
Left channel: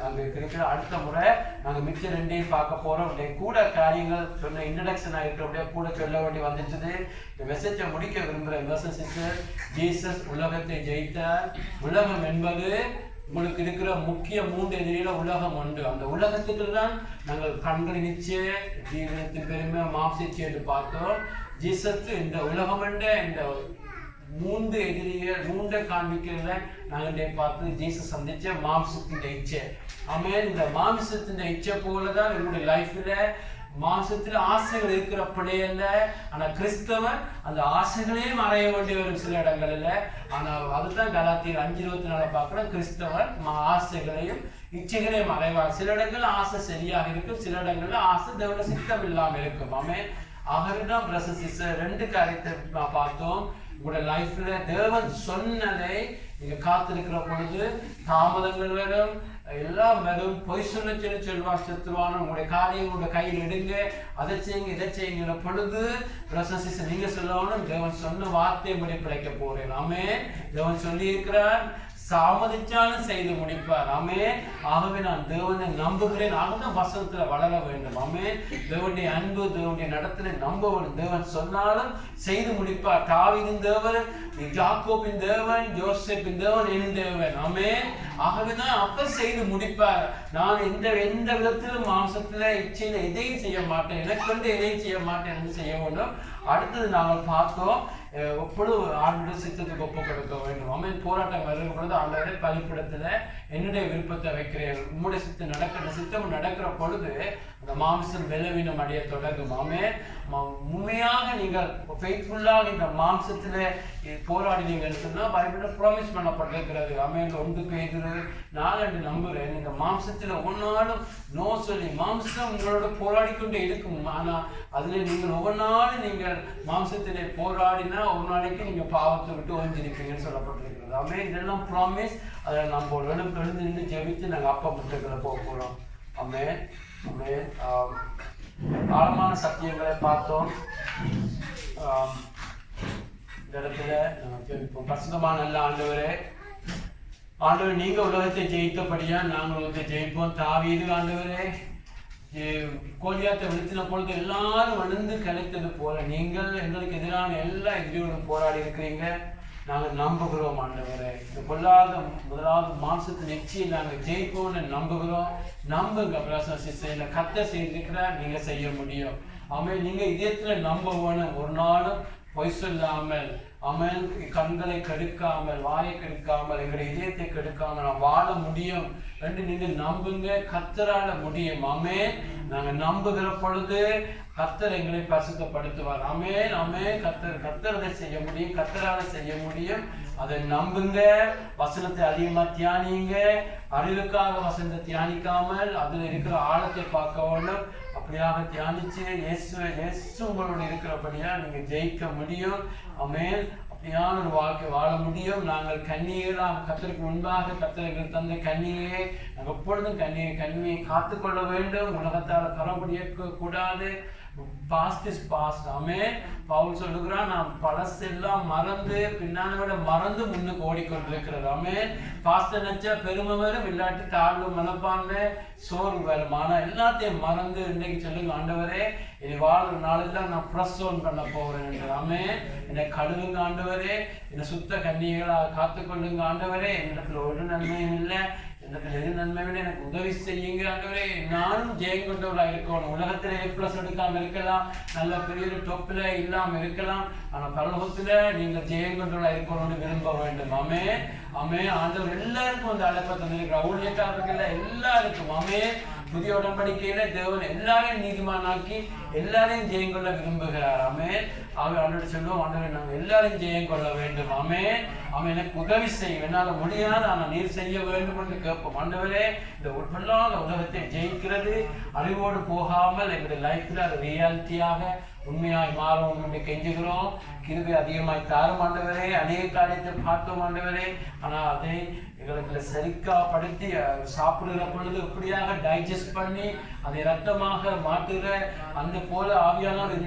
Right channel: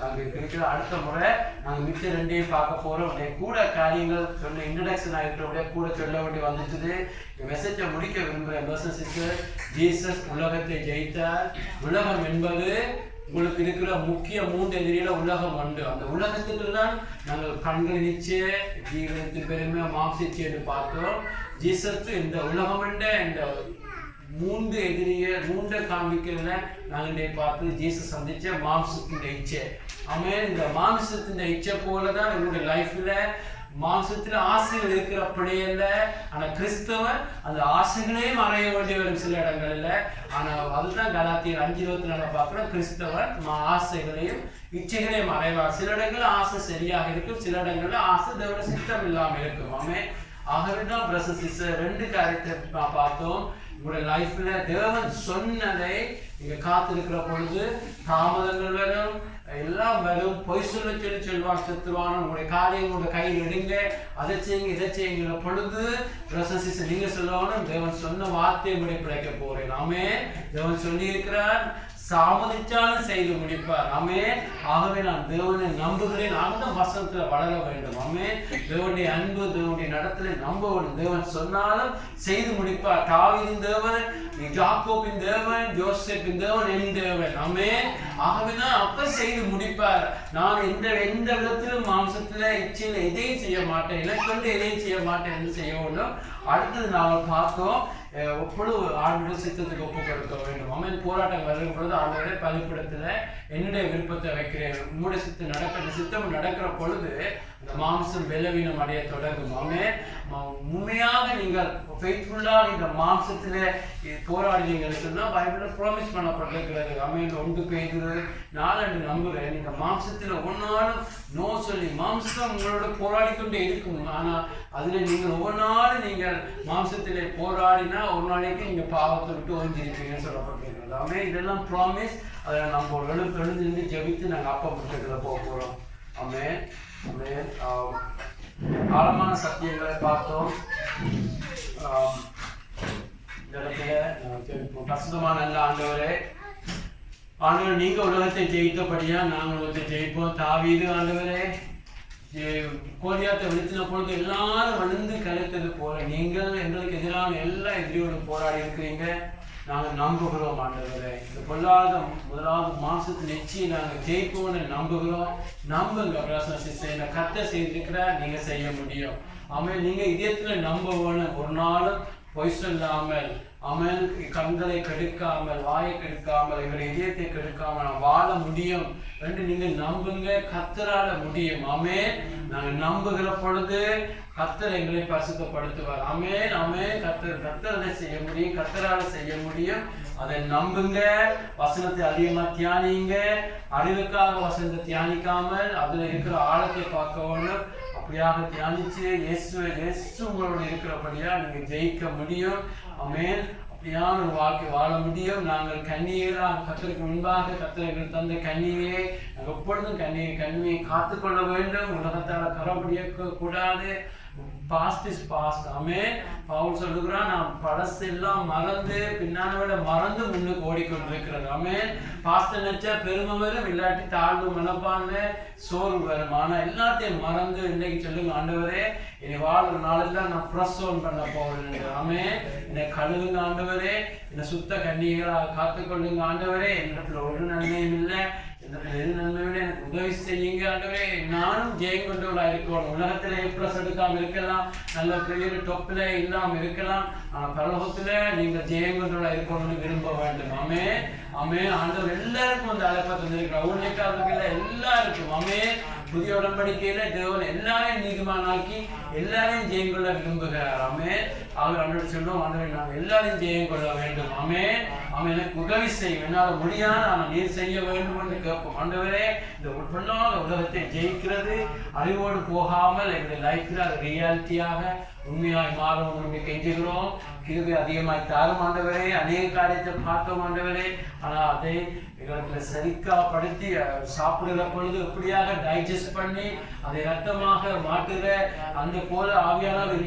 அங்கே இருக்கிற. அடுத்த முறை நாங்கள் மிச்ச ரெண்டையும் பார்க்க போறோம். கூட காரியங்கள் சொன்ன இன்ட்ரடக்ஷன் ஆகிருக்கிறபடியே கூட சொல்ல வேண்டி வந்துட்டுது. இந்த மெசேஜை முடிக்க விரும்புகிறேன். பிரதர்ஸ் சிஸ்டர், ஜீசஸ் உலகத்தை ஜெயித்தார். உலகம் என்பது உங்களுக்கு இருக்கிற முக்கிய 3 எதிரியில உலகம் உண்டு. அந்த உலகத்துக்கு தான் நாங்கள் கண்கள் நிச்சய ஜீவனத்தின் பெருமை மாம்சிச்சு என்று பார்த்தோம். ஜீசஸ் இந்த உலகம் என்ற இந்த 3 எதிரிகள் 3 காண்பிக்கிறதுல நாங்கள் பார்த்து ஜீசஸ் சந்திச்ச மாம்சத்தின் இச்சை. ஆமென். இந்த மாம்சத்தின் இச்சை போலதான் எங்களுடைய லைஃப்ல மாம்சத்துல ஆசைகள் இருக்கிற பிள்ளைகள்ல, ஆனா கிறிஸ்தவன் அந்த ஆசைகளே மறைய வேண்டி வரும் சில இடங்கள்ல. ஆனா அதுதான் கலாத்தியர் 5:24 பார்க்கிறோம். கிறிஸ்தவன் ஆசைகளையும் இச்சைகளையும் மறைவார். சில இடங்கள்ல ஆசை சரியாக இருக்கும், சில இடங்கள்ல ஆசை தேவனுடைய சித்தம் இல்லாம இருக்கும். ஆமென். ஆகவேதான் பிரதர்ஸ் சிஸ்டர் 2 காரியத்தை பார்த்தோம். உங்களுடைய லைஃப்ல தேவன் சொன்னதை நீங்க காத்திருக்கிற பொழுது தாமதங்கள் வரும், எல்லாம் வரும். பொய் சொல்லுவான் செத்துருவான். உங்களுடைய காரியம் உங்களுடைய கையில் எடுங்க, அதை செய்யுங்க, இதை செய்யுங்கிற பொழுது பிரதர்ஸ் சிஸ்டர் நீங்க சொல்லணும், தேவன் சொன்ன வார்த்தையை முடிப்படைக்க போறேன். ஆமென். தேவன் சொல்லி இருக்கிறார், தாமதிச்சாலும் செய்து முடிப்பார். ஆமென். ஆகவே நான் தேவனை நம்புகிறேன். அந்த வசனத்துல வளர வேண்டும். ஆமென். தேவனுடைய அன்பு, தேவனுடைய நடத்தலை நம்ப வேண்டும். தேவன் சொன்னாலும் செய்து முடிப்பார். தாவீதின் தேவன், யாக்கோபின் தேவன், யோசேப்பின் தேவன், என் தேவன். ஆமென். ஆகவேதான் அப்ப செய்து முடிப்பார். நான் எந்த விதத்திலும் மாம்சத்துல இச்சையில எதையும் செய்ய மாட்டேன், இலக்கொண்டு எதையும் செய்ய மாட்டேன் என்று செய்ய வேண்டும். அடுத்தது நாங்கள் பார்த்தோம், எப்பொழுது ஆண்டோட சித்தத்துக்கு ஒப்பு கொடுக்க வேண்டும். ஆமென். போராட்டம் வருகிற பொழுது ஆண்டோட பலிப்பிடத்துல என்னுடைய விருப்பத்தை வைக்கிறேன், உங்களுடைய சித்தம் நடக்கிற பொழுது அந்த மாம்சம் பலவீனம் அடைய தொடங்கும். ஆமென். உண்மையாக நீங்கள் ஃபெய்த்ஃபுல்லாக இந்த மாம்சத்துல போராடினீங்கன்னு சொன்னா பைபிள்ல ப்ராமிஸ் பண்ணப்பட்டிருக்கிறது. ஆமென். 1 பேதுரு 4 நம்புறேன். நீங்க மாம்சத்துல ஒவ்வொன்றாலும் நோ சொல்லி, மாம்சம் உங்களோட போராடி கொண்டே இருக்கும். ஆனா அதுல நீங்கள் ஒவ்வொரு நாளும் நீங்கள் மாம்சத்திலே போராடினா ஒரு நாளைக்கு நீங்க பாவத்தை விட்டு ஓஞ்சிருப்பீங்கன்னு சொல்லப்பட்டிருக்கிறது. ஆமென். இதெல்லாம் ப்ராமிஸ். அதை நம்ம எழுந்து ஜெபித்து நாங்கள் அப்பா விட்டுக்கிற போகிறோம். ஆமென். ஆமென். ஆழமான சத்தியங்களை பார்த்தோம். இந்த இடத்துல நாங்கள் ஜெபிப்போம். பரிசுத்தமான நல்ல ஆண்டவரே, ஆண்டவர் நீங்க உலகத்தை ஜெயித்தபடியா நாங்கள் உலகத்தை ஜெயிப்போம். தாவீது ஆண்டவரே கோலியாத்தை வீழ்த்தின பொழுது எல்லாரும் விழுந்து கலைத்தது போல நீங்கள் எங்களுக்கு எதிரான எல்லா எதிரியோடும் போராடி இருக்கிறீங்க. நாங்கள் நம்புகிறோம் ஆண்டவரே. இந்த பொல்லாத முதலாவது மாம்சத்து நிச்சயம் நாங்கள் ஜெயிப்போம்னு நம்புகிறோம். நம்புங்க பிரதர்ஸ் சிஸ்டர், இந்த கர்த்தர் செய்திருக்கிறார், நீங்க செய்ய முடியும். ஆமென். நீங்க இதயத்துல நம்புவோன்னு ஒரு நாளும் பொய் சொல்லாமல், ஆமென், கண்களை கெடுக்காமல், வாயை கெடுக்காமல், எங்களுடைய இதயத்தை கெடுக்காமல் வாழ முடியும் என்று நீங்க நம்புங்க. கர்த்தரால முடியும். ஆமென். நாங்க நம்புகிற பொழுது கர்த்தர் எங்களை பரிசுத்தப்படுத்துவார். ஆமென். ஆமென். கர்த்தர் அதை செய்ய முடியும், கர்த்தரால செய்ய முடியும். அதை நம்புங்க. வசனத்தை அதிகமா தியானிங்க. அறிவுக்காக வசனத்தை தியானிக்காமல் அதுல இருக்கிற ஆழத்தை பார்க்க வேண்டும். அப்படியாக தியானிச்சு இயேசு உங்களோட இருக்கிறபடியா நீங்க ஜெயிக்க முடியும். ஆமென். அப்படியான ஒரு வாழ்க்கை வாழ முடியும். நாங்கள் கன்னிகைகளாக கர்த்தருக்கு முன்பாக கர்த்தர்கள் தந்த கன்னிகையை நாங்கள் எப்பொழுதும் கன்னியை காத்துக்கொள்ள வேண்டும். உலகத்தால் கரப்படிய கூடாது. Past is past. Amen. Paul சொல்லுகிறான், நாம் பழசெல்லாம் மறந்து பின்னால விட மறந்து முன்னுக்கு ஓடிக்கொண்டிருக்கிறது. ஆமென். பாஸ்ட் நினைச்சா பெருமை வரும், இல்லாட்டி தாழ்வு மனப்பான்மை சோர்வு வரும். ஆனா எல்லாத்தையும் மறந்து இன்னைக்கு சொல்லுங்க, ஆண்டவரே இனி வாழ்ற நாளெல்லாம் நான் ப்ரெஸ் ஆன் பண்ண போறேன் என்று. ஆமென். என்னை கழுவுங்க ஆண்டவரே, என்னை சுத்த கன்னிகளாக காத்துக்கொள்ளுங்க ஆண்டவரே. என்னிடத்துல ஒரு நன்மையும் இல்லை, எது நன்மை விட எனக்கு உதவி செய்யுங்க ஆண்டவரே. நானும் ஜெயம் கொண்டவளா இருக்கணும். உலகத்துல A+ எடுக்காம இருக்கலாம், நல்ல பெரிய டொப்ல இல்லாம இருக்கலாம், ஆனா பரலோகத்துல நீங்க ஜெயம் கொண்டவளா இருக்கணும்னு விரும்ப வேண்டும். ஆமென். ஆமென். ஆண்டவர் எல்லாருக்கும் அந்த அழைப்பை தந்திருக்கிறார். ஊழியக்காரர்கள் எல்லாருக்கும். ஆமென். புதிய உடன்படிக்கையில தேவன் எல்லாரையும் நீதிமானாக்கி எல்லாரையும் ஜெயம் கொள்ள விரும்புகிறார். ஆமென். ஆண்டவரை சொல்லுவோம், ஆண்டவரை நாங்கள் எல்லாரையும் ஜெயம் கொள்ள வேண்டும். ஆமென். அவன் எனக்கு உதவி செய்யும், என்னால் முடியாது ஆனால் நீர் செய்ய வேண்டும் என்று கேட்போம். ஆண்டவரே, இந்த பொல்லாத உலகத்தை ஜெயிக்கிறது அறிவோடு போகாமல் எங்களுடைய லைஃப்ல அது ரியாலிட்டியாக உண்மையாய் மாறும் என்று கெஞ்சுகிறோம். கிருபை அதிகமாய் தாரும் ஆண்டவரே. அநேக காரியத்தை பார்த்தோம் ஆண்டவரே, ஆனால் அதை எங்களுக்கு சரிக்காப்படுத்தி சாப்பிடுகிற பொழுது எப்படியாக டைஜஸ்ட் பண்ணி அதை ரத்தமாக மாற்றுகிற அந்த போல ஆவியானவர்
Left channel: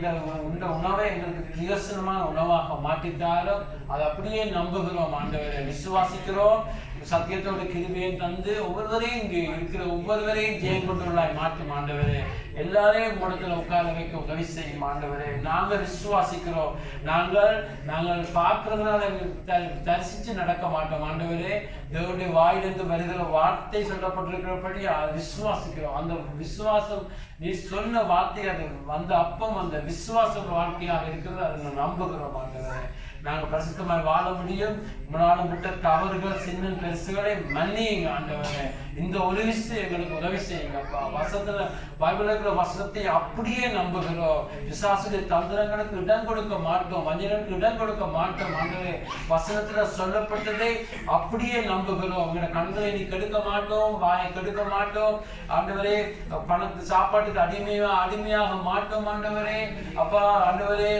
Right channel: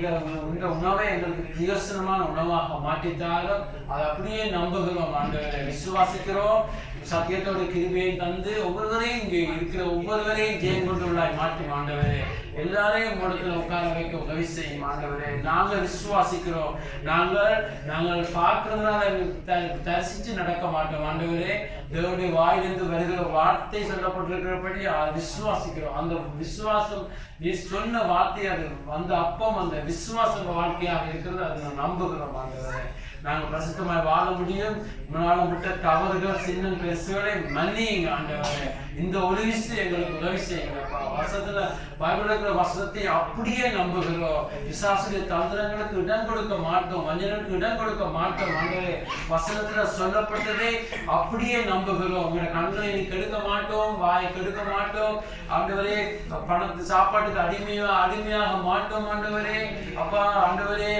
இந்த உணவை எங்களுக்கு பிரயோசனமான உணவாக மாற்றித்தாரும். அதை அப்படியே நம்புகிறோம் ஆண்டவரை, விசுவாசிக்கிறோம். சத்தியத்தோடு கிருபையும் தந்து ஒவ்வொருவரையும் இங்கே இருக்கிற ஒவ்வொருவரையும் ஜெயம் கொண்டுள்ளாய் மாற்றும் ஆண்டவரே. எல்லாரையும் உங்களிடத்தில் உட்கார வைக்க உதவி செய்யும் ஆண்டவரே. நாங்கள் விசுவாசிக்கிறோம். நாங்கள் பார்க்கறதுனால தரிசித்து நடக்க மாட்டோம் ஆண்டவரே. தேவனுடைய வாயிலிருந்து வருகிற வார்த்தை சொல்லப்பட்டிருக்கிறபடி விசுவாசிக்கிறோம். அந்த விசுவாசம் நீ சொன்ன வார்த்தை, அது அந்த அப்பம் அந்த விசுவாச வாழ்க்கையாக இருக்கிறது, அதை நம்புகிறோம் ஆண்டவரே. நாங்கள் பரிசுத்தமாய் வாழ முடியும். முன்னாலும் விட்ட தவறுகள் சின்ன பெருசுகளை மன்னியுங்க ஆண்டவரே. இந்த ஒரு விஷயம் எங்களுக்கு உதவி செய்யுங்க. வசனத்துல பைபிள் இருக்கிற வசனத்தை அப்படியே நம்புகிறோம். பிசாசுடைய தந்திரங்களுக்கு இடம் கொடுக்க மாட்டோம், வஞ்சனங்களுக்கு இடம் கொடுக்க மாட்டோம் ஆண்டவரே. வசனத்துல சொல்லப்பட்டதை அப்படியே நம்புகிறோம். உங்களோட கண்களை நீ கெடுக்க மாட்டோம், வாயை கெடுக்க மாட்டோம் ஆண்டவரே. பணத்து சாப்பாட்டுக்கு அடிமையாக மாட்டோம் ஆண்டவரே. அப்பா ஆண்டவரே,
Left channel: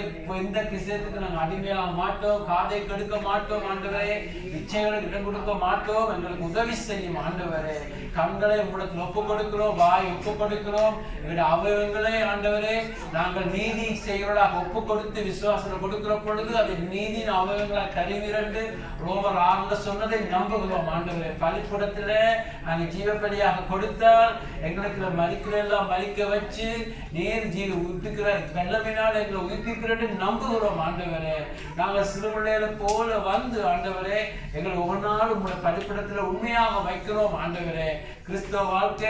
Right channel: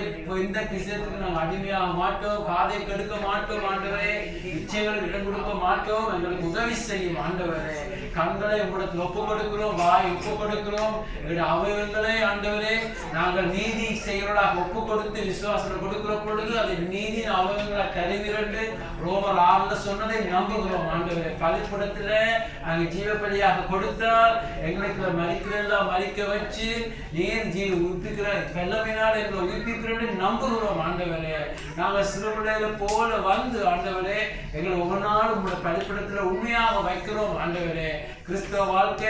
இந்த விஷயத்துக்கு நாங்கள் அடிமையாக மாட்டோம், காதை கெடுக்க மாட்டோம் ஆண்டவரே. இச்சைகளுக்கு இடம் கொடுக்க மாட்டோம். எங்களுக்கு உதவி செய்யும் ஆண்டவரே. கண்களை உங்களிடத்தில் ஒப்பு கொடுக்கிறோம், வாய் ஒப்பு கொடுக்கிறோம். எங்களுடைய அவயவங்களை ஆண்டவரே நாங்கள் நீதி செய்வர்களாக ஒப்பு கொடுத்து விசுவாசத்தை கொடுக்கிற பொழுது அதை நீதியின் அவயவங்களை தருவிரண்டு ரோமர் 6 சொன்னதை நம்புகிறோம் ஆண்டவரே. பலிப்படத்துல நாங்கள் ஜீவபலியாக கொடுத்தால் எங்களுக்கு மறிக்கிறெல்லாம் மறிக்க வச்சு நீர் உயிர்ப்பிக்கிற வெள்ளமினால் எங்களை உயிர்ப்பிக்கிறேன்னு நம்புகிறோம் ஆண்டவரே. நாங்கள் சிறுபிள்ளைகளை போல வந்து ஆண்டவரே எங்களை ஒவ்வொரு நாளும் உங்களுடைய பலிப்படத்துல உண்மையாக வைக்கிறோம் ஆண்டவரே. கிறிஸ்தவ வாழ்க்கை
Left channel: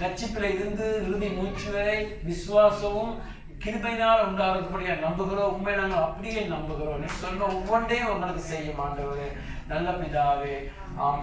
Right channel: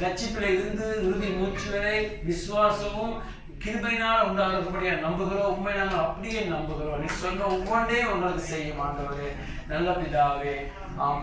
ரட்சிப்பில் இருந்து இறுதி மூச்சு வரை விசுவாசமும் கிருபையினால் உண்டாகிறபடியா நம்புகிறோம். உண்மை நாங்கள் அப்படியே நம்புகிறோம். நீ சொன்ன ஒவ்வொன்றையும் உங்களுக்கு செய்யும் ஆண்டவரே. நல்ல பிதாவே, ஆமென்.